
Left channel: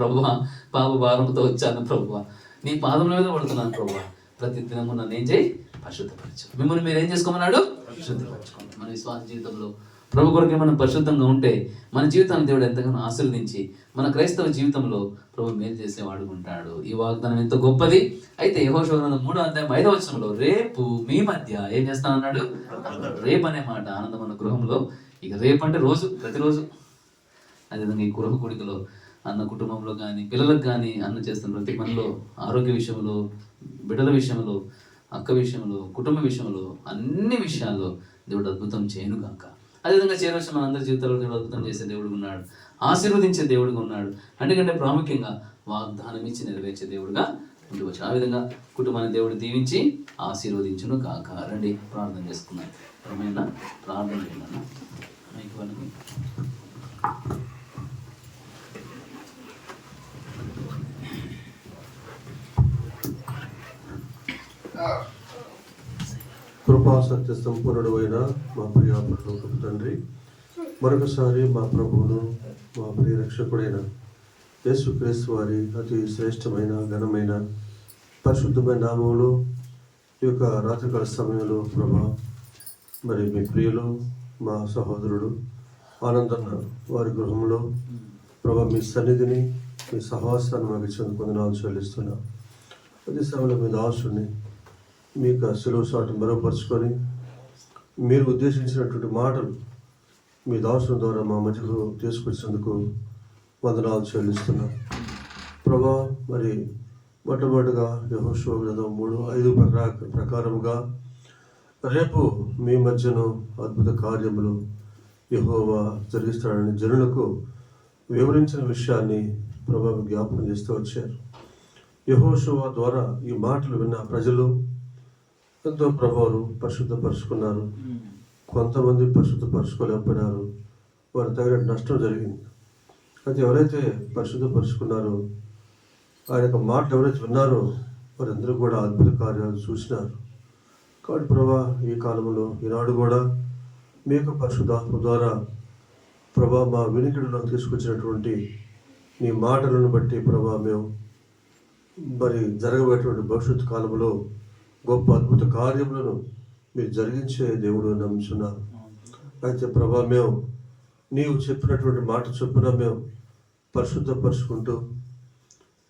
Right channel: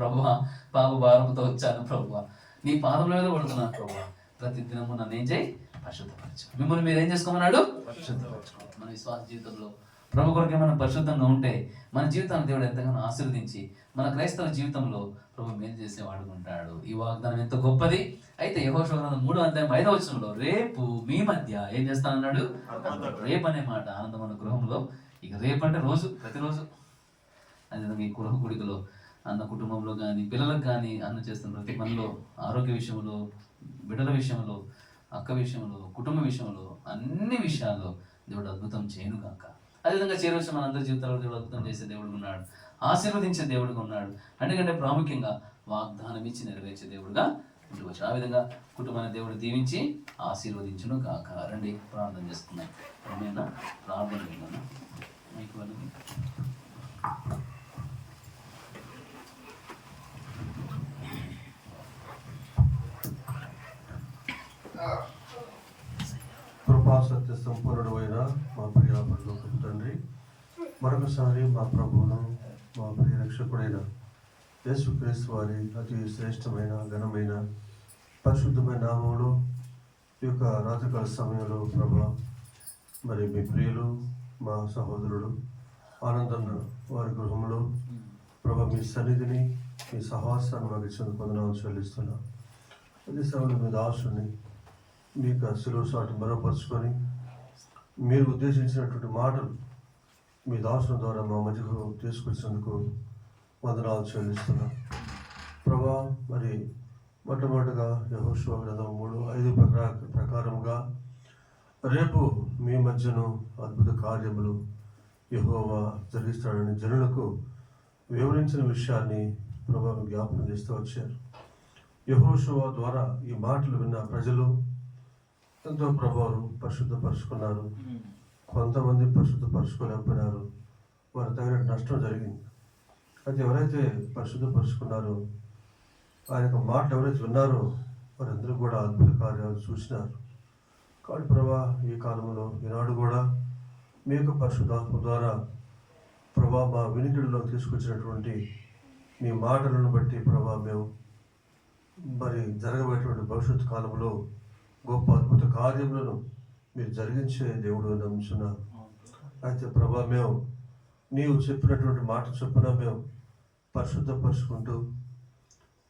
ప్రభువా, పాప భారంతో వచ్చాను ప్రభువా, నీ పాదముల మీద పడుతున్నాను ప్రభువా, ప్రతి దినము నన్ను ఏం చేయి? పరిశుద్ధపరచు. మిమ్మల్ని మీరు ఏం చేసుకోమన్నాడు? పరిశుద్ధపరచుకోండి. మన విశ్వాస జీవితంలో ప్రభు కొరకే మనం పరిశుద్ధంగా ఉంటే మన జీవితాన్ని దేవుడు ఎంతగానో ఆశీర్వదించి మన క్రైస్తవ జీవితంలో ప్రభు మేలు చేసేవాడు ఉంటాడు. ఈ వాగ్దానం ఎంత గొప్పది. అయితే యెహోషువ గ్రంథం 3వ అధ్యాయం 5వ వచనంలో రేపు మీ మధ్య ఏం చేస్తానన్నాడు? రేపు అనే మాట ఆనందం మన గృహంలో. ఇక రేపు అంటే రోజు, ప్రతిరోజు. అదేవిధంగా ఈ గృహ కూడికలో అన్న కుటుంబంలో కానీ, పిల్లలకు కానీ అన్న చేస్తున్న ప్రతి పనిలో, ఆరోగ్య విషయంలో, బిడ్డల విషయంలో, అక్క విషయంలో, కుటుంబ విషయంలో, అన్ని విషయాల్లో దేవుడు అద్భుతం చేయను కాక. అదేవిధంగా చేరవలసిన మన అందరి జీవితాల్లో దేవుడు అద్భుతం చేసే దేవుడు ఉన్నాడు, ఆశీర్వదించే దేవుడుగా ఉన్నాడు. అందుకంటే ప్రాముఖ్యంగా వాగ్దానం ఇచ్చి నెరవేర్చే దేవుడుగా ఉండవచ్చు. ఆ విధంగా కుటుంబాన్ని దేవుడు దీవించి ఆశీర్వదించును కాక. రండి ప్రార్థన చేసుకుందాం. ఏమైనా ప్రార్థన చేయాలన్నా మైక్ వాళ్ళకి. కృపా సత్య సంపూర్ణుడు అయిన మా ప్రియ పరలోకపు తండ్రి, మరొకసారి మా ప్రభువును, మా ప్రియ రక్షకుడైన యేసుక్రీస్తు వారి అతి శ్రేష్టమైన, ఘనమైన, పరిశుద్ధమైన నామములో ఈ యొక్క రాత్రికాల సమయంలో ప్రభా, మరి మీ ప్రియులు, మా సహోదరుడు ఆనందన్న వారి గృహంలో ప్రభా, మీ సన్నిధిని, మీ సహవాసాన్ని మాకు ఇచ్చేందుకు వందనాలు చెల్లిస్తున్నాం. అదే సమయంలో మీ దాసుని మీ యొక్క సులువు సాటి మరోపరుచుకొని మీరు ఉద్దేశించినటువంటి మాటలు మీ దాసుల ద్వారా మా మధ్యకు తీసుకొచ్చినందుకు వందనాలు చెల్లిస్తున్నాం ప్రభా. మరి మొట్టమొదటిగా యెహోషువ గ్రంథం 3:5 ప్రకారముగా రేపు మీ మధ్యను అద్భుత కార్యములు యెహోవా జరిగిస్తాడని జనులకు వివరించిన విషయాన్ని ప్రభా జ్ఞాపకం చేస్తూ వచ్చారు. యెహోషువ ద్వారా ఈ మాటలు విన్న ప్రజలు ఎంతో ప్రభావం పరిశుద్ధపరుచుకున్నారు. కొంతమంది పరిశుద్ధపరచుకోలేకపోయినారు, వారు తగిన నష్టం జరిగింది. అయితే ఎవరైతే పరిశుద్ధపరుచుకున్నారో, ఆయన యొక్క మాటలు ఎవరైతే విన్నారో వారందరూ కూడా అద్భుత కార్యాలు చూసినారు. కాబట్టి ప్రభా, ఈ కాలంలో ఈనాడు కూడా మీ యొక్క పరిశుద్ధాత్మ ద్వారా ప్రభా మా వినికిడిలో తీసుకొచ్చినటువంటి నీ మాటలను బట్టి ప్రభా మేము మరి జరగబోయేటువంటి భవిష్యత్తు కాలంలో గొప్ప అద్భుత కార్యములను మీరు జరిగించే దేవుడు నమ్ముచున్నాను. అయితే ప్రభా, మేము నీవు చెప్పినటువంటి మాట చొప్పున మేము పరిశుద్ధపరుచుకుంటూ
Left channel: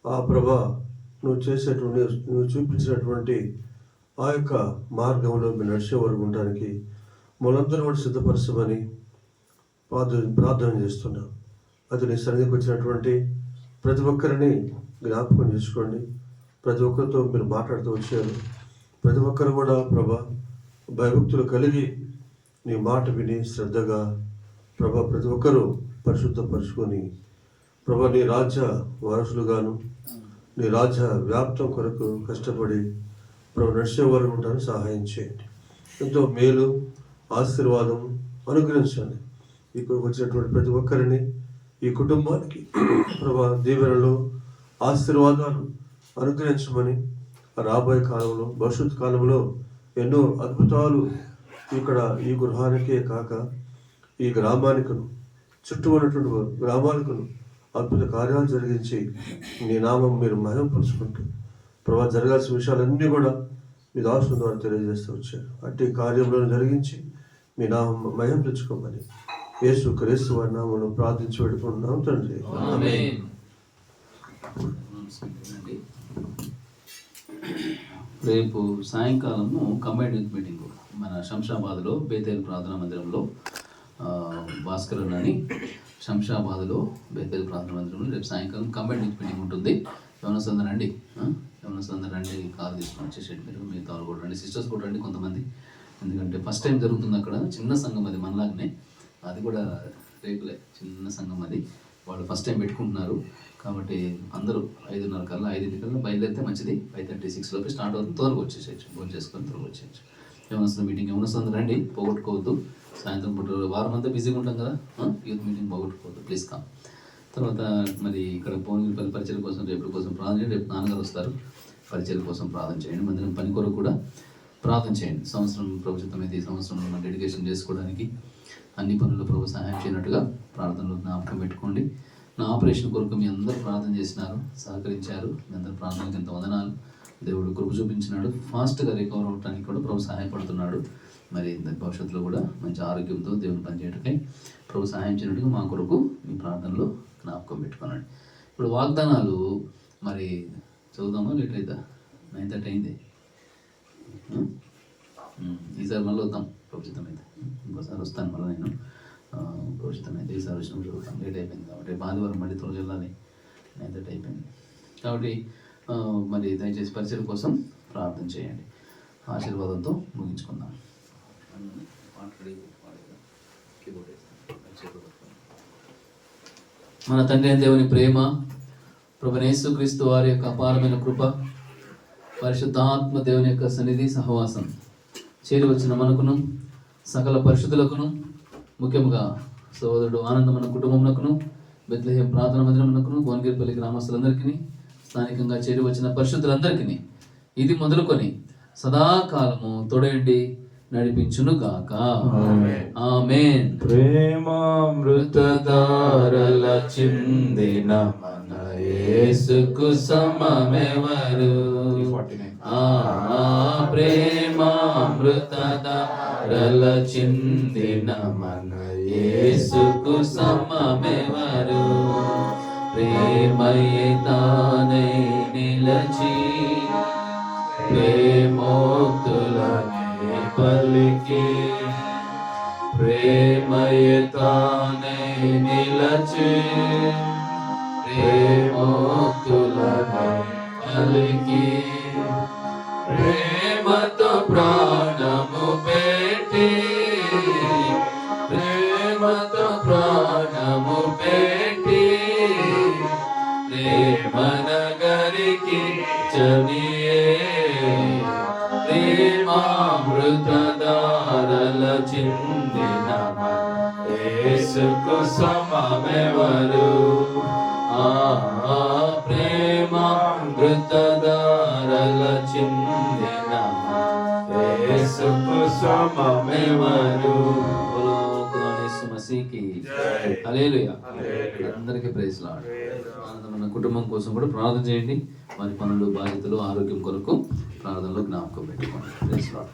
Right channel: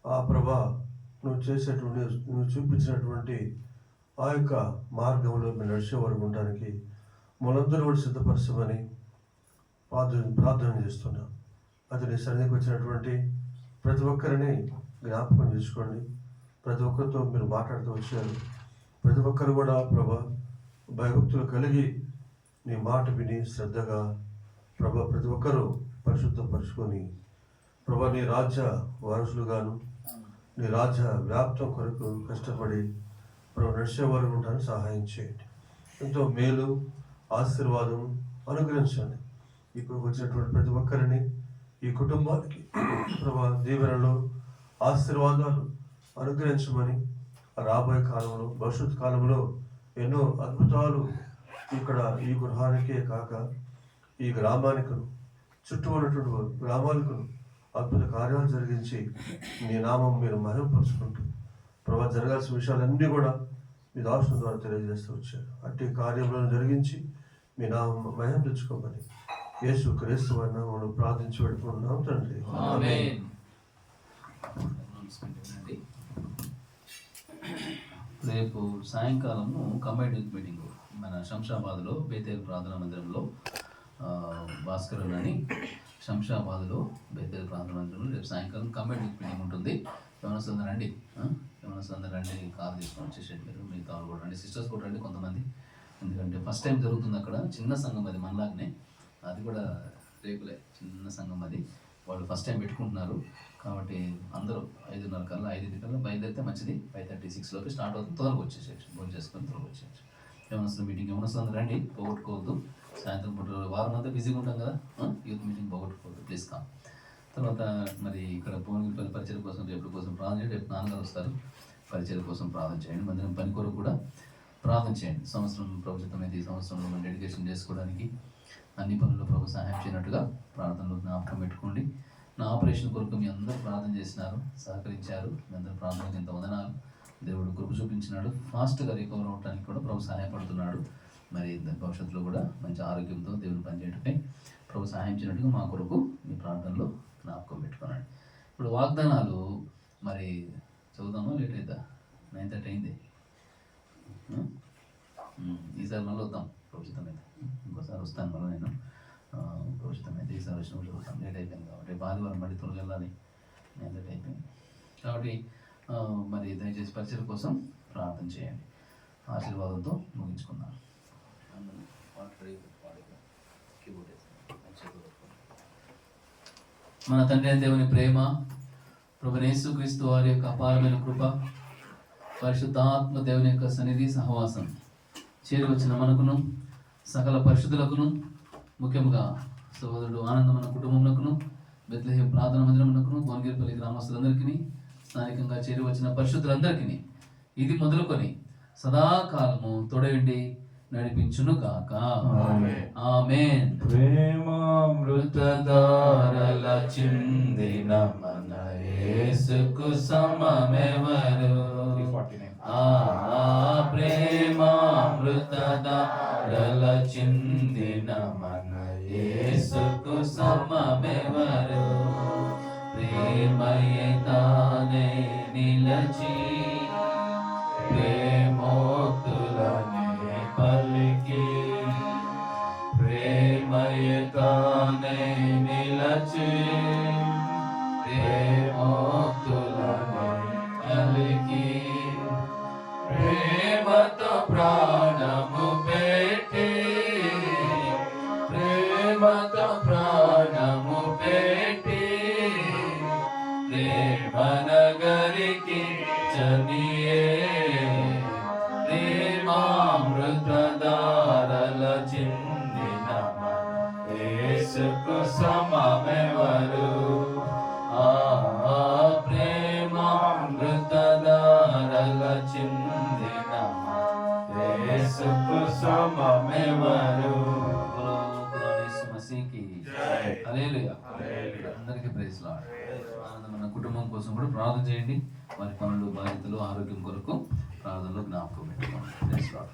ఆ ప్రభా నువ్వు చేసేటువంటి నువ్వు చూపించినటువంటి ఆ యొక్క మార్గంలో మేము నడిచే వరకు ఉండడానికి మనందరూ కూడా సిద్ధపరచమని ప్రార్థన చేస్తున్నాం. అది నీ సన్నిధికి వచ్చినటువంటి ప్రతి ఒక్కరిని జ్ఞాపకం చేసుకోండి. ప్రతి ఒక్కరితో మీరు మాట్లాడుతూ వచ్చారు. ప్రతి ఒక్కరు కూడా ప్రభా భయభక్తులు కలిగి నీ మాట విని శ్రద్ధగా ప్రభా ప్రతి ఒక్కరూ పరిశుద్ధపరుచుకొని ప్రభా నీ రాజ్య వారసులుగాను నీ రాజ్య వ్యాప్తం కొరకు కష్టపడి ప్రభు నడిచే వరకు ఉండడానికి సహాయం చేయండి. ఎంతో మేలు ఆశీర్వాదం అనుగ్రహించండి. ఇక్కడికి వచ్చినటువంటి ప్రతి ఒక్కరిని ఈ కుటుంబానికి ప్రభా దీవెనలు ఆశీర్వాదాలు అనుగ్రహించమని రాబోయే కాలంలో భవిష్యత్ కాలంలో ఎన్నో అద్భుతాలు ఇక్కడ ఈ గృహానికే కాక ఈ గ్రామానికను చుట్టూ ఉన్నటువంటి గ్రామానికను అద్భుత కార్యాలు జరిగించి నీ నామం మీరు మహిమపరుచుకుంటూ ప్రభా జరగాల్సిన విషయాలన్నీ కూడా మీ దాసుల ద్వారా తెలియజేస్తూ వచ్చారు. అట్టి కార్యములను జరిగించి మీ నామం మహిమ తెచ్చుకోమని యేసు క్రీస్తు వారి నామములో ప్రార్థించి పెట్టుకుంటున్నాం తండ్రి. ఆమేన్. రేపు సాయంకాలము కంబైన్డ్ యూత్ మీటింగ్ మన శంషాబాద్లో బేతేల్ ప్రార్థనా మందిరంలో భాస్కర్ అని శంషాబాద్లో బేతేల్ ప్రార్థనా మందిరంలో రేపు సాయంకాలం కంబైన్డ్ యూత్ మీటింగ్ ఉంటుంది. యవనస్తులందరూ రండి, యవనస్తులందరూ రండి, కారు తీసుకొని వచ్చేసేయండి. మీరు మిగతా వాళ్ళు కూడా రండి, సిస్టర్స్ కూడా రండి కొంతమంది. ఎందుకంటే ఫస్ట్ టైం జరుగుతుంది అక్కడ, చిన్న సంఘం అది మనలాగానే, అది కూడా రేపులే చిన్న సంఘం అది, వాళ్ళు ఫస్ట్ టైం పెట్టుకుంటున్నారు. కాబట్టి అందరూ 5:30 కల్లా 5 బయలుదేరితే మంచిది. 5:36 లోపే స్టార్ట్ అవుతుంది, త్వరగా వచ్చేసేయచ్చు, ఫోన్ చేసుకొని త్వరగా వచ్చేయచ్చు. యవనస్తుల మీటింగ్ యవనస్తులందరూ రండి, పోగొట్టుకోవద్దు. సాయంత్రం పూట వారం అంతా బిజీగా ఉంటాం కదా, యూత్ మీటింగ్ పోగొట్టుకోవద్దు, ప్లీజ్ కమ్. తర్వాత మరి ఇక్కడ భువనగిరిపల్లి పరిచయం కోసం రేపు కోసం ప్రార్థన చేయండి. రేపు నాన్నగారు వస్తారు, పరిచయం కోసం ప్రార్థన చేయండి. మందిరం పని కొరకు కూడా ప్రార్థన చేయండి. సంవత్సరం ప్రభుత్వమైతే ఈ సంవత్సరంలో మనం డెడికేషన్ చేసుకోవడానికి అన్ని పనుల్లో ప్రభు సహాయం చేయనట్టుగా ప్రార్థనలో జ్ఞాపకం పెట్టుకోండి. నా ఆపరేషన్ కొరకు మీ అందరూ ప్రార్థన చేసినారు, సహకరించారు. మీ అందరూ ప్రార్థనలకు ఎంత వందనాలు. దేవుడు కృప చూపించినాడు, ఫాస్ట్గా రికవర్ అవడానికి కూడా ప్రభు సహాయపడుతున్నాడు. మరి భవిష్యత్తులో కూడా మంచి ఆరోగ్యంతో దేవుని పనిచేయటకై ప్రభు సహాయం చేయనట్టుగా మా కొరకు మీ ప్రార్థనలో జ్ఞాపకం పెట్టుకోనండి. ఇప్పుడు వాగ్దానాలు మరి చదువుదామా, లేట్ అవుతా? 9:30 అయింది. ఈసారి మళ్ళీ వద్దాం ప్రభుత్వం అయితే, ఇంకోసారి వస్తాను మళ్ళీ నేను ప్రభుత్వం అయితే. ఈసారి వచ్చినప్పుడు చదువుతాం, లేట్ అయిపోయింది కాబట్టి. ఆదివారం మళ్ళీ త్వరగా వెళ్ళాలి, 9:30 అయిపోయింది కాబట్టి మరి దయచేసి పరిచయం కోసం ప్రార్థన చేయండి. ఆశీర్వాదంతో ముగించుకుందాం. మన తండ్రి అయిన దేవుని ప్రేమ, ప్రభువైన యేసుక్రీస్తు వారి యొక్క అపారమైన కృప, పరిశుద్ధాత్మ దేవుని యొక్క సన్నిధి సహవాసం చేరి వచ్చిన మనకును సకల పరిశుద్ధులకును, ముఖ్యంగా సోదరుడు ఆనందమైన కుటుంబమునకును, బెత్లెహేం ప్రార్థన మందిరమునకును, భువనగిరిపల్లి గ్రామస్తులందరికీ, స్థానికంగా చేరి వచ్చిన పరిశుద్ధులందరికీ ఇది మొదలుకొని సదాకాలము తోడేండి నడిపించును గాక. ఆమేన్. ప్రేమామృతధారల చిందిన మన యేసుకు సమమెవరు? ప్రేమామృతధారల చిందిన మన యేసుకు సమమెవరు? ప్రేమయే తానై నిలచి ప్రేమోక్తులనే పలికి, ప్రేమయే తానై నిలచి ప్రేమోక్తులనే పలికి, ప్రేమతో ప్రాణము పెట్టి, ప్రేమతో ప్రాణము పెట్టి, ప్రేమనగరికి చనియే ప్రేమామృతధారల చిందిన యేసుకు సమమెవరు? ప్రేమామృతధారల ఆయన యేసుకు సమమెవరు? బోలో ఖుదావైన యేసు మసీహ్కి హల్లెలూయా. అందరికీ ప్రైజ్ లార్డ్. ఆనందమైన కుటుంబం కోసం కూడా ప్రార్థన చేయండి. వారి పనులు, బాధ్యతలు, ఆరోగ్యం కొరకు ప్రార్థనలో జ్ఞాపకం పెట్టుకోండి. Praise lord.